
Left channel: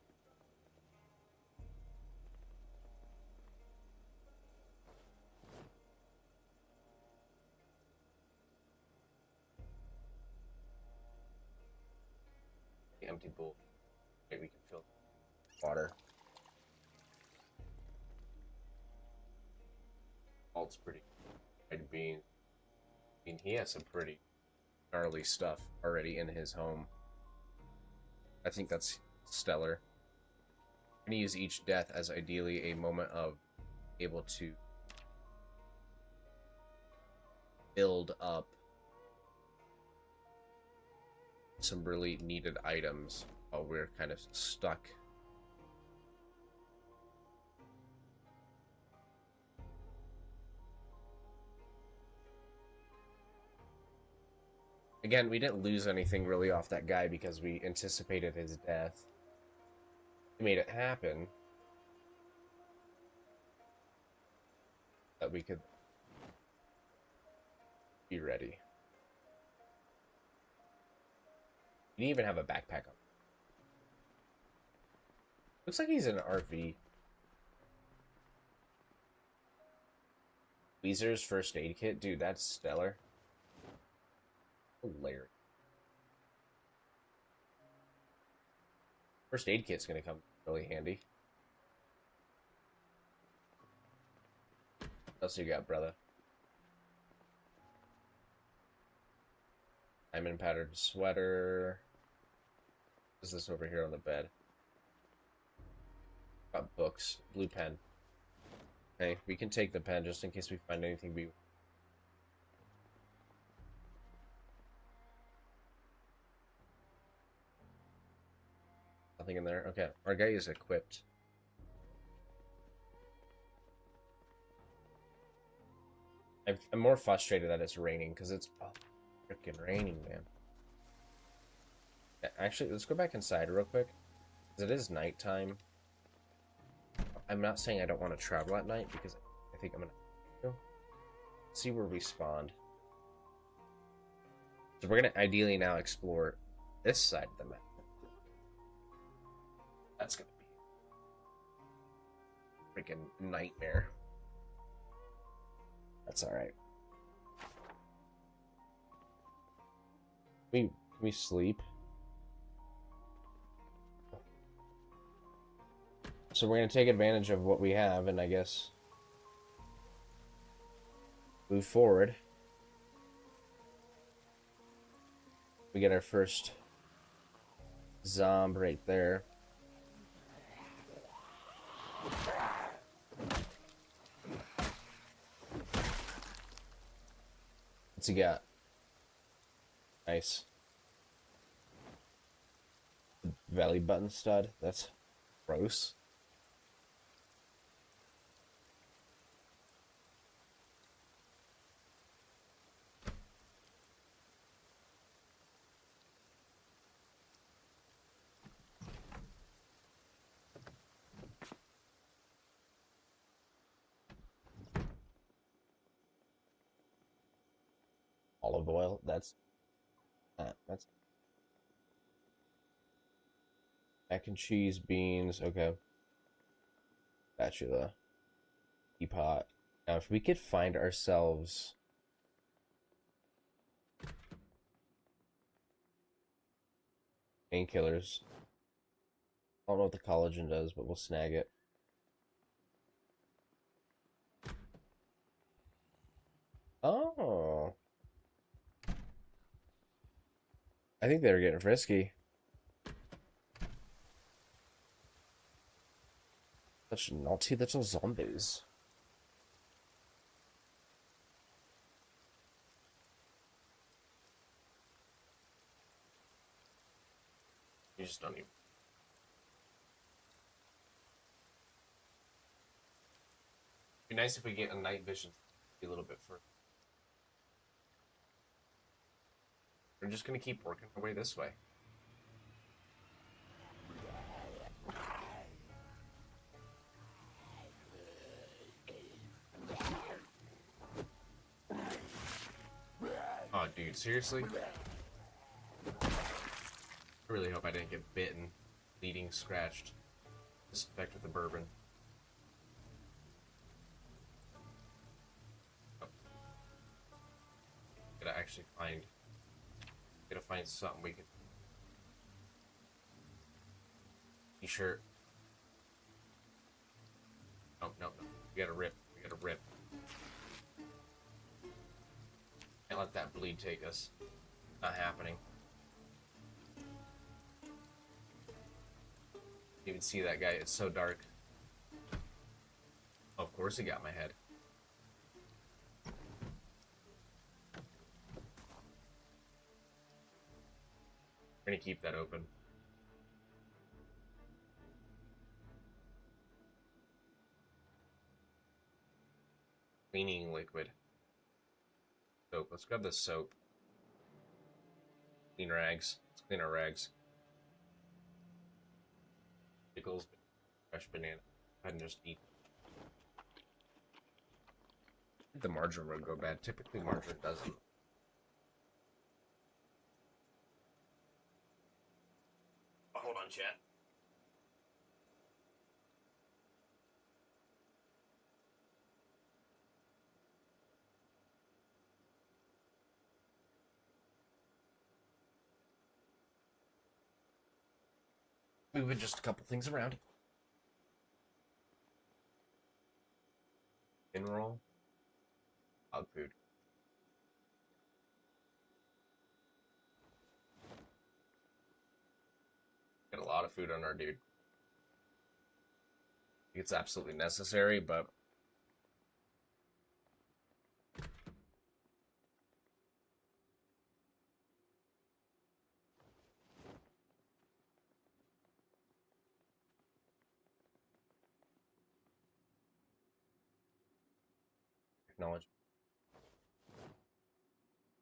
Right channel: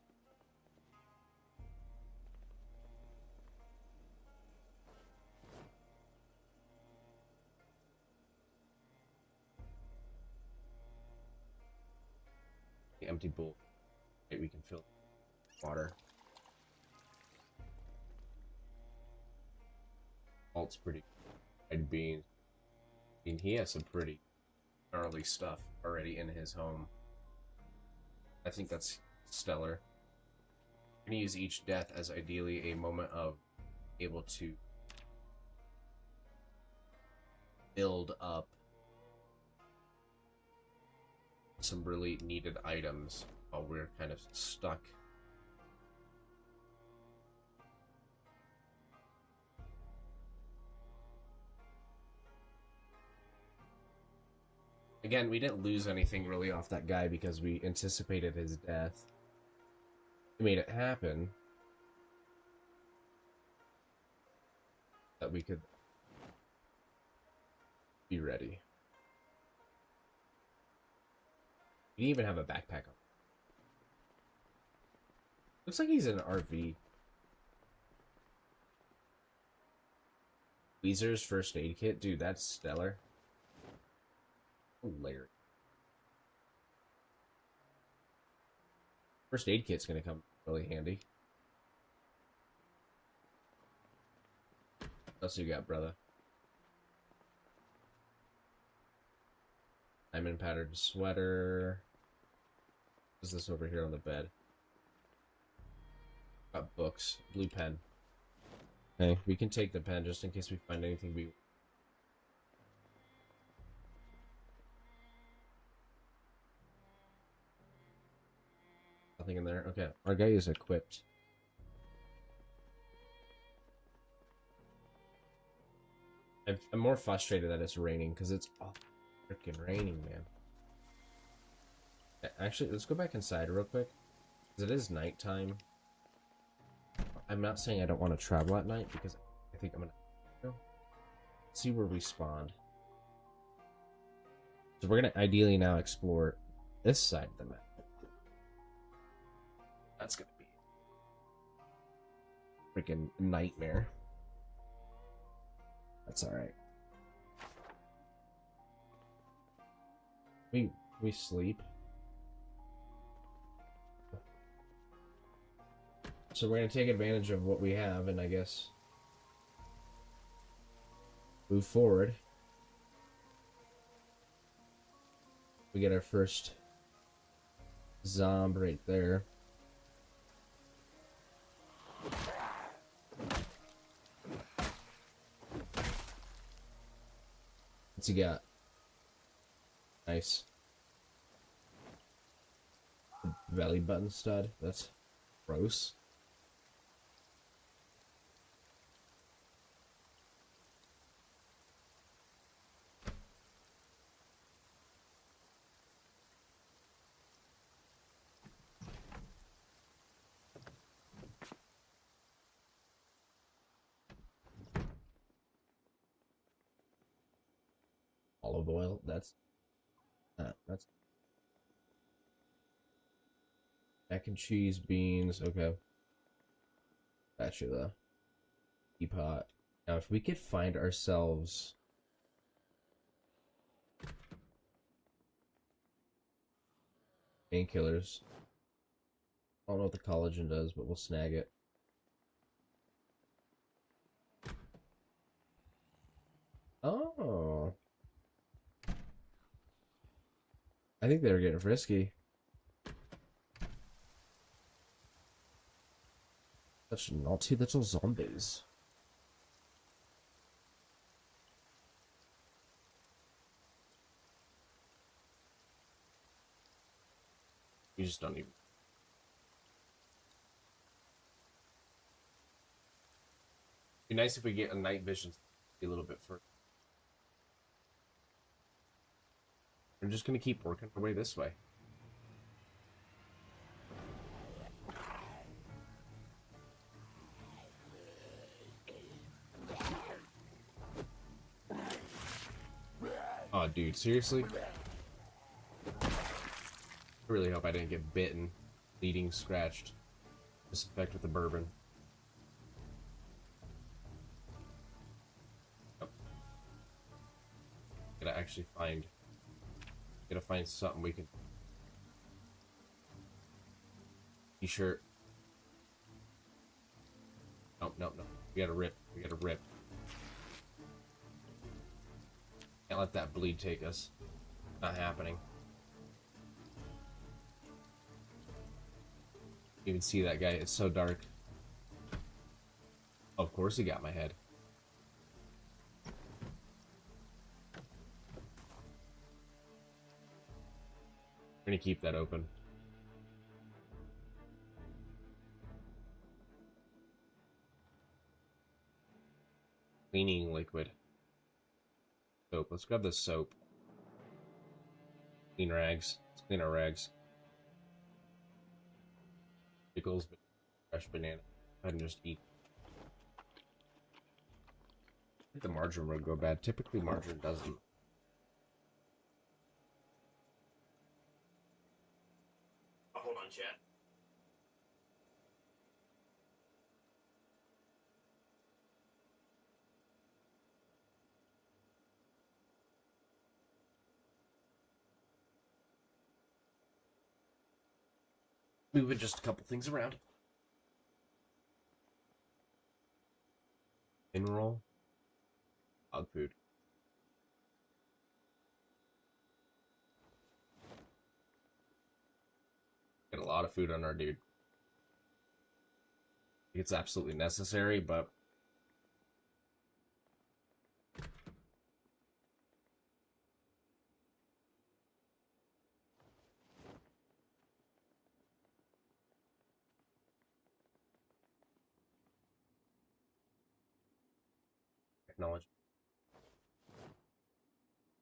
The empty bowl. Okay, we can fill water. Alt's pretty. Red beans. I mean, he has some pretty gnarly stuff already in his home. I think that's stellar. I'm going to use each death as ideally a moment of able to build up some really needed items while we're kind of stuck. Again, we didn't lose anything really off that guy because we anticipated his death. We made it happen. That we could be ready. We didn't even have a backpack on. Looks like he's in an RV. Weezer's first aid kit? Dude, that's stellar. Hilarious. First aid kit's gonna come really handy. What else you got, brother? Diamond patterned sweater. What's this over here on the bed? Got books. Blue pen. Hey, we can take the pen just in case we find anything we... Nothing in there? Okay, our guy is equipped. I'm more frustrated that it's raining, because it's freaking raining, man. Actually, let's go back inside real quick, because it is nighttime. I'm not saying I don't want to travel at night, because I think I'm gonna see where we spawned. So we're gonna ideally now explore this side of the map. That's gonna be a freaking nightmare. That's alright. We sleep. So we're gonna take advantage of what we have and I guess move forward. We get our first zomb right there. What's he got? Nice. Belly button stud. That's gross. olive oil. That's mac and cheese, beans. Okay, spatula, teapot. Now, if we could find ourselves painkillers, I don't know what the collagen does, but we'll snag it. Oh, I think they were getting frisky. That's naughty little zombies. You just don't even. It'd be nice if we get a night vision a little bit further. We're just gonna keep working our way this way. Oh, dude, seriously? I really hope I didn't get bitten, bleeding, scratched. Disinfect with the bourbon. Oh. Gotta actually find. Gotta find something we can. T-shirt. No, no, no. We gotta rip. We gotta rip. Can't let that bleed take us. Not happening. You can see that guy. It's so dark. Oh, of course he got my head. We're gonna keep that open. Cleaning liquid. Soap. Let's grab the soap. Clean rags. Let's clean our rags. Pickles, fresh banana. Go ahead and just eat. I think the margarine would go bad. Typically, margarine doesn't. Oh, hold on, chat. Moving just a couple things around. In roll. Dog food. Got a lot of food on our dude. It's absolutely necessary, but technology.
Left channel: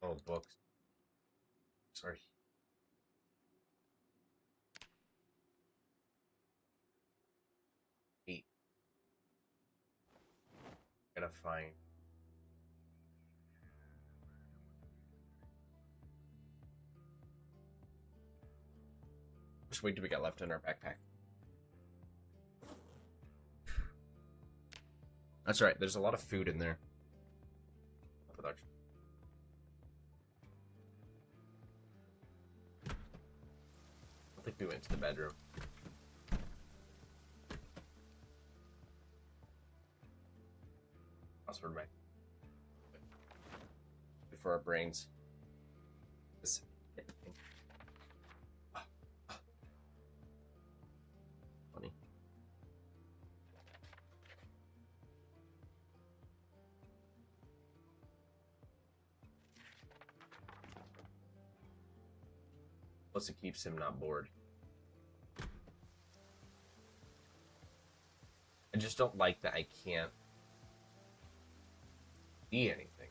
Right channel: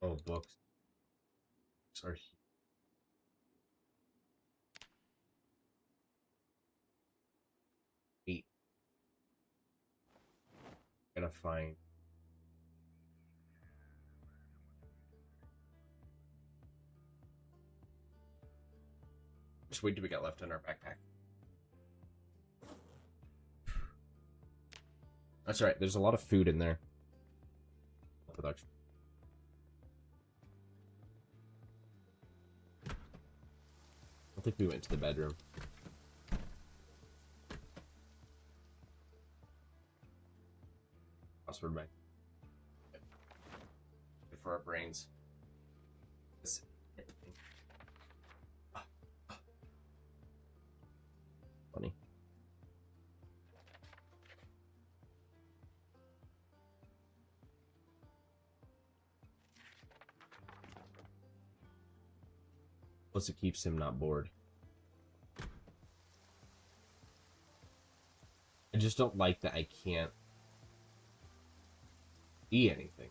Oh, books. Sorry. Eat. Gotta find. Which weight do we got left in our backpack? That's right. There's a lot of food in there. Production. I think we went to the bedroom. Password bank. For our brains. Funny. Plus, it keeps him not bored. I just don't like that I can't see anything.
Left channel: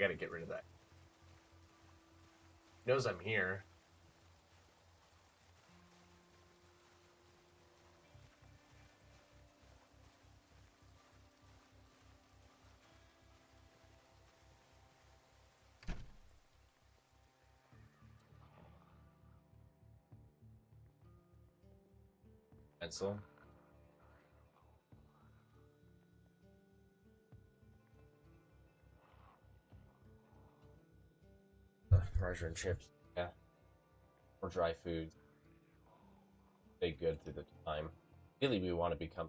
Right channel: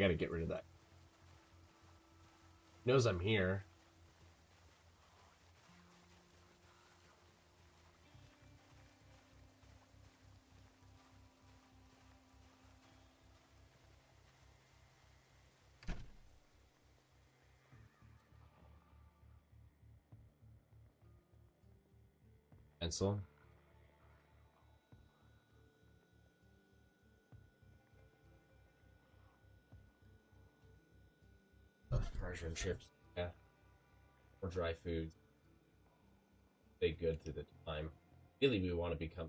I gotta get rid of that. He knows I'm here. Pencil. Fries and chips. Yeah. Or dry foods. Stay good through the time. Really, we want to become.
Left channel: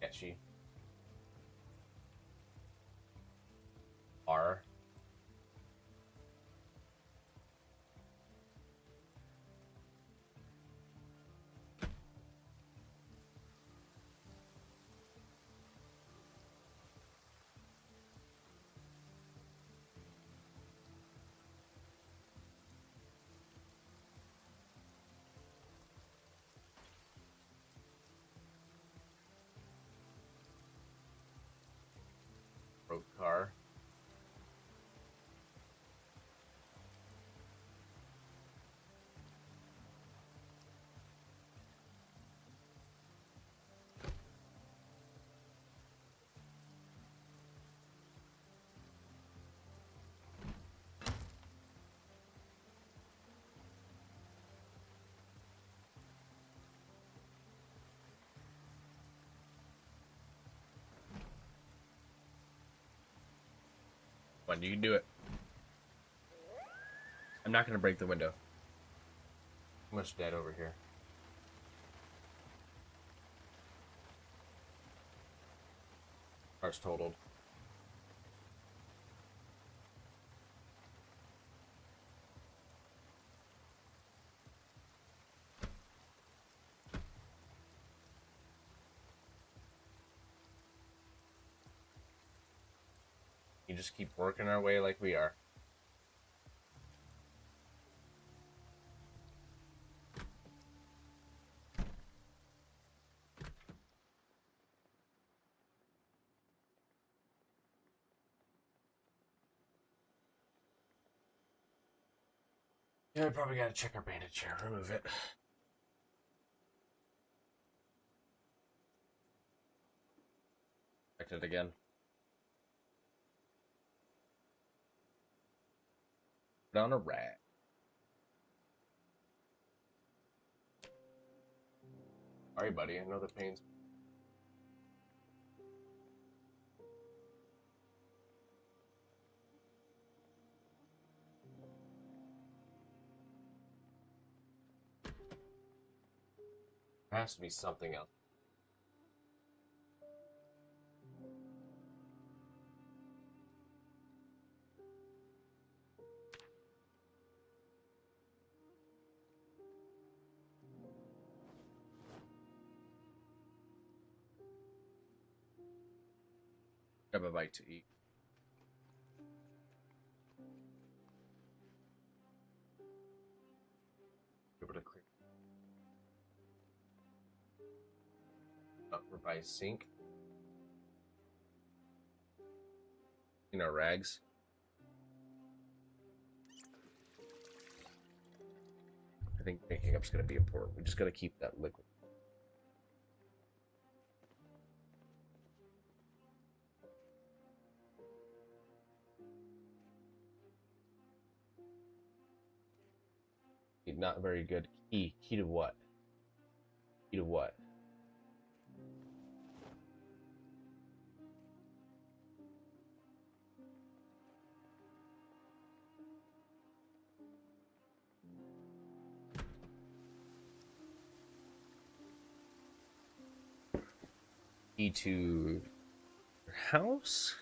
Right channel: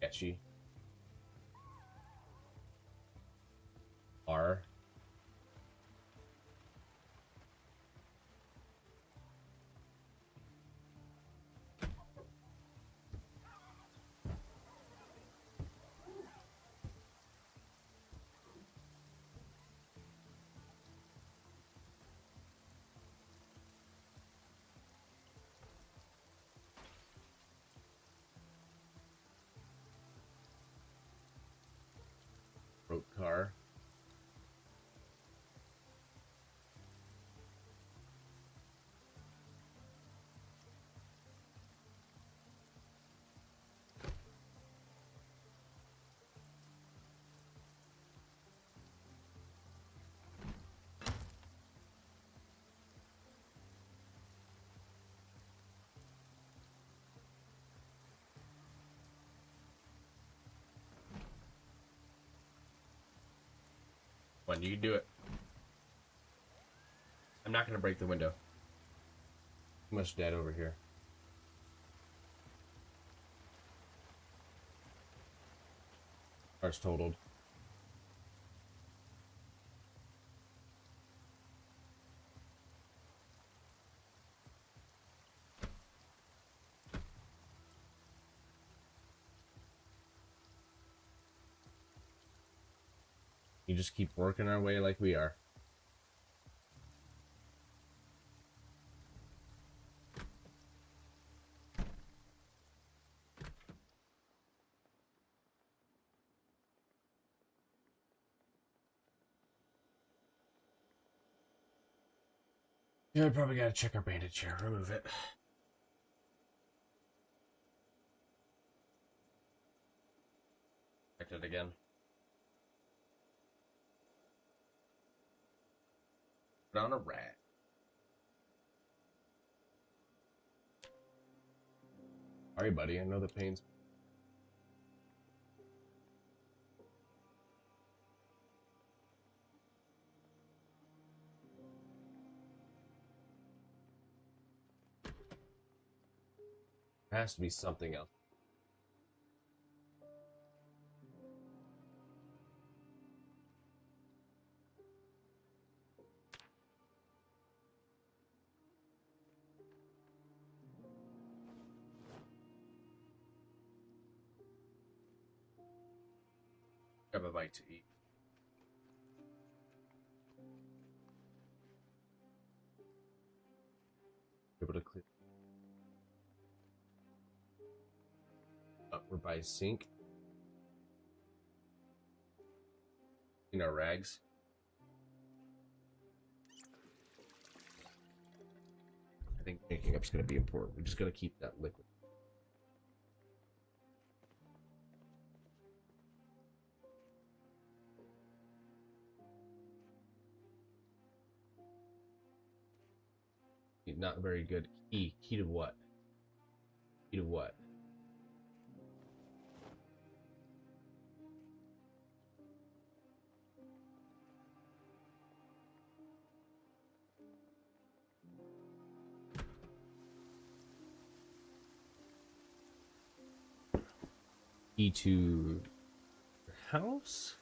Sketchy. R. Broke car. Come on, you can do it. I'm not gonna break the window. Too much dead over here. Car's totaled. You just keep working our way like we are. Yeah, we probably gotta check our bandage here. Remove it. Check it again. Put on a rag. Sorry, buddy. I know the pain's. There has to be something else. Grab a bite to eat. Able to clear. We're by sink. In our rags. I think making up's gonna be important. We just gotta keep that liquid. Not very good. Key. Key to what? Key to what? Key to your house.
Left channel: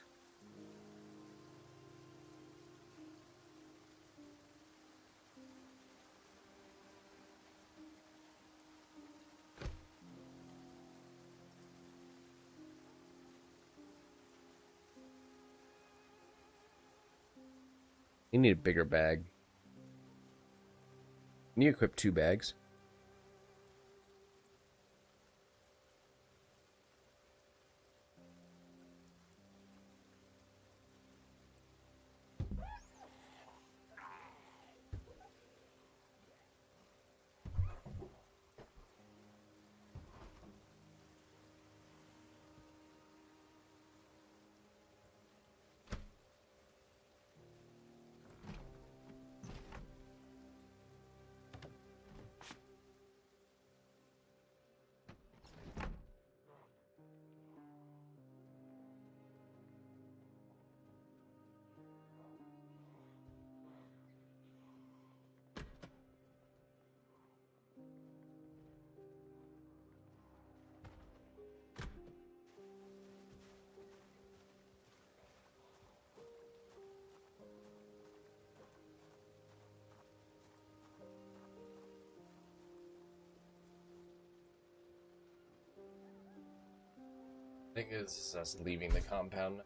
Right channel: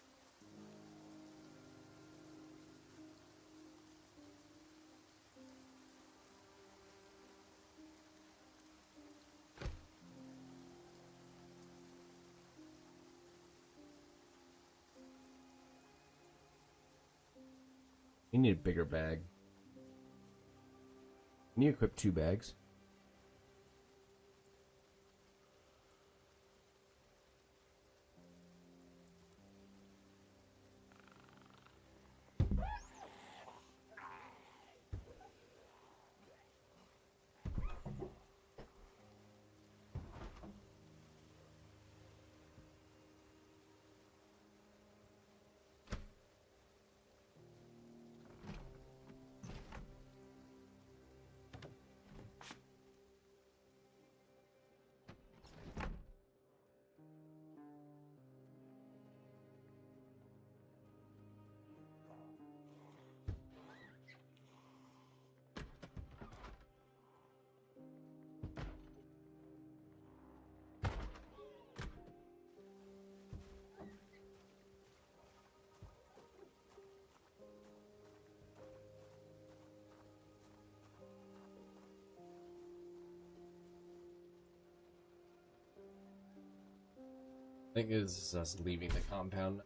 You need a bigger bag. You equip 2 bags. I think this is us leaving the compound.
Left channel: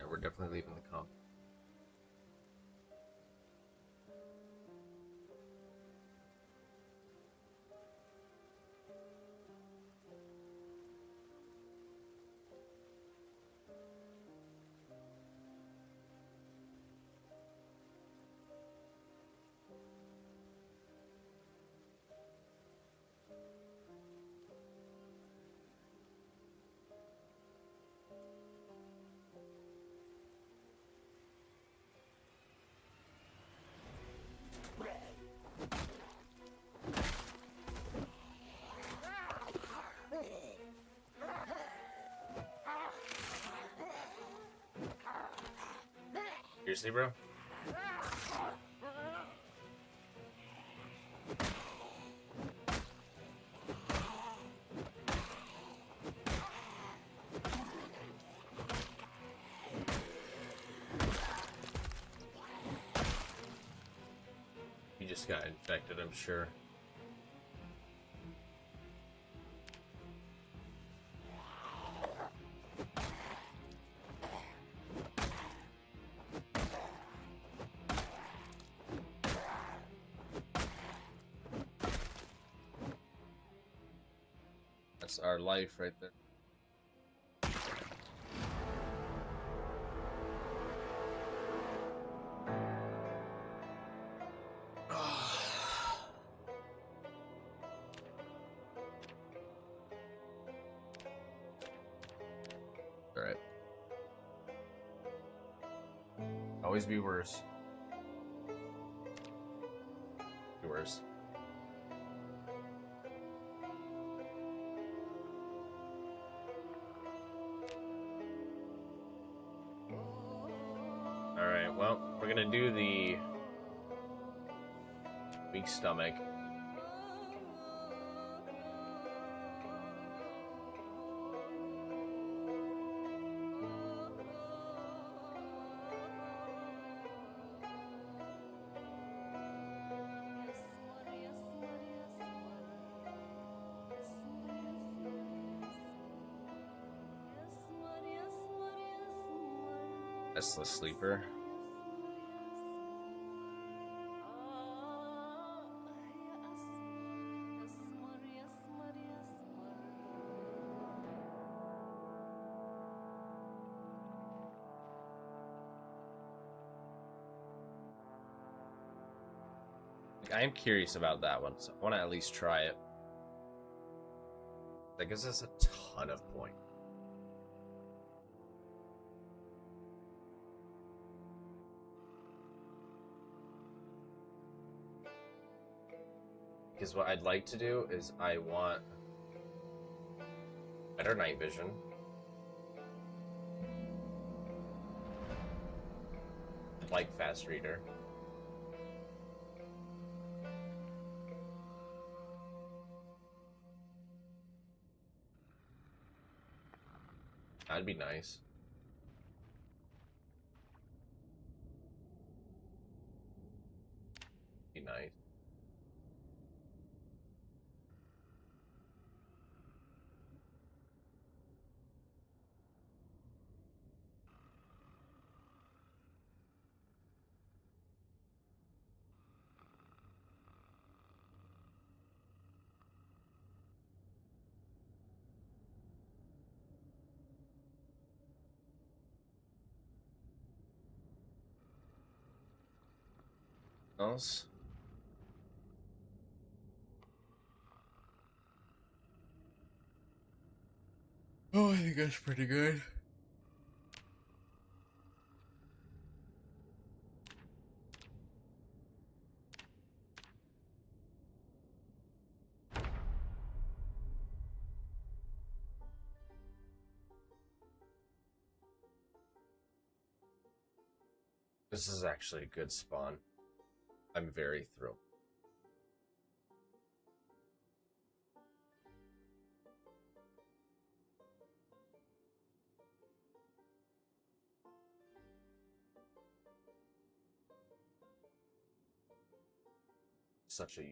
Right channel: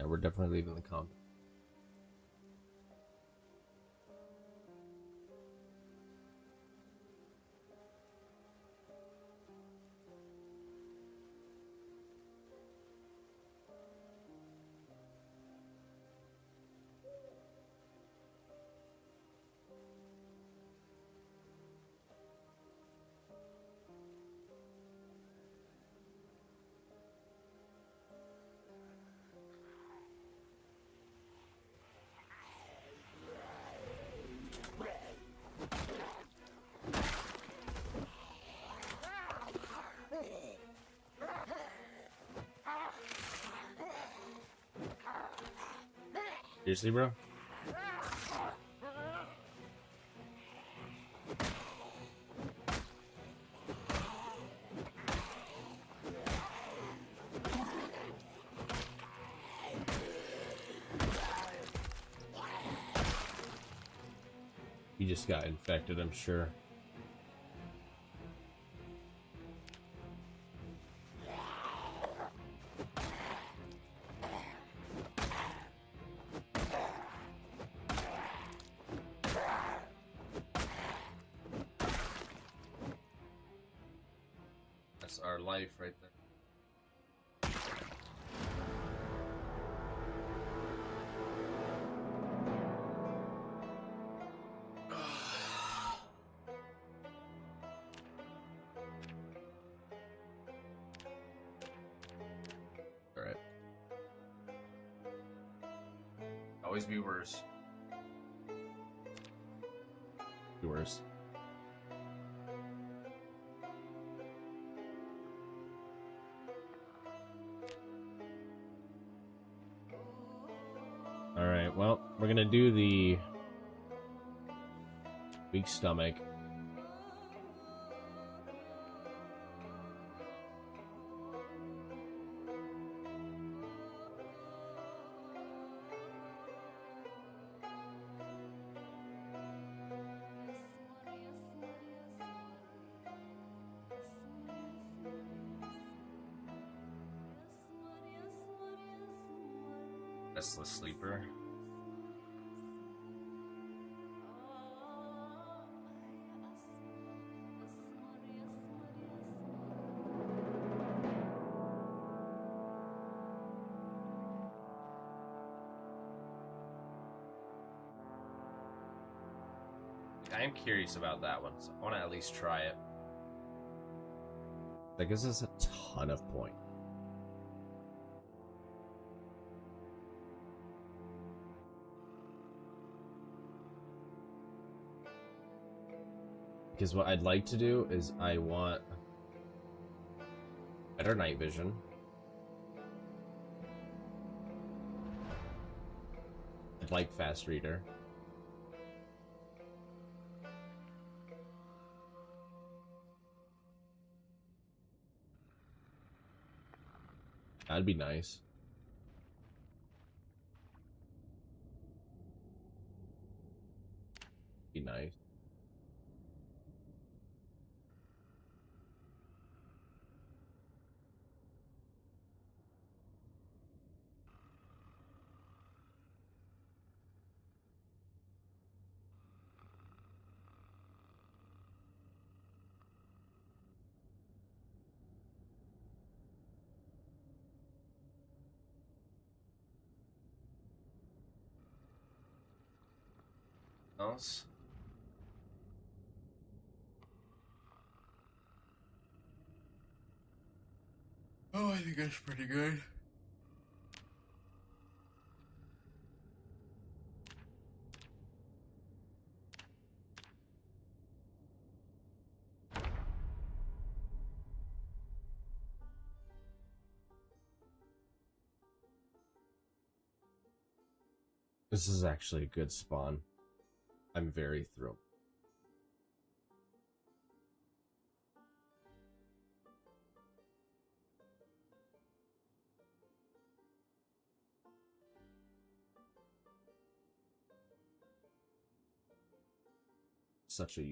Yeah, we're definitely leaving the compound. Seriously, bro? You just got infected, I'm sure. That's our life right there. Alright. Always be worse. Be worse. Alright, well, we're gonna do the weak stomach. Restless sleeper. I am curious about that one, so I want to at least try it. That gives us a ton of points. Because what I'd like to do is I want better night vision. I'd like fast reader. That'd be nice. Be nice. Else? Oh, I think that's pretty good. This is actually a good spawn. I'm very thrilled. Such a...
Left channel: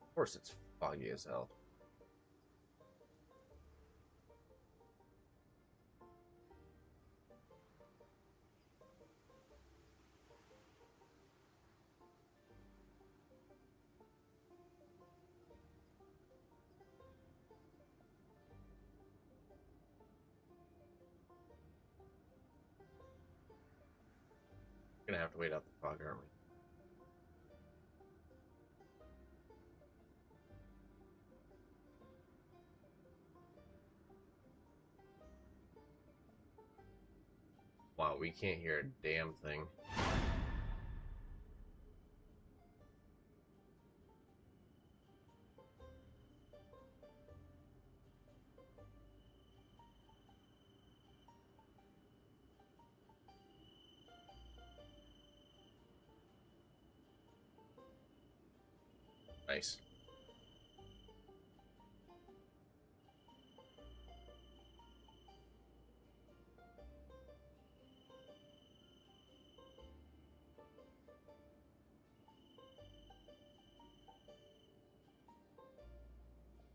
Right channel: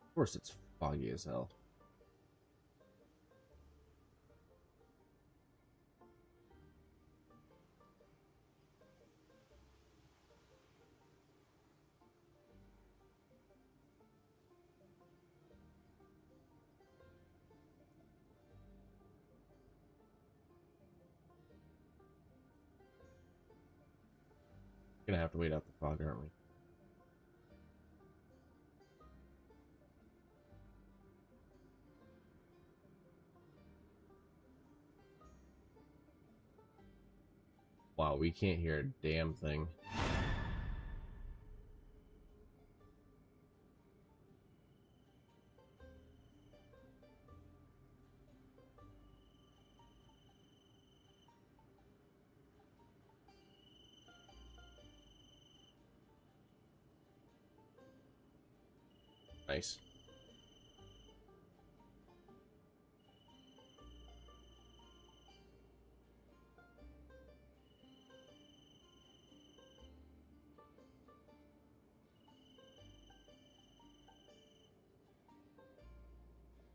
Of course it's foggy as hell. We're gonna have to wait out the fog, aren't we? Wow, we can't hear a damn thing. Nice.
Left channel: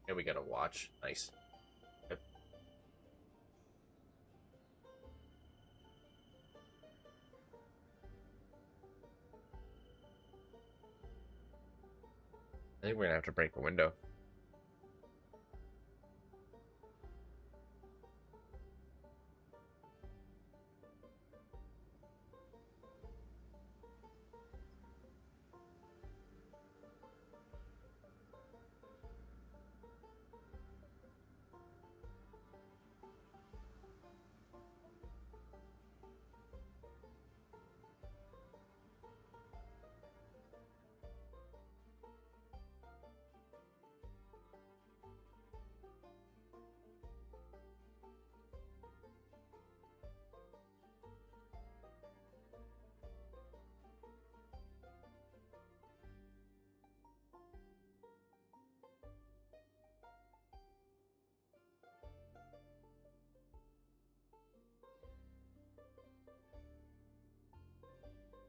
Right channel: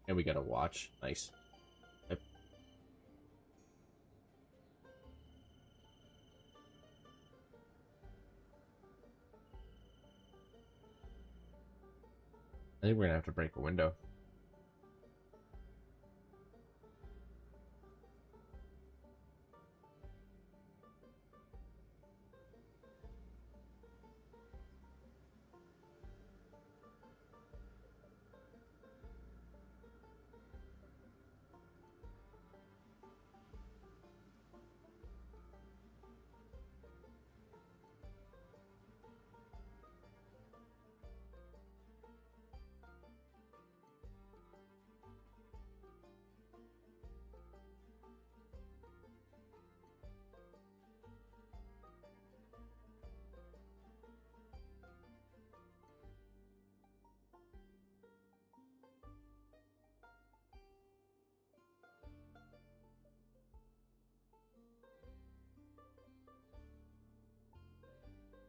And we got a watch. Nice. Yep. I think we're gonna have to break the window.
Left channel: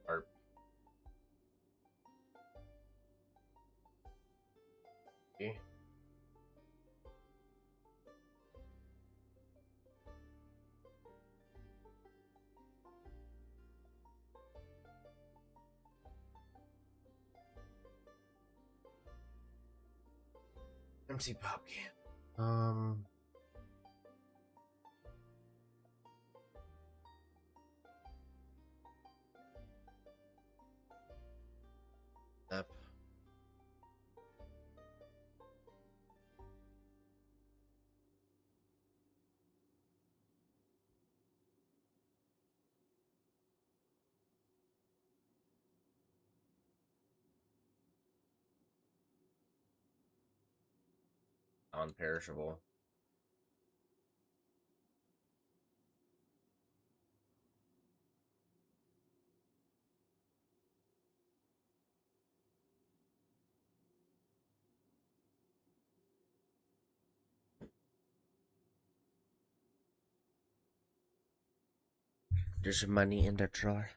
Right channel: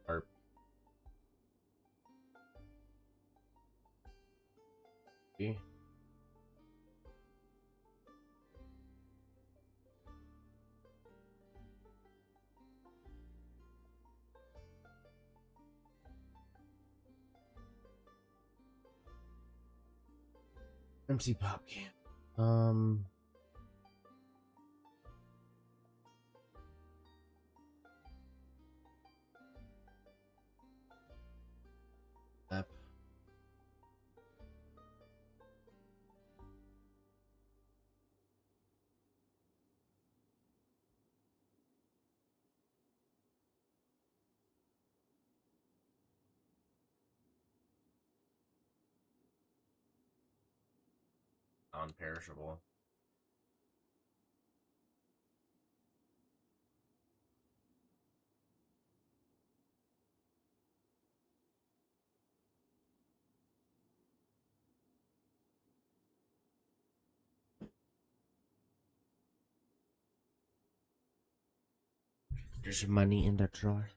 Or empty pop can. Up. non-perishable. There's money in the drawer.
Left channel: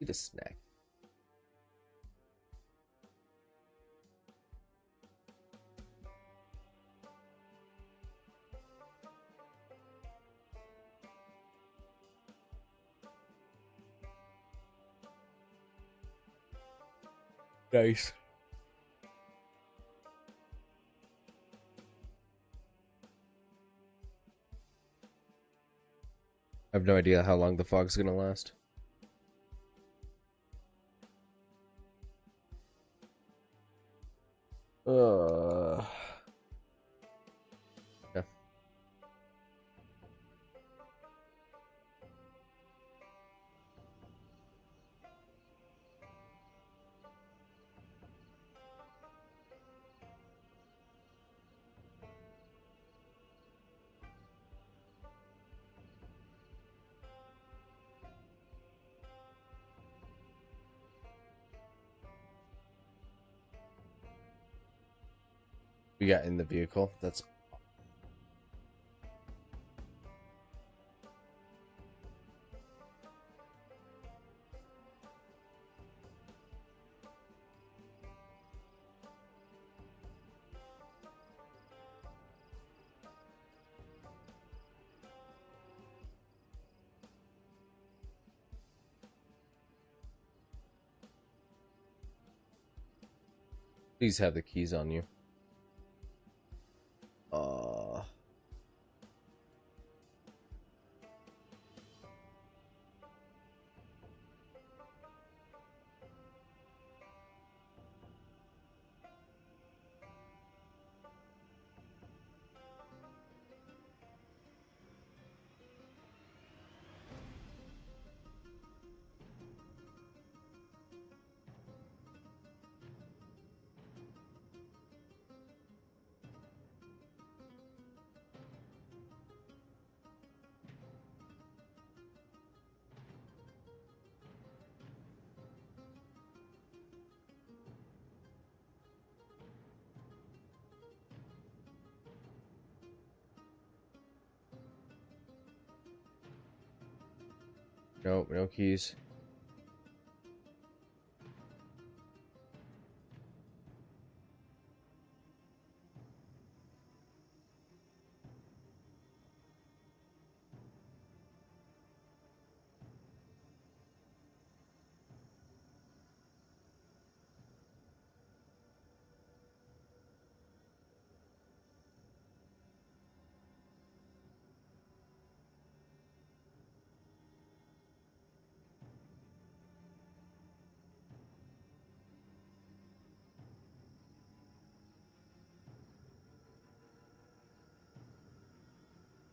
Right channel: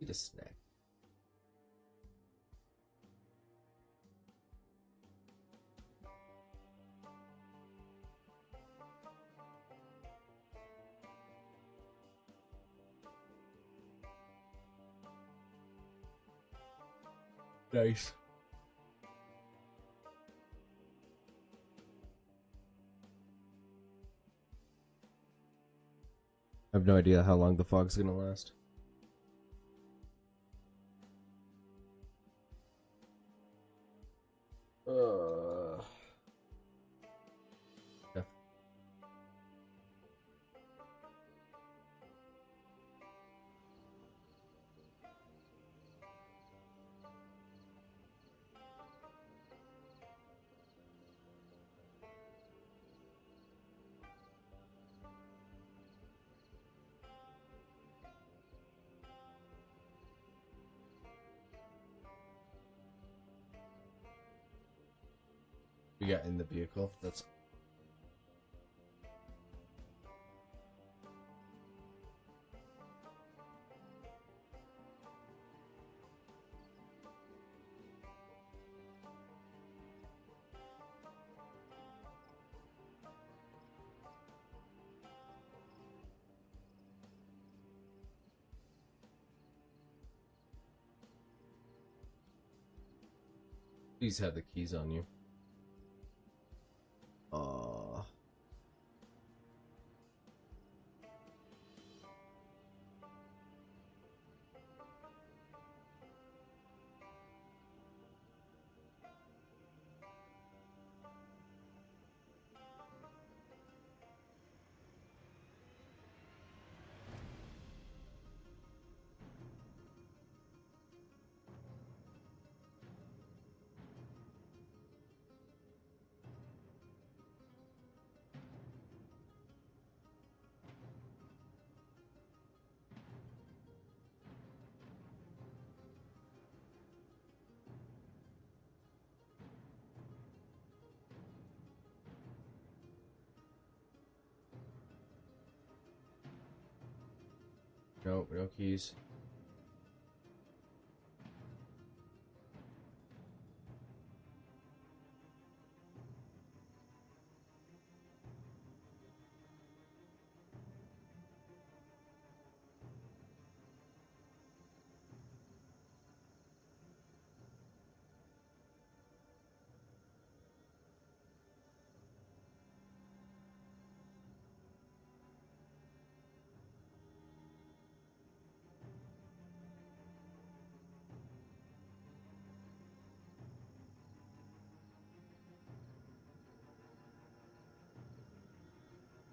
Eat a snack. Nice. I have no idea how long the fog's gonna last. Yeah. We got in the vehicle. That's please have the keys on you. Nope, no keys.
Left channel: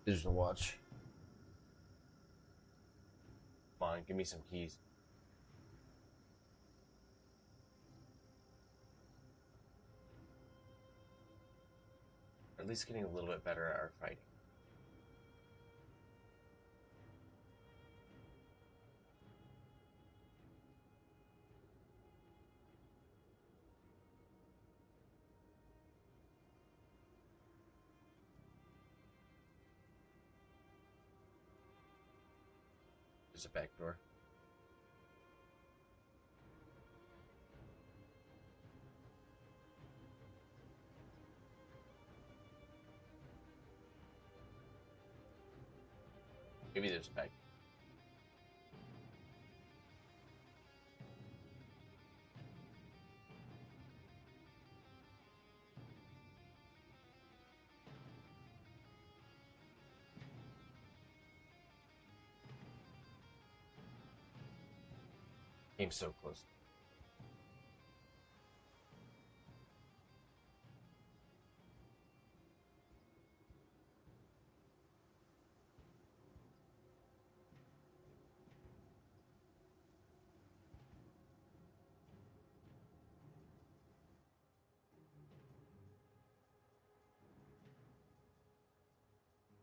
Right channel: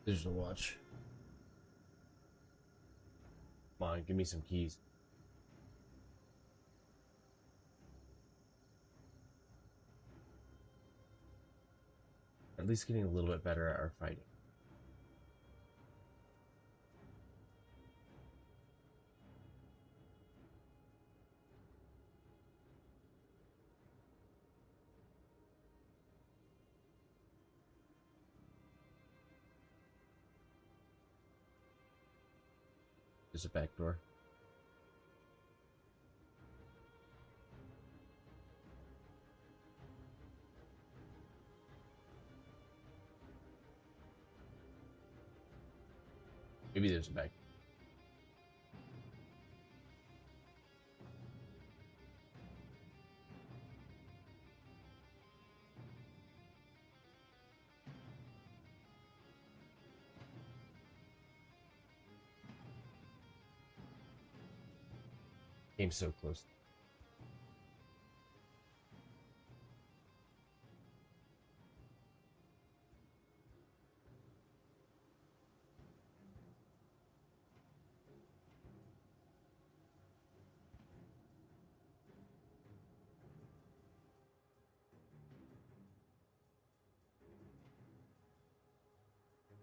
Digital watch. Come on, give me some keys. At least getting a little bit better at our fighting. There's a back door. Maybe there's a back. Came so close.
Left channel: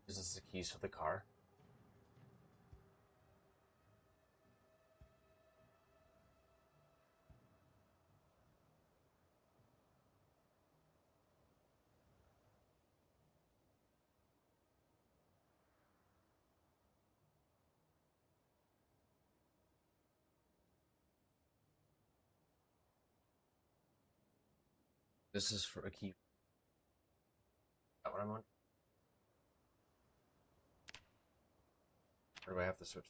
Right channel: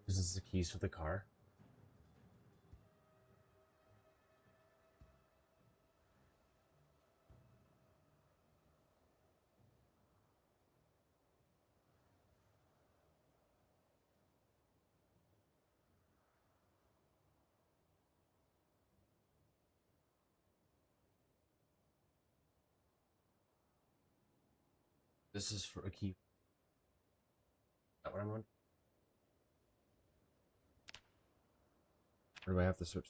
This is the keys for the car. This is for a key. Is that what I'm on? Or do I have to switch?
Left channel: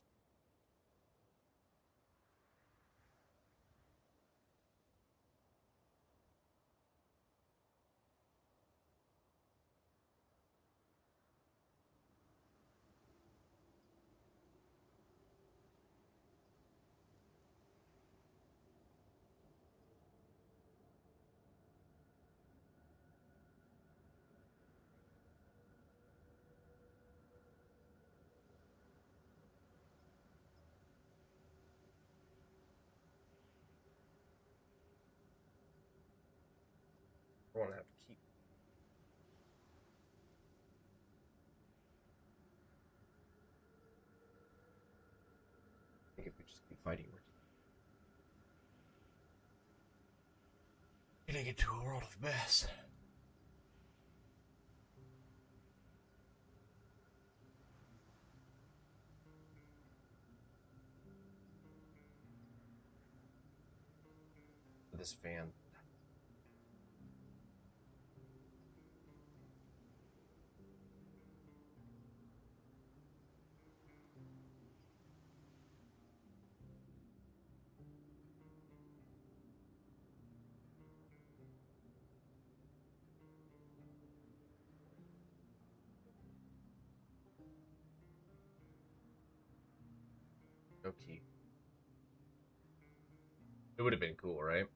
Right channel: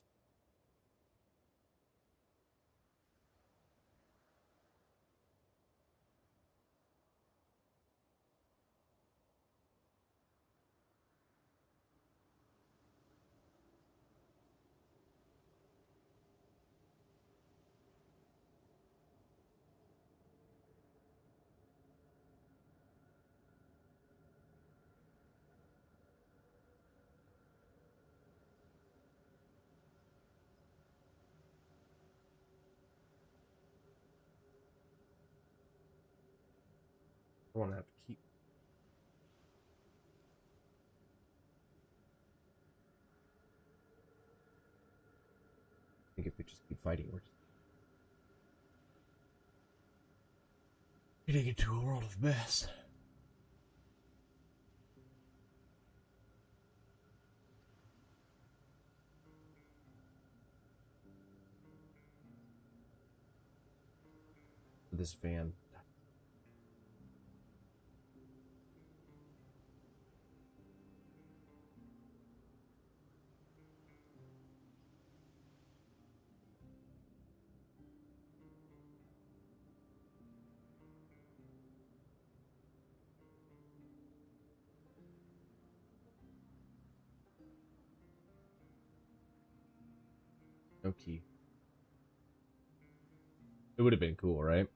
I won't have to keep. I think if we just keep fighting, we're getting into a world of mess. This van. No key. It would have been cool, right?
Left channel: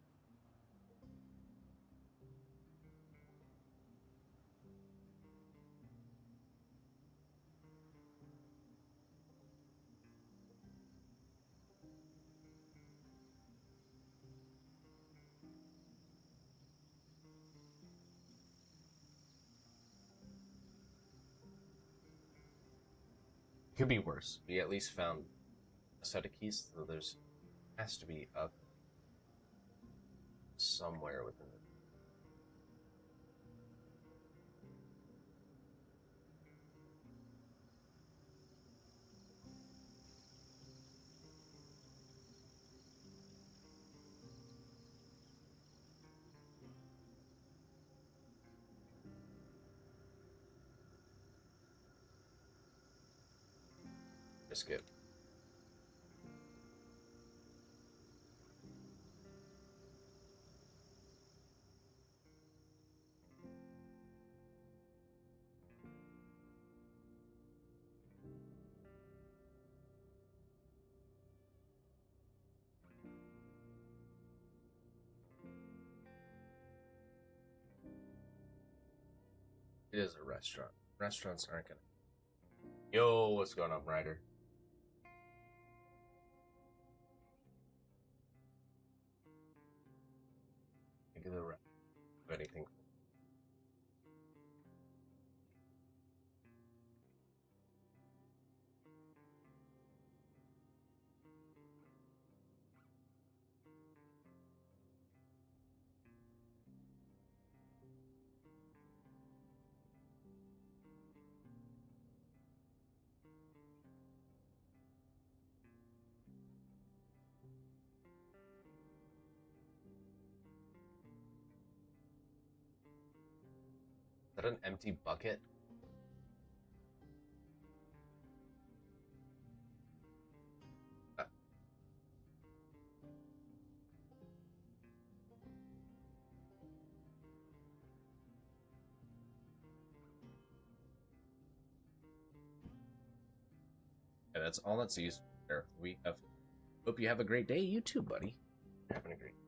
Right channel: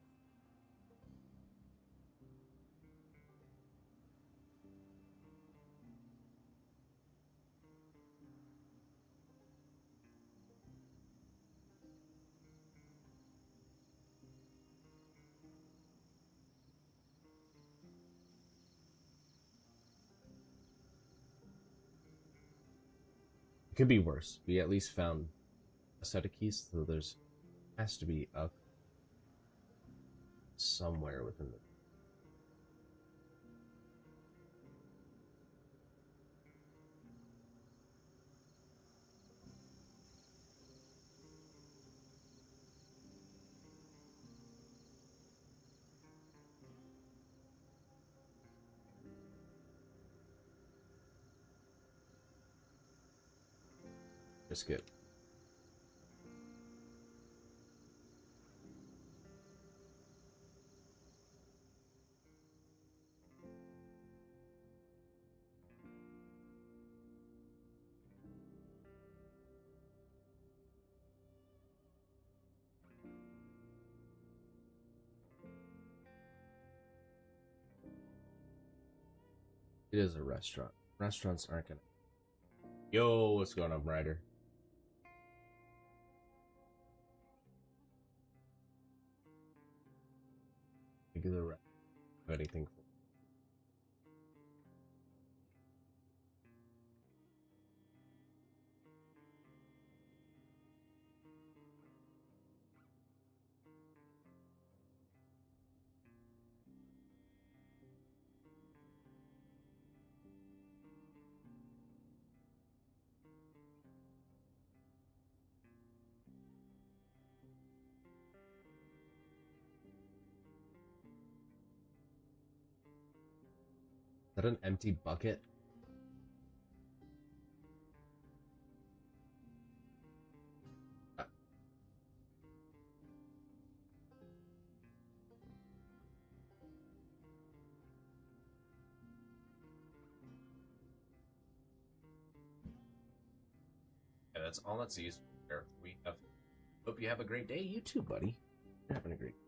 It could be worse. We at least found a set of keys, so there's has to be a somewhere within the. Skip. It is a restaurant. Restaurants aren't gonna. Yo, what's going on, Ryder? Think of the anything. Is that an empty bucket? Yeah, that's all that's used there. We have Hope you have a great day. You too, buddy. You're having a great day.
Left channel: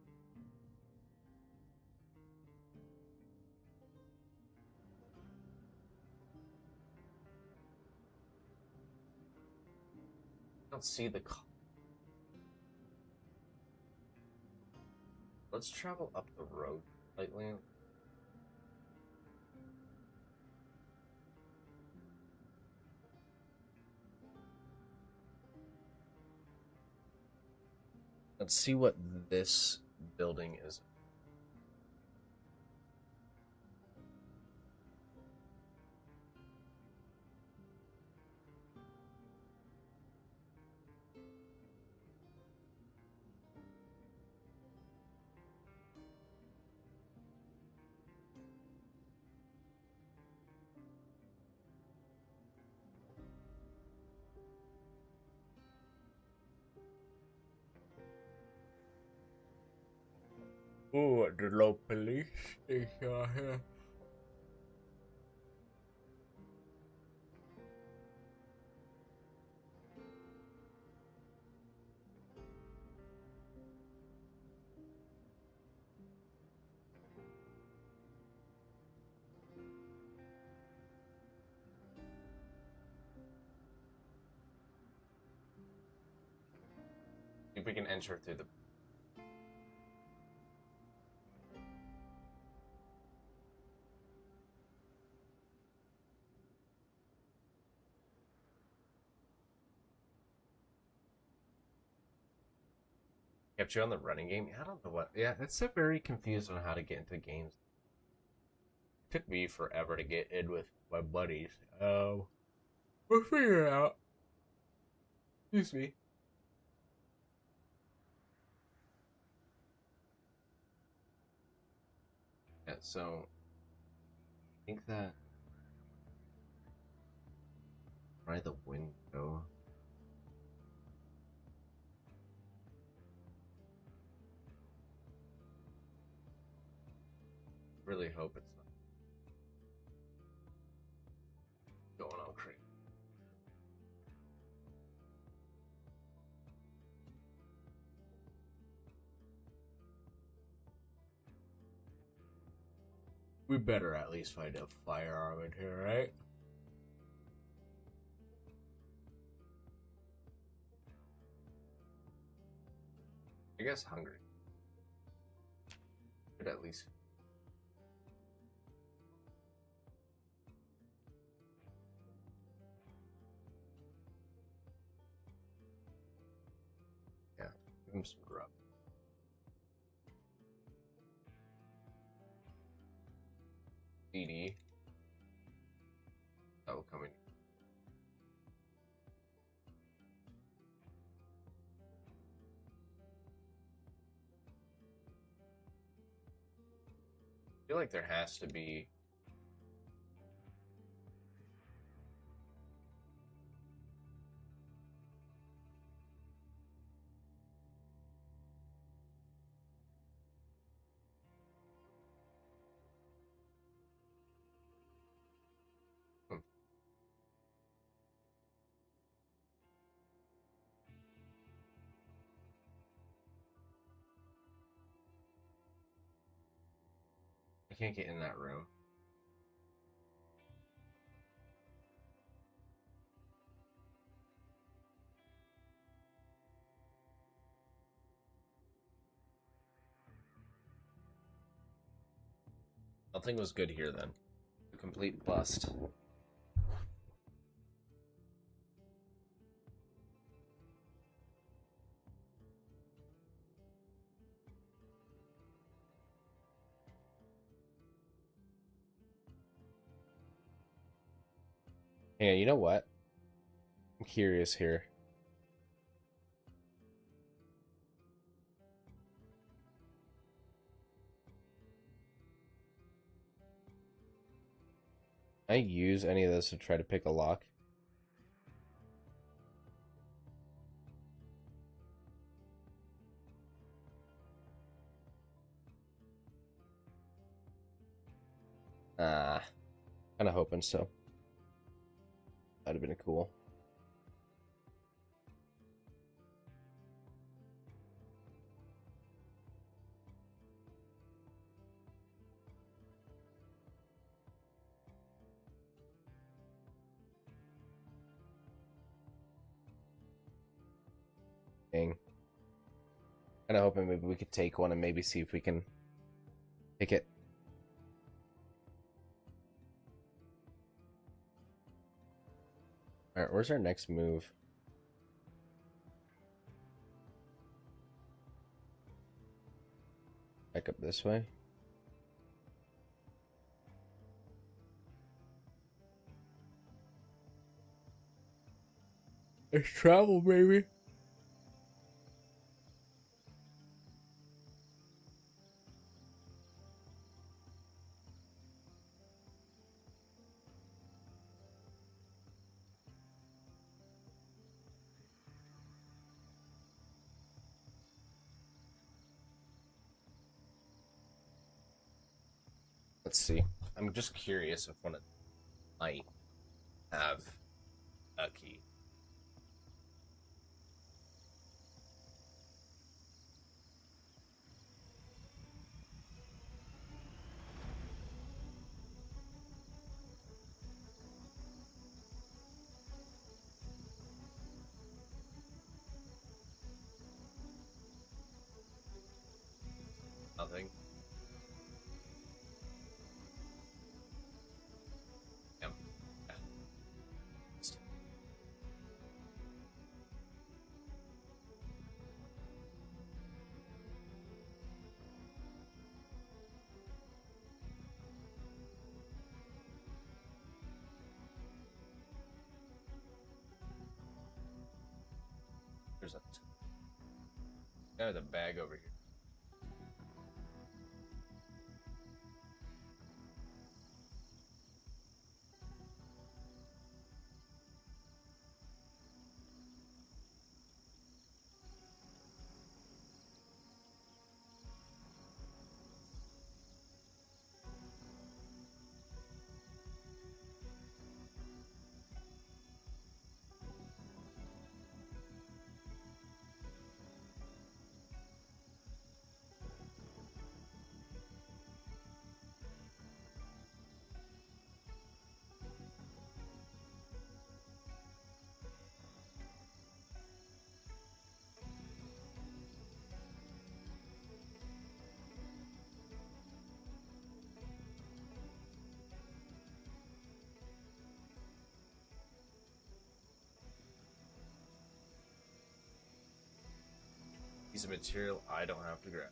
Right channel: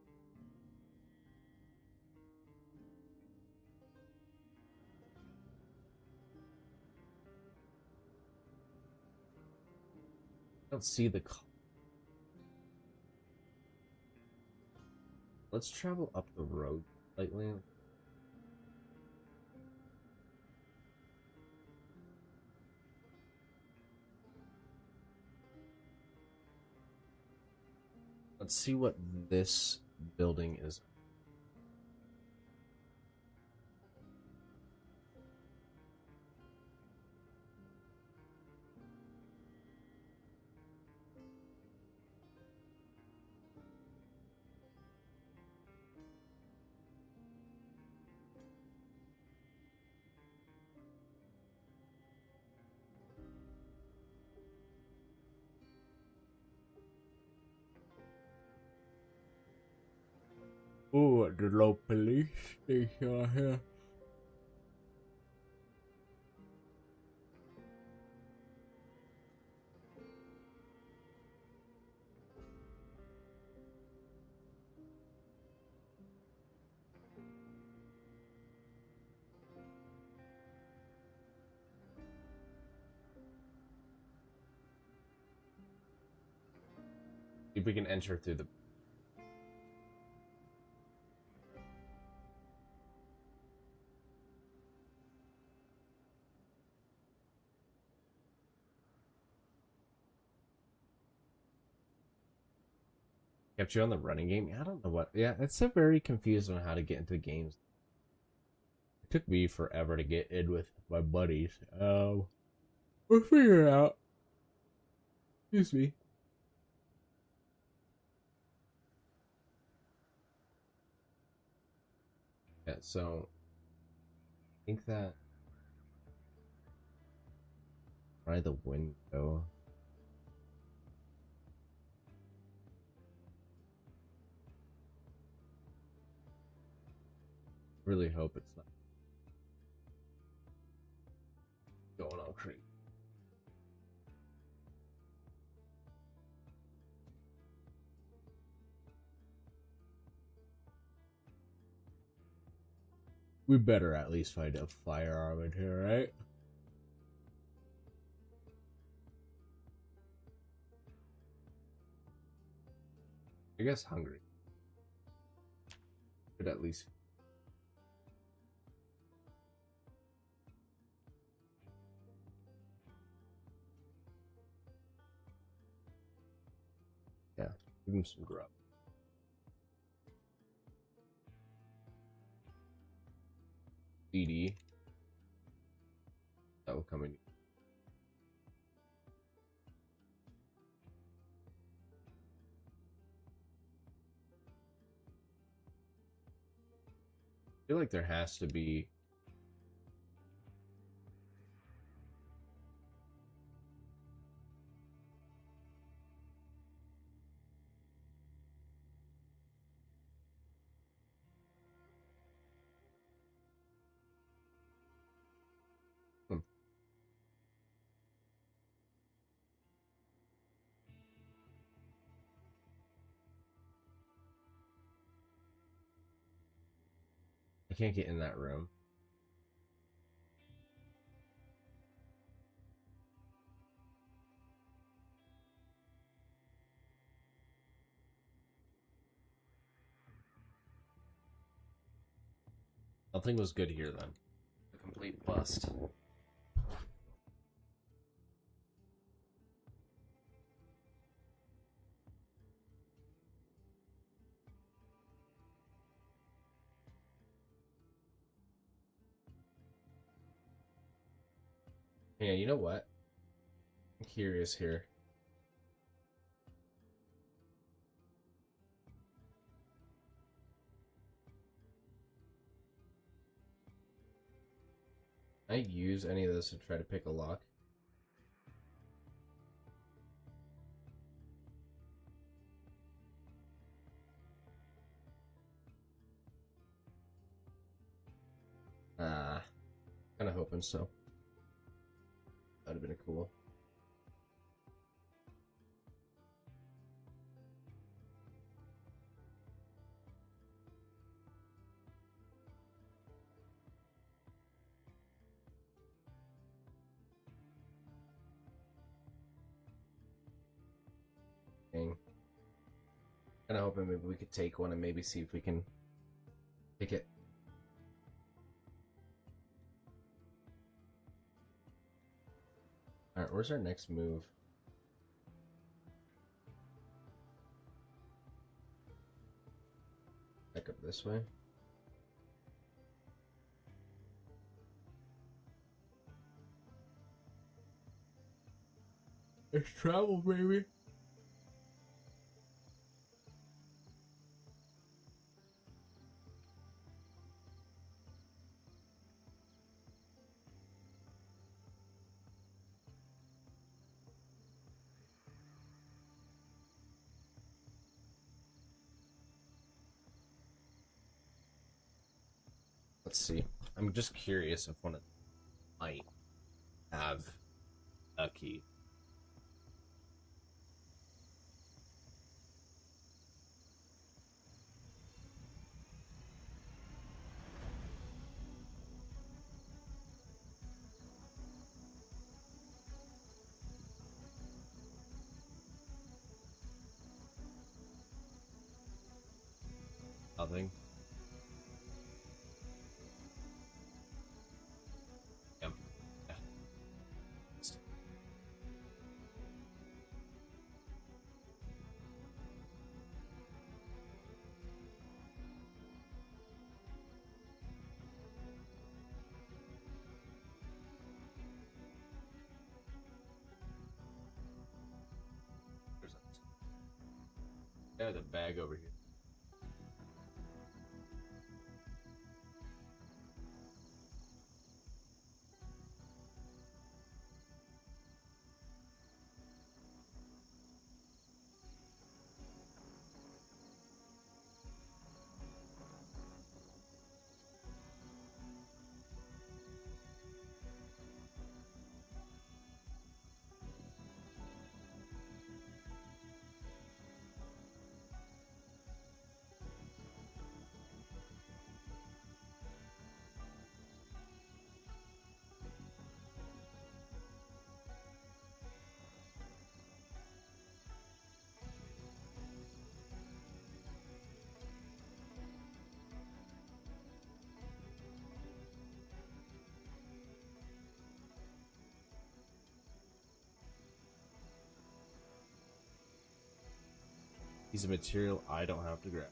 I don't see the call. Let's travel up the road slightly. Let's see what this building is. Oh, the low police station here. See if we can enter through the. Kept you on the running game? I don't know what. Yeah, it's so very confused on how to get into games. It took me forever to get in with my buddies. We'll figure it out. Excuse me. Yeah, so I think that try the window. Really hope it's not going all crazy. We better at least find a firearm in here, right? I guess hungry. Should at least. Yeah, give him some grub. CD. That will come in. I feel like there has to be. I can't get in that room. Nothing was good here then. A complete bust. Hey, you know what? I'm curious here. Can I use any of this to try to pick a lock? Kind of hoping so. That'd have been cool. Kind of hoping maybe we could take one and maybe see if we can pick it. All right, where's our next move? Back up this way. Let's travel, baby. Let's see. I'm just curious if one of them might have a key. Nothing. Yep. There's a bag over here. Piece of material I don't have to grab.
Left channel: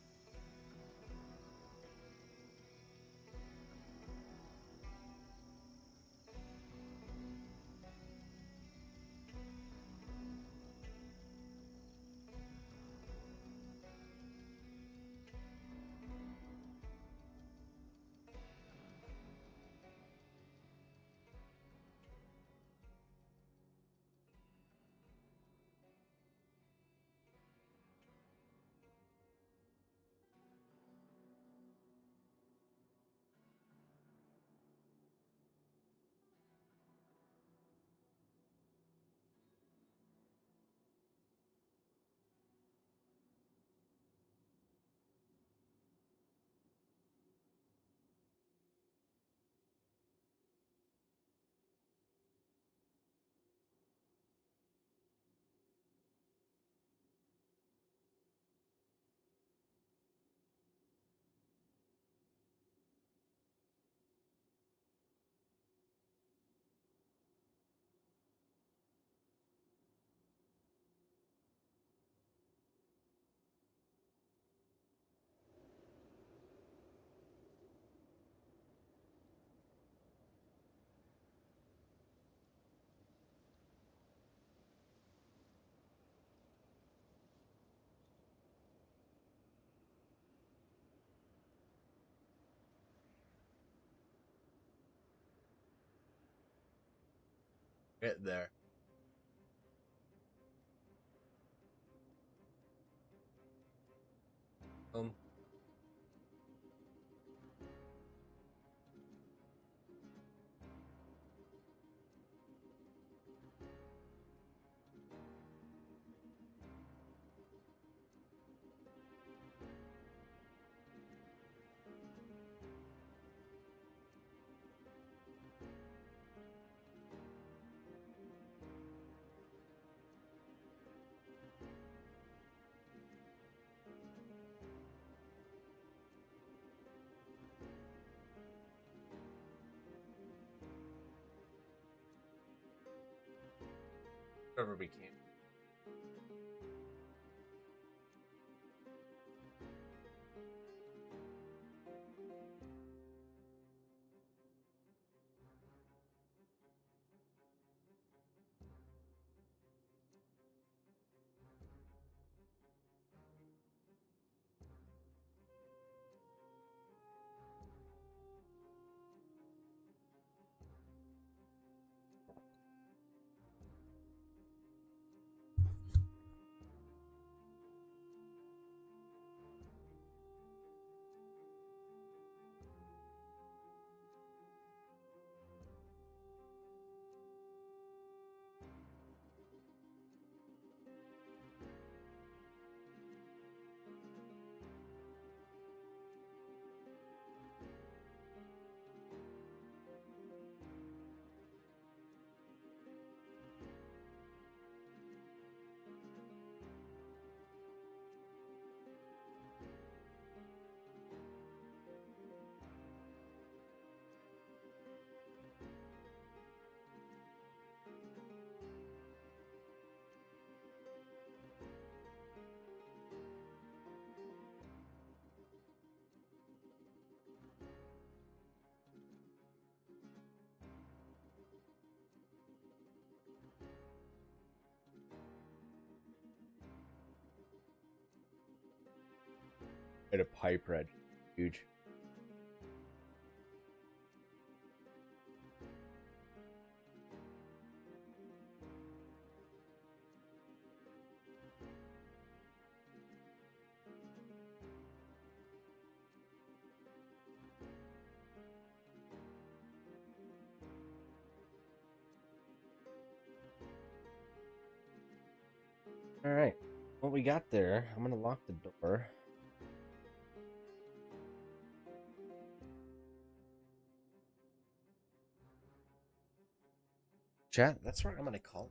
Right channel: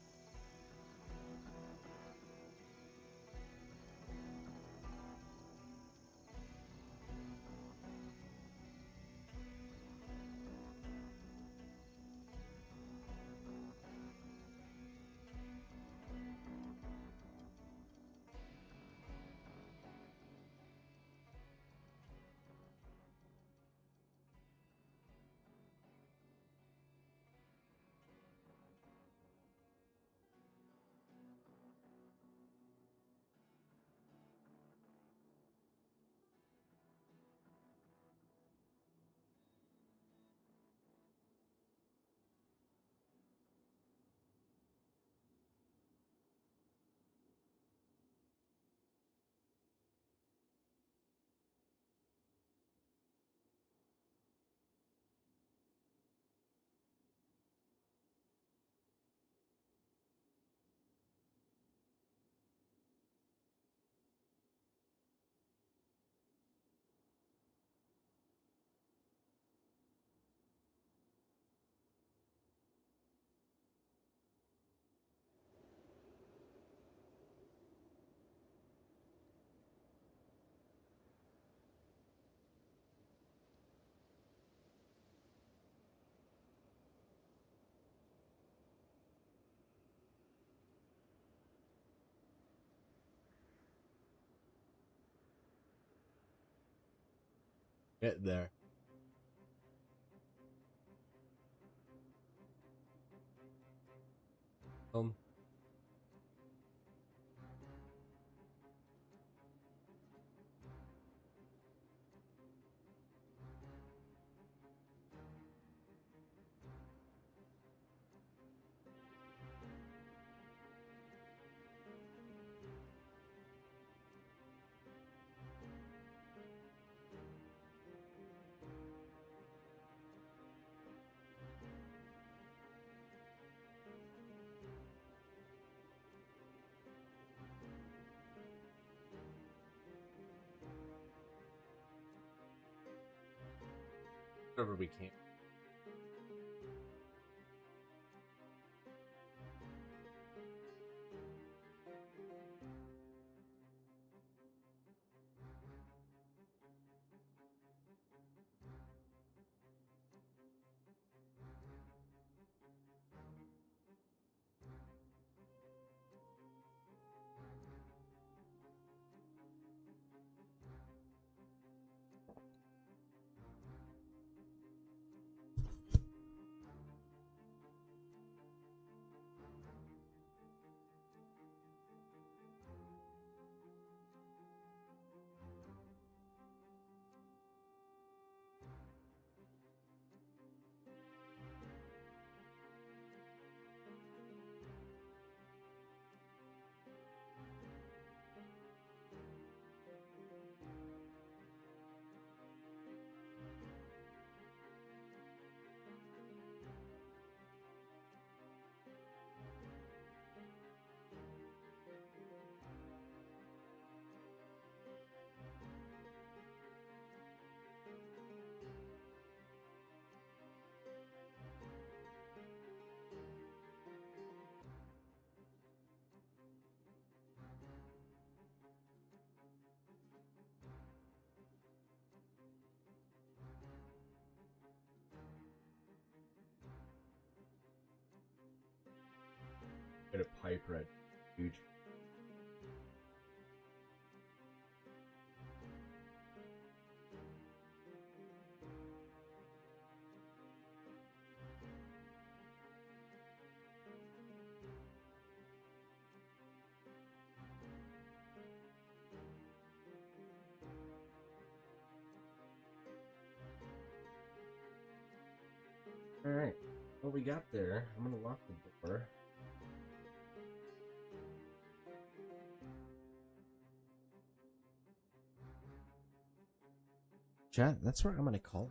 Get there. Um. wherever we can. A pipe red, huge. All right, what we got there? I'm gonna lock the door. Chat, that's where I'm going to call.